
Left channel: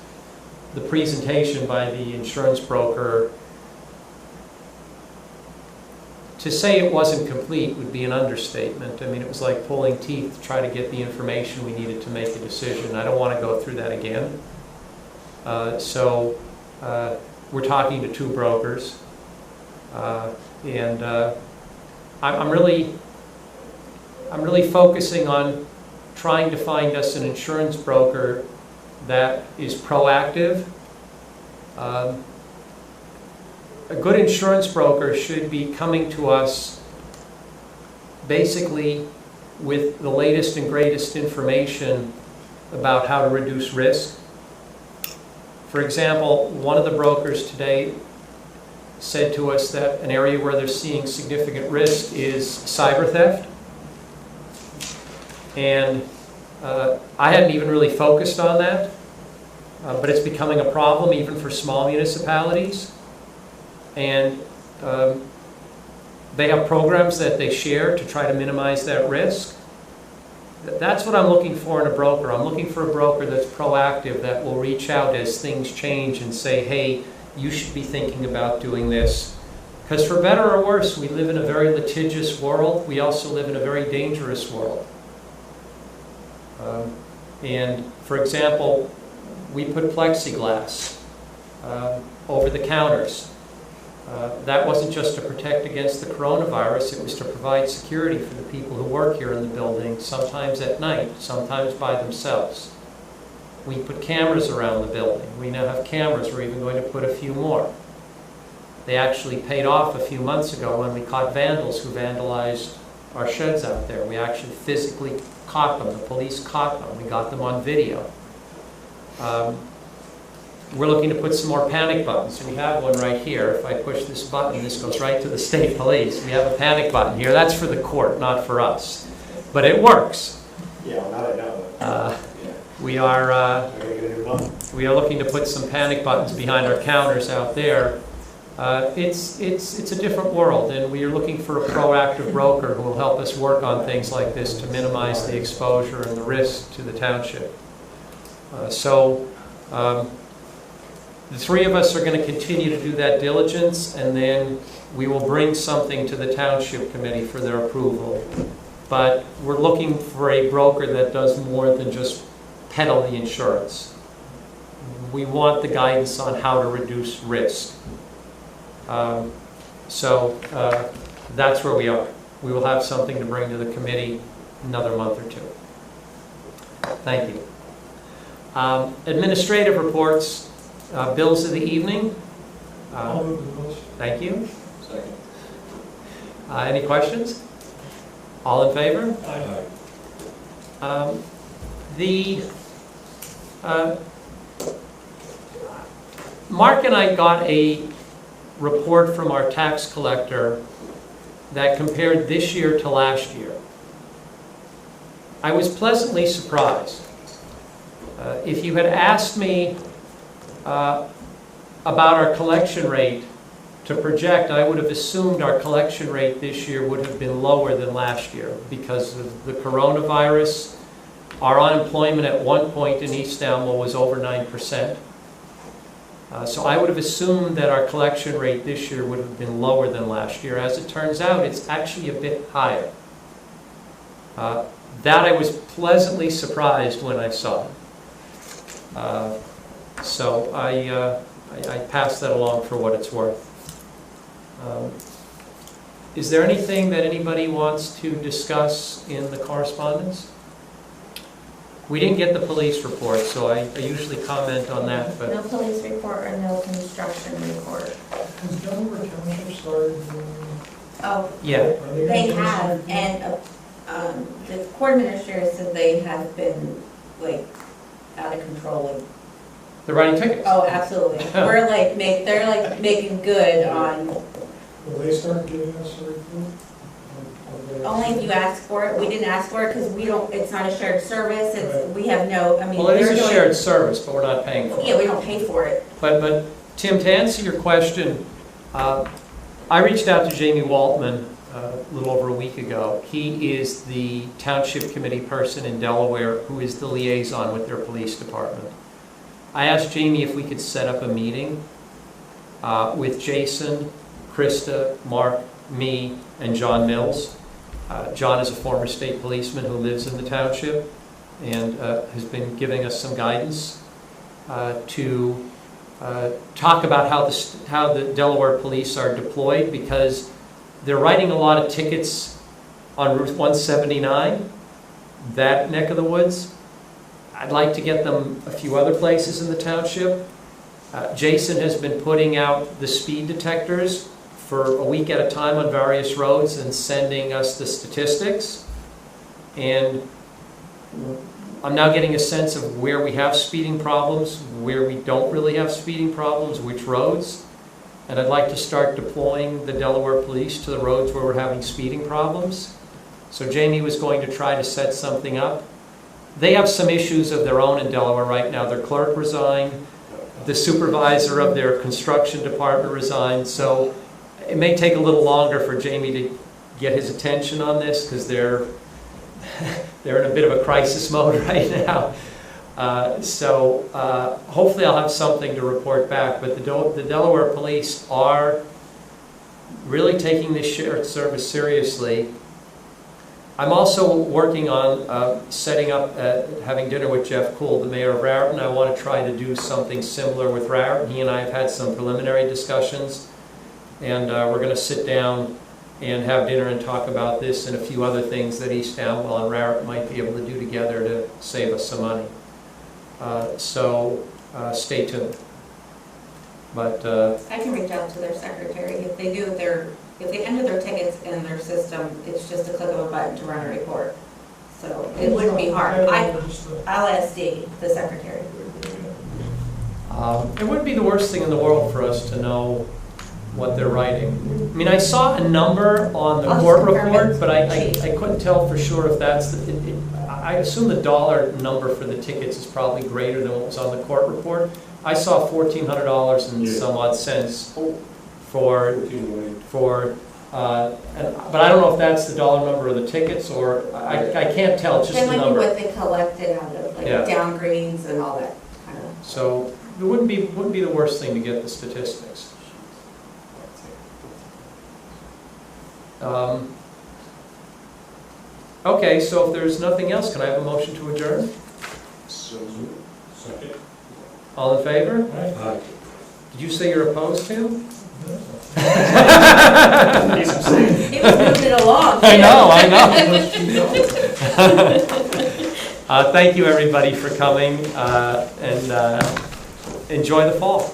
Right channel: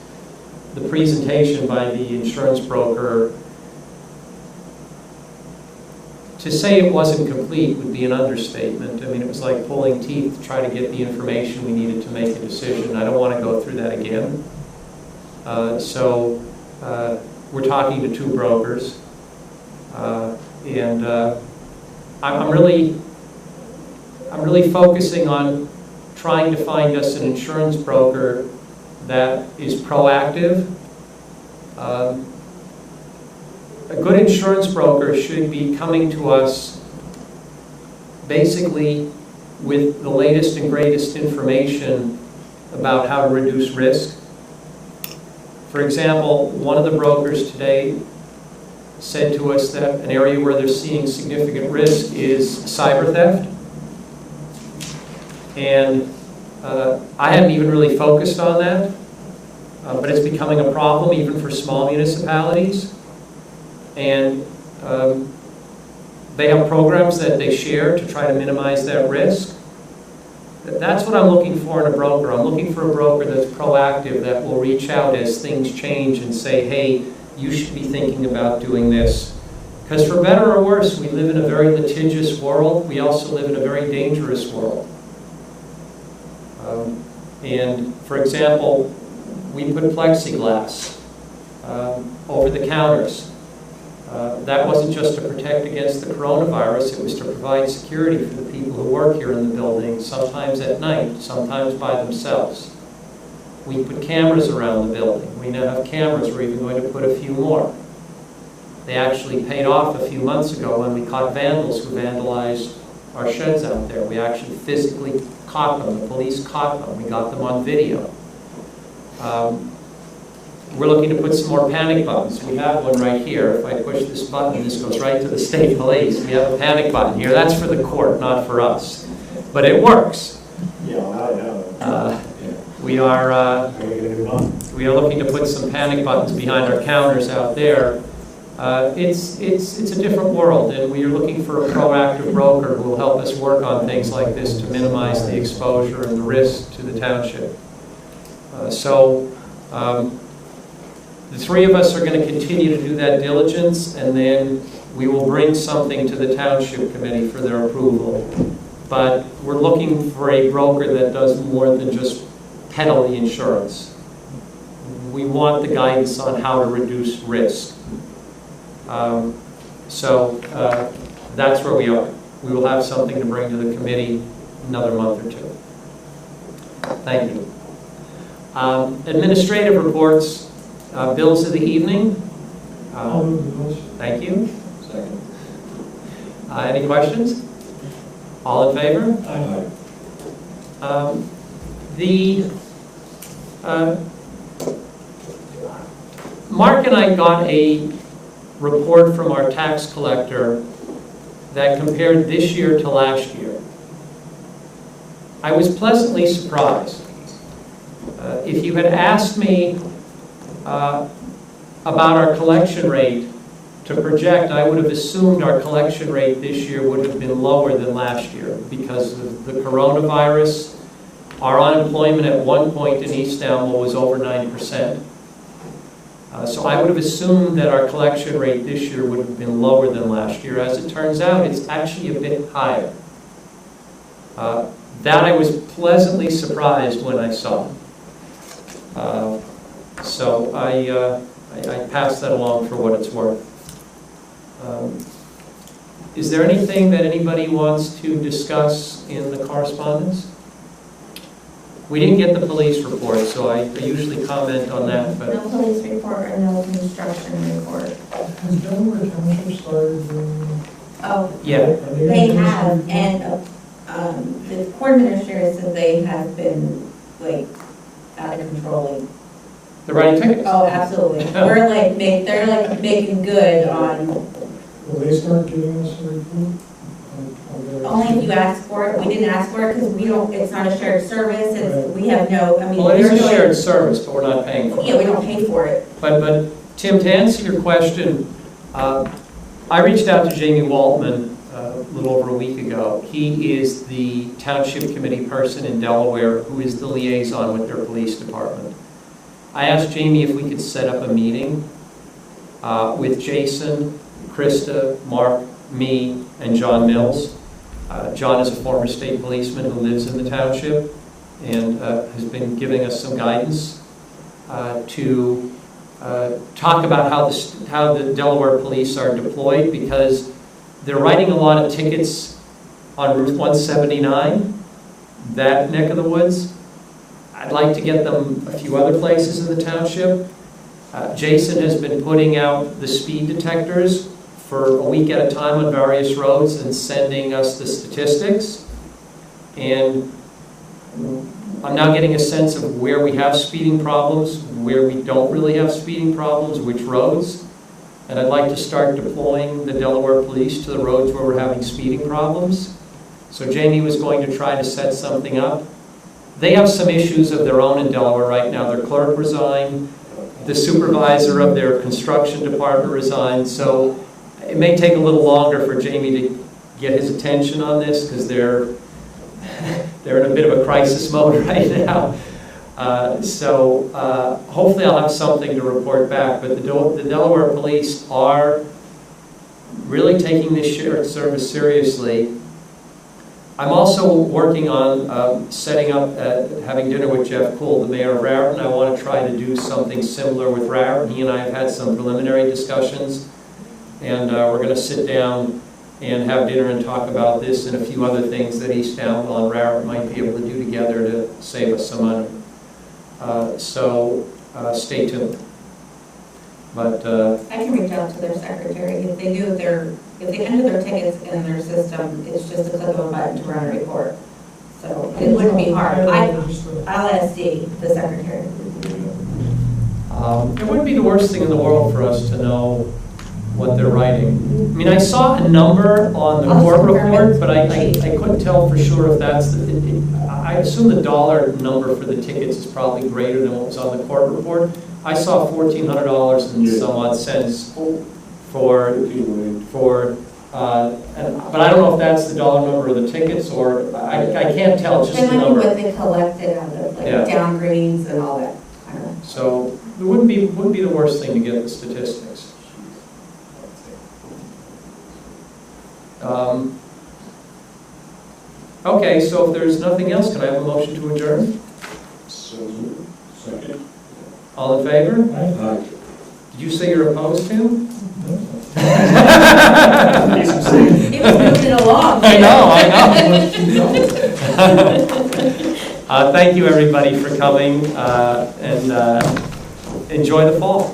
the presentation by the insurance broker, to say it wasn't complete would be an understatement. I mean, it was like pulling teeth to try to get the information we needed to make a decision. I don't want to go through that again. So we're talking to 2 brokers. And I'm really focusing on trying to find us an insurance broker that is proactive. A good insurance broker should be coming to us basically with the latest and greatest information about how to reduce risk. For example, one of the brokers today said to us that an area where they're seeing significant risk is cyber theft. And I hadn't even really focused on that, but it's becoming a problem even for small municipalities. And they have programs that they share to try to minimize that risk. That's what I'm looking for in a broker. I'm looking for a broker that's proactive, that will reach out as things change and say, hey, you should be thinking about doing this. Because for better or worse, we live in a very litigious world. We also live in a very dangerous world. And for example, we put plexiglass over the counters. That wasn't just to protect against the coronavirus, it was to provide security for the people who work here in the building, sometimes at night, sometimes by themselves. We put cameras around the building. We now have cameras. We're even going to put a few more. They actually paid off a few months ago when we caught vandals who vandalized our sheds out there. We actually physically caught them. The police caught them. We got them on video. We're looking to put some more panic buttons. We have one right here. If I push this button, this goes right to the state police. We have a panic button here. That's for the court, not for us. But it works. Yeah, well, now I know. We are I'm gonna get a new button. we are looking to put some panic buttons behind our counters out there. It's a different world, and we are looking for a proactive broker who will help us work on things like this to minimize the exposure and the risk to the township. The three of us are going to continue to do that diligence, and then we will bring something to the Township Committee for their approval. But we're looking for a broker that does more than just peddle the insurance. We want the guidance on how to reduce risk. That's where we are. We will have something to bring to the committee another month or two. Thank you. Administrative reports. Bills of the evening. I'll move the bills. Thank you. Second. Any questions? All in favor? Aye. Mark and I got a report from our tax collector that compared this year to last year. I was pleasantly surprised. If you had asked me about our collection rate to project, I would have assumed our collection rate this year would have been lower than last year because of the coronavirus. Our unemployment at one point in East Amwell was over 9%. So I would have assumed that our collection rate this year would have been lower than last year. As it turns out, it's actually a bit higher. That I was pleasantly surprised when I saw. So I pass that along for what it's worth. Is there anything that anybody wants to discuss in the correspondence? We didn't get the police report, so I usually comment on that. But No police report or no construction report. Has Delaware Township started doing any? Oh, yeah, Are they gonna they do have, something? and the court administrator said they have been like out of control. Like, they're writing tickets. oh, absolutely. We're like they're like making good on. Will they start giving us a report? of their- Only if you ask for it. We didn't ask for it because we don't. It's not a shared service. It's Right. we have no. I mean, Well, it is they're a doing- shared service, but we're not paying for it. Yeah, we don't pay for it. But Tim, to answer your question, I reached out to Jamie Waltman a little over a week ago. He is the township committee person in Delaware who is the liaison with their police department. I asked Jamie if we could set up a meeting with Jason, Krista, Mark, me, and John Mills. John is a former state policeman who lives in the township and has been giving us some guidance to talk about how the Delaware police are deployed, because they're writing a lot of tickets on Route 179, that neck of the woods. I'd like to get them a few other places in the township. Jason has been putting out the speed detectors for a week at a time on various roads and sending us the statistics. And I'm now getting a sense of where we have speeding problems, where we don't really have speeding problems, which roads. And I'd like to start deploying the Delaware police to the roads where we're having speeding problems. So Jamie was going to try to set something up. They have some issues of their own in Delaware right now. Their clerk resigned, the supervisor of their construction department resigned, so it may take a little longer for Jamie to get his attention on this, because they're in a bit of a crisis mode right now. Hopefully I'll have something to report back, but the Delaware police are really taking this shared service seriously. I'm also working on setting up, having dinner with Jeff Kuhl, the mayor of Raritan. I want to try to do something similar with Raritan. He and I have had some preliminary discussions, and we're going to sit down and have dinner and talk about this and a few other things that East Amwell and Raritan might be able to do together to save us some money. Stay tuned. But I can reach out to their secretary. If they enter their tickets in their system, it's just a click of a button to run a report. So it wouldn't be hard. I'll ask Dee, the secretary. it wouldn't be the worst thing in the world for us to know what they're writing. I mean, I saw a number on the I'll court just confirm report, it. but I couldn't tell for sure if that's I assume the dollar number for the tickets is probably greater than what was on the court report. I saw $1,400 and some odd cents for but I don't know if that's the dollar number of the tickets, or I can't tell, it's just That a might be number. what they collected out of, like, Yeah. downgrades and all that kind of. So it wouldn't be the worst thing to get the statistics. Okay, so if there's nothing else, can I have a motion to adjourn? Second. All in favor? Aye. Did you say you're opposed, Tim? He's abstaining. He was moving it along. I know. Thank you, everybody, for coming, and enjoy the fall.